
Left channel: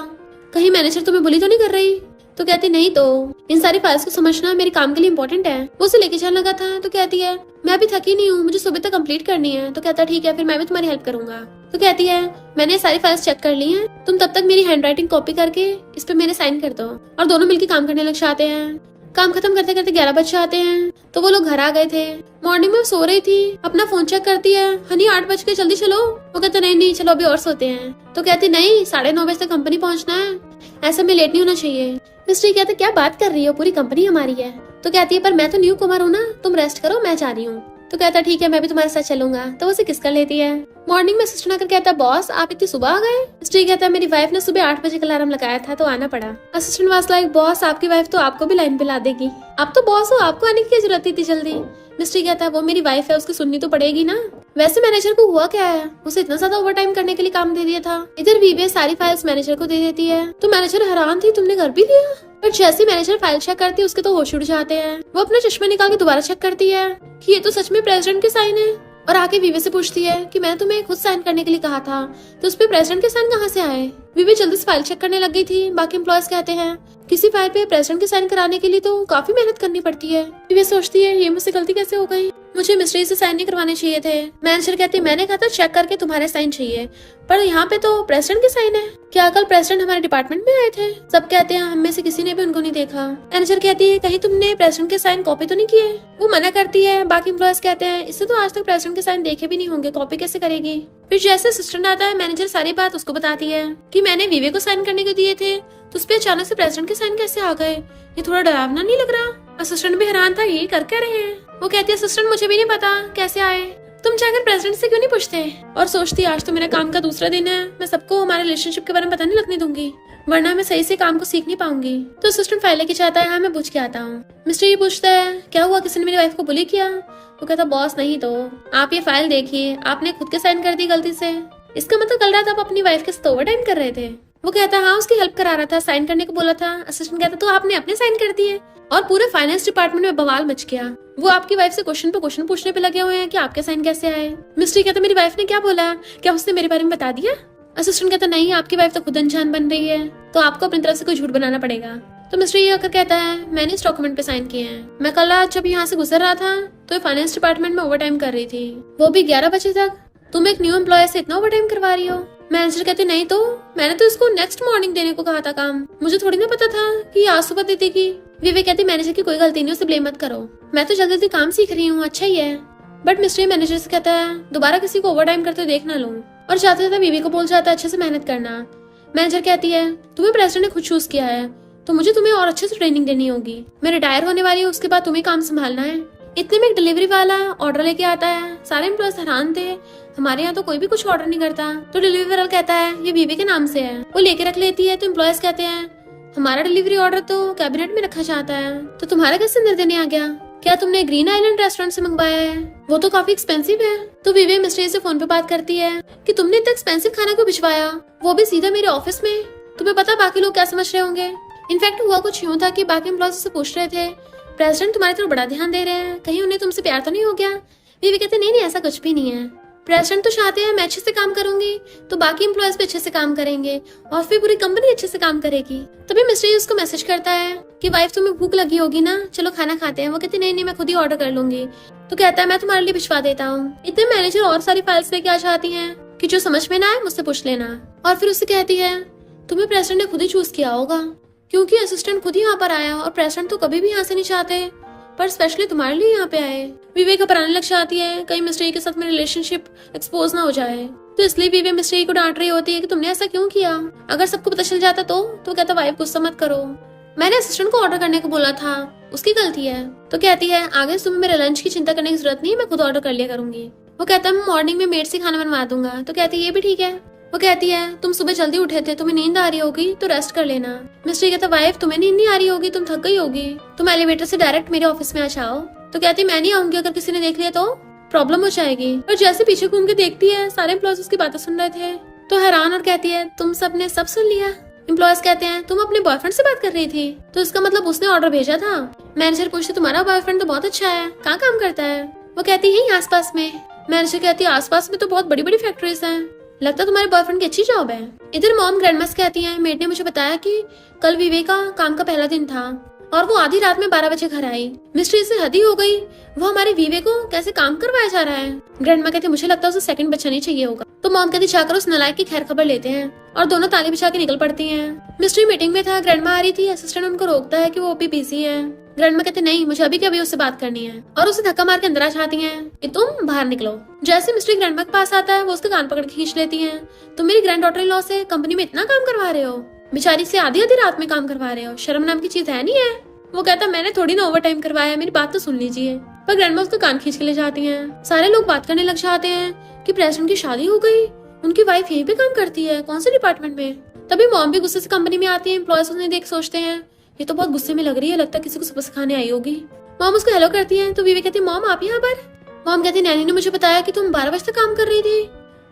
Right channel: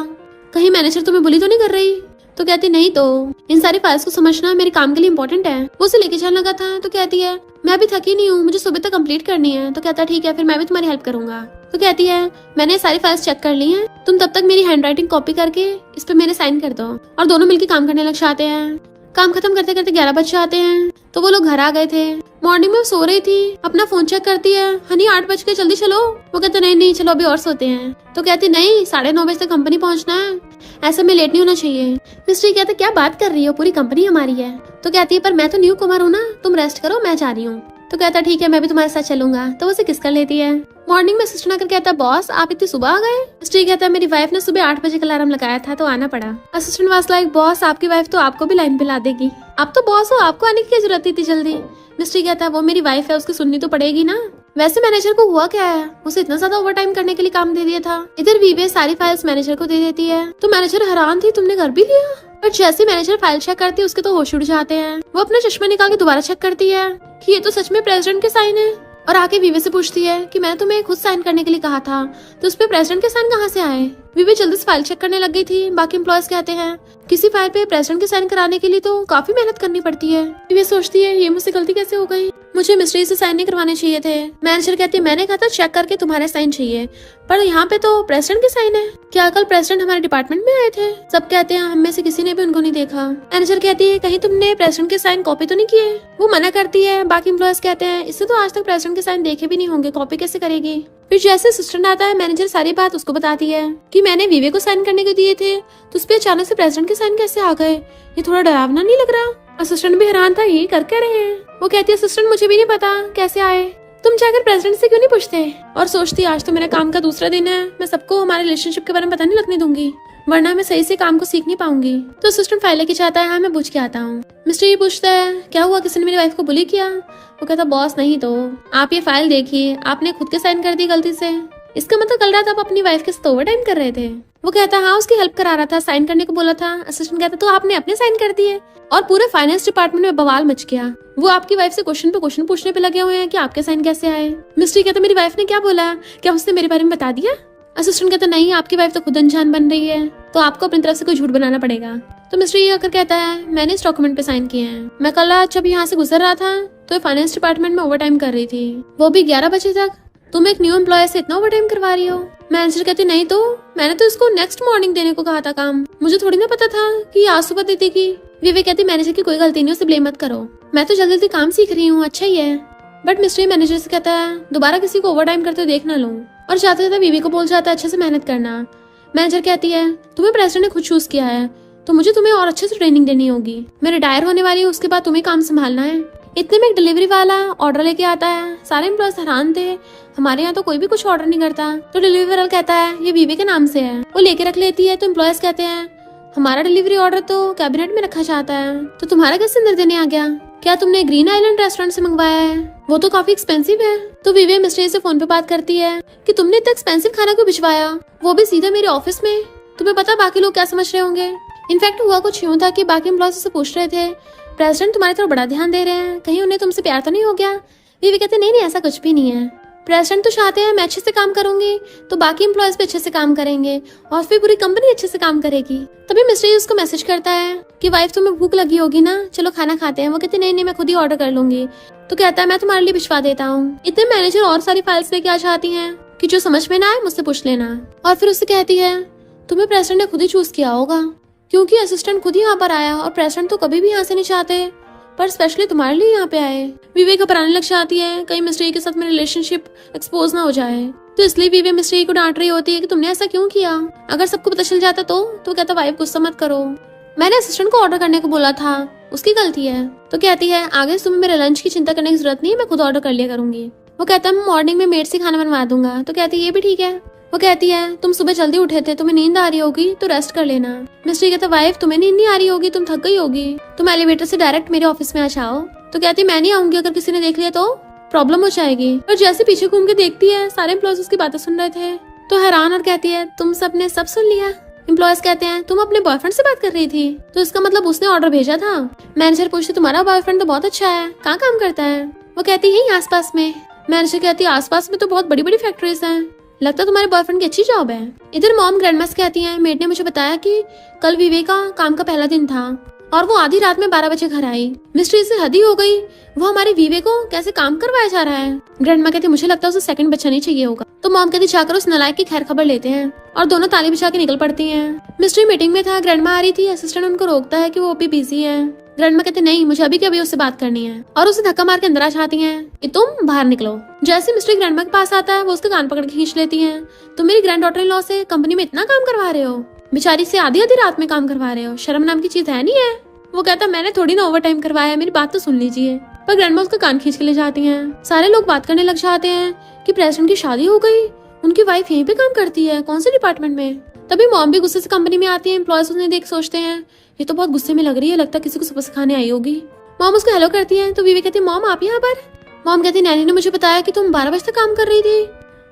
कहीं मैनेजर तुम्हें बुली तो नहीं कर रही। तो कहती नहीं तो इन सारी फाइल्स को समझना मेरे काम के लिए इम्पोर्टेंट है। वो उसे लेके जाने लगा था। तो कहती है मैं भी थकी नहीं हूँ, मुझे सुबह तक कंप्लीट करनी है। तो कहता ठीक है, फिर मैं भी तुम्हारी हेल्प करूंगा। तो कहती है मैंने सारी फाइल्स चेक कर ली हैं, तुम तब तक मेरी हैंडराइटिंग कॉपी करके इस पे मेरे साइन कर दो। और दोनों मिलकर काम करने लग जाते हैं। काम खत्म करते करते 11 बज जाते हैं। तो वो लोग घर आ गए थे। मॉर्निंग में वो सो रही थी, अपना फोन चेक करती है, हनी 8 बज के जल्दी चलो। वो कहते नहीं नहीं चलो अभी और सोते हैं। तो कहते नहीं 9:30 बजे तक कंपनी पहुंचना है, ऐसे में लेट नहीं होना चाहिए। मिस्ट्री कहते क्या बात कर रही हो, पूरी कंपनी हमारी है। तो कहती है पर मैं तो न्यू कमर हूँ ना, तुम रेस्ट करो मैं जा रही हूँ। तो कहता ठीक है मैं भी तुम्हारे साथ चलूंगा। तो उसे किस कर लेती है। मॉर्निंग में असिस्टेंट आकर कहता बॉस आप इतनी सुबह आ गए। मिस्ट्री कहता है मेरी वाइफ ने सुबह 8 बजे का अलार्म लगाया था तो आना पड़ा। असिस्टेंट वाज लाइक बॉस आपकी वाइफ तो आपको भी लाइन पे ला देगी, आप तो बॉस हो, आपको आने की क्या जरूरत थी इतनी जल्दी। मिस्ट्री कहता है वो मेरी वाइफ है, उसकी सुननी तो पड़ेगी ना। वैसे मैनेजर को हुआ क्या है, उसे इतना ज्यादा ओवरटाइम करने के लिए काम दे दिया था। इधर वीवे सारी फाइल्स मैनेजर को दे देती है। तो मैनेजर हैरान थी तुमने कर भी दिया। पर जैसे मैनेजर फाइल चेक करती है उसके तो होश उड़ जाते हैं। वो अपना चश्मा निकाल के दोबारा चेक करती है कि ये तो सच में प्रेसिडेंट के साइन है। और आके वीवे से पूछती है कि मैंने तुम्हें खुद साइन करने के लिए कहा था, तो उस पे प्रेसिडेंट के साइन कहाँ से आए। वीवे जल्दी से फाइल चेक करने लग गई थी। बाकी एम्प्लॉयज कहते हैं किसी फाइल पे प्रेसिडेंट के साइन कराने के लिए तो काफी मेहनत करनी पड़ती है। वीवे सोचती है ये मुझसे गलती कैसे हो गई, मुझे मिस्ट्री से साइन नहीं करवाने चाहिए थे। मैनेजर कहते मैंने कहा था चेक करके तुम्हारे साइन चाहिए, पर यहाँ पे तो प्रेसिडेंट के साइन है। क्या कल प्रेसिडेंट हमारे डिपार्टमेंट में आए थे। सब कहते हैं हम में से किसी ने भी उनको नहीं देखा। मैनेजर कहती है कहीं तुमने प्रेसिडेंट के साइन कॉपी तो नहीं किए। वो मना करती है। बाकी एम्प्लॉयज कहते हैं इससे तो आज तक प्रेसिडेंट के साइन देखे भी नहीं होंगे, कॉपी कैसे करेगी। फिर जैसे असिस्टेंट आता है मैनेजर सारी बात उसको बताती है कि मैंने वीवे को साइन करने को दिए थे, तो उस पे अचानक से प्रेसिडेंट के साइन कैसे आ गए, ये थोड़ा डरावना नहीं लग रहा। असिस्टेंट भी हैरान था यही कर क्या रहे हैं। वो कहती है असिस्टेंट मुझे भी नहीं पता कैसे आए, तुम जाकर प्रेसिडेंट से क्यों नहीं पूछते। और सोचती आज तो मेरा काम का दूसरा दिन है, मैं सबको हमारे रिलेशनशिप के बारे में पता नहीं लगने दूंगी, वरना मैं सही से काम को सीख नहीं पाऊंगी। तो असिस्टेंट फाइल लेके चाहता है हाँ मैं पूछ के आता हूँ। मिस्टर ये पूछता है क्या हुआ, किसी ने मेरी वाइफ को बुली किया। वो कहता बॉस नहीं तो आप ये फाइल देखिए, आपने खुद के साइन कर दी गलती से, इसका मतलब कल रात आप अपनी वाइफ के साथ ओवरटाइम कर रहे थे। वो कहता है हाँ उसकी हेल्प करा रहा था, साइन करने को बोला था। असिस्टेंट कहता तो आपने अपने साइन कर दिए। और पूरे फाइनेंस डिपार्टमेंट में बवाल मच गया। वो आपकी वाइफ से क्वेश्चन पे क्वेश्चन पूछने पे लगे हुए हैं कि आपके साइन कैसे आए। मिस्ट्री कहता मेरी वाइफ ने क्या बोला, क्या उसने मेरे बारे में बता दिया। असिस्टेंट कहता नहीं आपकी वाइफ तो खुद अनजान बन रही है, तो आपको अपनी तरफ से कोई झूठ बनाना पड़ेगा। तो मिस्ट्री ये होकर कहता है मैंने इस डॉक्यूमेंट पे साइन किए हैं, मैं कल रात जब यहाँ से गुजर रहा था तो फाइनेंस डिपार्टमेंट में ओवरटाइम कर रही थी, वो भी 11 बजे तक। तुम एक न्यू एम्प्लॉय से इतना ओवरटाइम करवा रही हो। मैनेजर कहती नहीं तो मैंने तो उसको नेक्स्ट मॉर्निंग देने को कहा था काम, मुझे थोड़ी ना पता था कि आज सुबह दे देगी। वीवी कहती मैनेजर की कोई गलती नहीं, उसे ब्लेम मत करो, मैं तो जल्दी जल्दी काम सीख रही हूँ, अच्छा ही है। बट मिस्ट्री मैनेजर से कहता है दोबारा किसी को ओवरटाइम करते हुए देख ना लो। और जाते जाते वीवी को बोल जाता है अच्छे से मेहनत करना। मैनेजर कहती है तुम्हें प्रेसिडेंट ने खुद चूज किया है, तो मुझे तुम्हें और अच्छे से ट्रेनिंग देनी होगी, मैं रिटायर होने वाली हूँ, उसके बाद तुम्हें काम संभालना है। इतने में एक डिलीवरी वाला ऑर्डर लेके आता है। सारे एम्प्लॉयज हैरान थे, हमारे यहाँ तो कोई भी कुछ ऑर्डर नहीं करता। तो डिलीवरी वाला कहता है ये बीवी के नाम से है, वो लेके रख लेती है। तो एम्प्लॉयज कहते हैं हमारा डिलीवरी ऑर्डर तो कैबिनेट में रखा जाता है, तो तुम्हारा कैसे अंदर देने आ गया, क्या तुमने ग्रीन आइलैंड रेस्टोरेंट से मंगवाया है, वो तो काफी एक्सपेंसिव है। तो विवे मिस्ट्री से फोन पे बात करती है कि तुमने इतना एक्सपेंसिव खाना क्यों भिजवाया, वो भी सीधे मेरे ऑफिस में, तुम्हें पता बाकी लोग क्या समझ रहे होंगे। इनफैक्ट हुआ कुछ यूँ था कि बाकी एम्प्लॉयज से पूछ रहे थे प्रेसिडेंट तुम्हारी तरफ बड़ा ध्यान दे रहे हैं, कहीं उन्हें तुमसे प्यार तो नहीं हो गया। विवे कहते नहीं ऐसा कुछ भी नहीं है, प्रेसिडेंट तो चाहते हैं मैं अच्छे से काम करूंगी तो बाकी एम्प्लॉयज भी अच्छे से काम करेंगे और फिर पूरी कंपनी अच्छे से काम करेगी। तभी मिस्ट्री उसको मैसेज करता है कि वाइफ तुम्हें भूख लगी होगी ना, चलो खाना खाते हैं। वो कहते नहीं मैं खुद ही ऑर्डर कर लूंगी। तो कहता है मैं तुम्हारे लिए भिजवा देता हूँ। इतने मैनेजर और सारी फाइल्स लेके आ जाती है कि जो समझ में ना आए मुझसे पूछ लेना। और फिर उससे कहती है तुम्हें प्रेसिडेंट ने खुद ही चूज किया होगा, क्योंकि असिस्टेंट खुद ही यहाँ पर आया और प्रेसिडेंट तो कभी भी यहाँ से नहीं चाहते, पर स्पेशली तुम्हारे लिए यहाँ पे आए। विवेक घबराने लग जाती है कहीं मिस्ट्री के साथ मेरी रिलेशनशिप एक्सपोज ना हो जाए, तो इसलिए विवेक मिस्ट्री को डांट रही होती है कि तुमने ऐसा क्यों किया, अगर सबको पता चल जाता तो कहता वाइफ गुस्सा मत करो, मैंने असिस्टेंट को ऑर्डर करने को बोला था, उसकी गलती है। तो कहती है आगे तुम्हें मेरे लंच की चिंता करने की जरूरत नहीं है, मैं खुद ऑर्डर कर लिया करूंगी। वो कहता है मैं मॉर्निंग में मेड से खाना बनवा दूंगा। तो कहती है ये भी ठीक है। वो कहती है तुम सुबह जल्दी उठे थे, तुम्हें नींद आ रही होगी तो रेस्ट कर लेना। मिस्ट्री कहते वाइफ तुम्हें नींद नहीं आ रही होगी, तुम थक गई होगी, तुम एलिवेटर से डायरेक्ट मेरे ऑफिस में आ जाओ। तो कहती मैं नहीं आऊंगी, अगर किसी ने देख लिया तो प्रॉब्लम हो जाएगी। और जैसे पीछे घूम के देखती है सारे एम्प्लॉयज उसकी बातें सुन रहे थे तो हैरान और कहती है तुम सबने सब सुन लिया। एम्प्लॉयज कहते हैं तुम अपने बॉयफ्रेंड से बात कर रही थी, तो इसका मतलब उसने ऑर्डर भेजा था। मैनेजर पूछती तुम्हारा बॉयफ्रेंड तो बहुत अच्छा है, कहाँ काम करता है। वो कहती है आसपास में। मैनेजर कहती है आसपास में तो बहुत बड़ी बड़ी फैक्ट्रीज हैं, लगता है तुम्हारे बॉयफ्रेंड की अच्छी जॉब है। इधर मॉम ग्रैंडमा से कहती है, मेड ने मुझे बताया कि कल विवेक का काम का पहला दिन था और वो आधी रात में 12 बजे घर आई। मिस्ट्री से हद ही हो गई, वो हमारे विवेक को कैसे काम करवाया जा रहा है। ग्रैंडमा कहती, मुझे लगता है उसे सेकंड बच्चा नहीं चाहिए होगा। तो मॉम कहती, जाकर उस नालायक की खैर खबर लेते हैं और दोनों ताली बिछा के निकल पड़ती हैं। मिस्ट्री मीटिंग में था, ग्रैंडमा आ रही थी, असिस्टेंट उनको रोकता है कि वो अभी बिजी है। ग्रैंडमा कहती, नहीं मुझे अभी के अभी उससे बात करनी है और उसे धक्का मार के अंदर आ जाती हैं कि तुम बाहर निकलो। जैसे मिस्ट्री ग्रैंडमा के पास आता है, वो उसके कान पकड़ के खींच लेती है। तुम मेरी ग्रैंड डॉटर इन लॉ से कंपनी में इतना काम करवा रहे हो, बेचारी से आधी आधी रात में काम करवा रहे हो, शर्म नाम की चीज है नहीं है। वो कहता, मैंने थोड़ी ना ओवर टाइम करवाया है, मेरी बात तो सुन लीजिए। पर ग्रैंडमा उसका कान खींच के ले जाती हैं। सारे लोग बात करने लग जाते हैं कि प्रेसिडेंट की शादी हो गई, उनकी वाइफ यहीं पे काम करती है, कौन से डिपार्टमेंट में। तभी मॉम भी गुस्से से कंपनी में आती है। एम्प्लॉयज उन्हें देख सोचते हैं, ये तो बहुत गुस्से में लग रही है, लगता है किसी को सबक सिखाने आई होगी। मॉम उसको हेलो करती है तो विवेक कहती है, मॉम आप यहाँ पर। मॉम कहती, नैनी ने मुझे बताया कि तुम 12 बजे तक काम कर रही थी,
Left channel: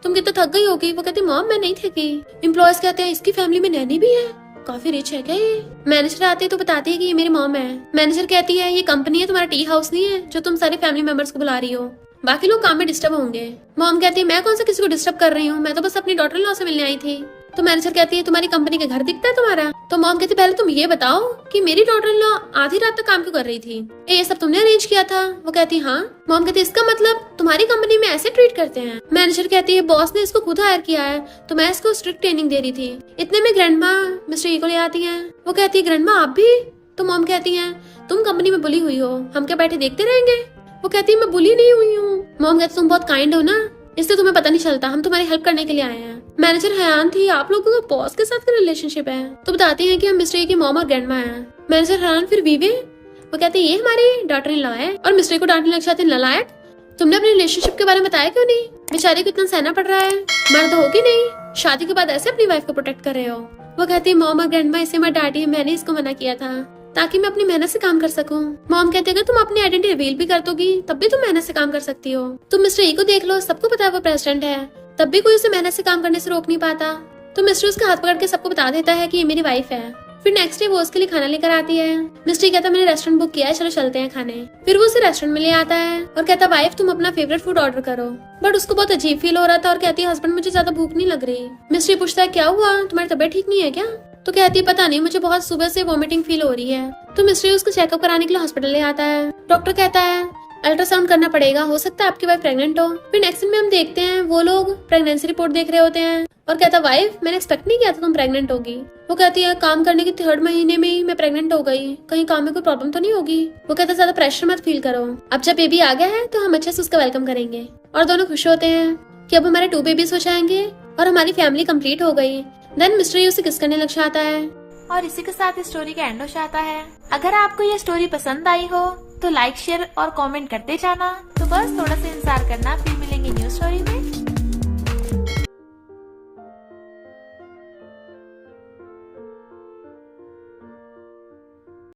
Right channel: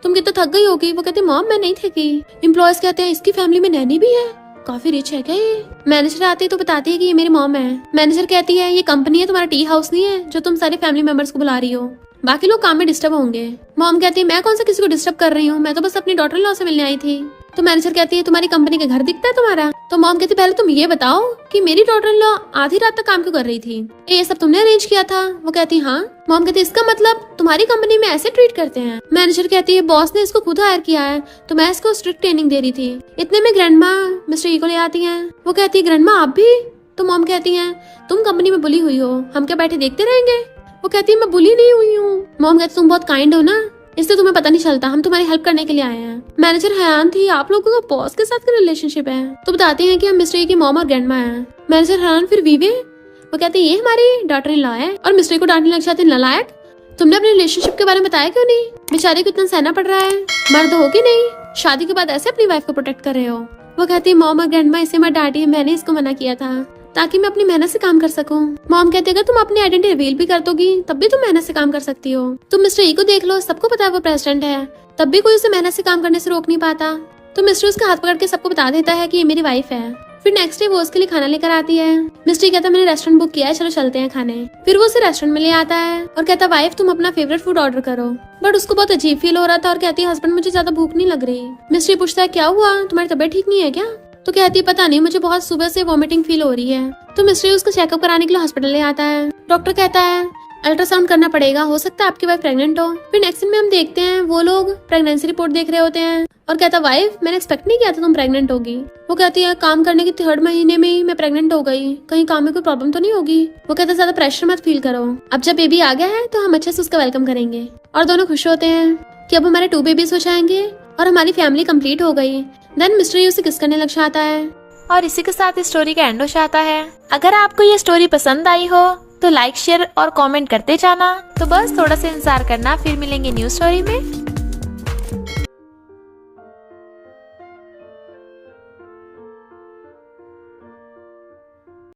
तुम कितना थक गई होगी। वो कहती, मॉम मैं नहीं थकी। एम्प्लॉयज कहते हैं, इसकी फैमिली में नैनी भी है, काफी रिच है क्या ये। मैनेजर आते है तो बताती है कि ये मेरी मॉम है। मैनेजर कहती है, ये कंपनी है, तुम्हारा टी हाउस नहीं है जो तुम सारे फैमिली मेंबर्स को बुला रही हो, बाकी लोग काम में डिस्टर्ब होंगे। मॉम कहती है, मैं कौन सा किसी को डिस्टर्ब कर रही हूँ, मैं तो बस अपनी डॉटर इन लॉ से मिलने आई थी। तो मैनेजर कहती है, तुम्हारी कंपनी का घर दिखता है तुम्हारा। तो मॉम कहती, पहले तुम ये बताओ कि मेरी डॉटर इन लॉ आधी रात तक काम क्यों कर रही थी, ये सब तुमने अरेंज किया था। वो कहती, हाँ। मॉम कहती, इसका मतलब तुम्हारी कंपनी में ऐसे ट्रीट करते हैं। मैनेजर कहती है, बॉस ने इसको खुद हायर किया है तो मैं इसको स्ट्रिक्ट ट्रेनिंग दे रही थी। इतने में ग्रैंडमा मिस्टर ई को ले आती है। वो कहती है, ग्रैंडमा आप भी। तो मॉम कहती है, तुम कंपनी में बुली हुई हो, हम क्या बैठे देखते रहेंगे। वो कहती है, मैं बुली नहीं हुई हूँ। मॉम कहती, तुम बहुत काइंड हो ना, इससे तुम्हें पता नहीं चलता, हम तुम्हारी हेल्प करने के लिए आए हैं। मैनेजर हैरान थी, आप लोगों का बॉस के साथ क्या रिलेशनशिप है। तो बताते हैं कि हम मिस्ट्री की मॉम और ग्रैंडमा हैं। मैनेजर हैरान, फिर बीवी। वो कहते हैं, ये हमारी डॉटर इन लॉ है। और मिस्ट्री को डांटने लग जाते हैं, नालायक, तुमने अपने रिलेशनशिप के बारे में बताया क्यों नहीं, बेचारे को इतना सहना पड़ रहा है, मर्द हो कि नहीं, शादी के बाद ऐसे अपनी वाइफ को प्रोटेक्ट कर रहे हो। वो कहती है, मॉम और ग्रैंडमा इसे मत डांटिए, मैंने इसको मना किया था ताकि मैं अपनी मेहनत से काम कर सकूं। मॉम कहते हैं, तुम अपनी आइडेंटिटी रिवील भी कर दोगी तब भी तुम मेहनत से काम कर सकती हो। तुम मिस्टर ई को देख लो, सबको पता है वो प्रेसिडेंट है, तब भी कोई उसे मेहनत से काम करने से रोक नहीं पाता। तो मिस्टर उसका हाथ पकड़ के सबको बता देता है कि ये मेरी वाइफ है। फिर नेक्स्ट डे वो उसके लिए खाना लेकर आती है। मिस्टर कहता है, मैंने रेस्टोरेंट बुक किया है, चलो चलते हैं खाने। फिर वो उसे रेस्टोरेंट में ले आता है और कहता, वाइफ तुम अपना फेवरेट फूड ऑर्डर करो। बट उसको बहुत अजीब फील हो रहा था और कहती है, हस्बैंड मुझे ज्यादा भूख नहीं लग रही। मिस्टर पूछता है, क्या हुआ, तुम्हारी तबीयत ठीक नहीं है क्या। तो कहती है, पता नहीं, मुझे बहुत सुबह से वॉमिटिंग फील हो रही है। तो मिस्टर उसका चेकअप कराने के लिए हॉस्पिटल ले आता है। डॉक्टर कहता है, अल्ट्रासाउंड करना पड़ेगा, हो सकता है आपकी वाइफ प्रेग्नेंट हो। फिर नेक्स्ट दिन में हम देखते हैं वो लोग प्रेगनेंसी रिपोर्ट देख रहे होते हैं और कहता, वाइफ मैंने एक्सपेक्ट नहीं किया था तुम प्रेग्नेंट होगी। वो कहती है, काम करने के 3rd महीने में ही मैं प्रेग्नेंट हो गई, कहीं काम में कोई प्रॉब्लम तो नहीं होगी। वो कहता, ज्यादा प्रेशर मत फील करो, अब जब बेबी आ गया है तो हम अच्छे से उसका वेलकम करेंगे। और दोनों खुश होते हैं कि अब हमारे 2 बेबीज हो जाएंगे और हमारी फैमिली कंप्लीट हो गई। देन मिस्टर उसे किस करने लग जाता है और इसी के साथ इस स्टोरी का एंड हो जाता है। अगर आपको ये स्टोरी पसंद आई हो तो लाइक, शेयर और कमेंट करते जाना। तो बस थोड़ा सा इंतजार करना, फिर मिलेंगे न्यू स्टोरी में।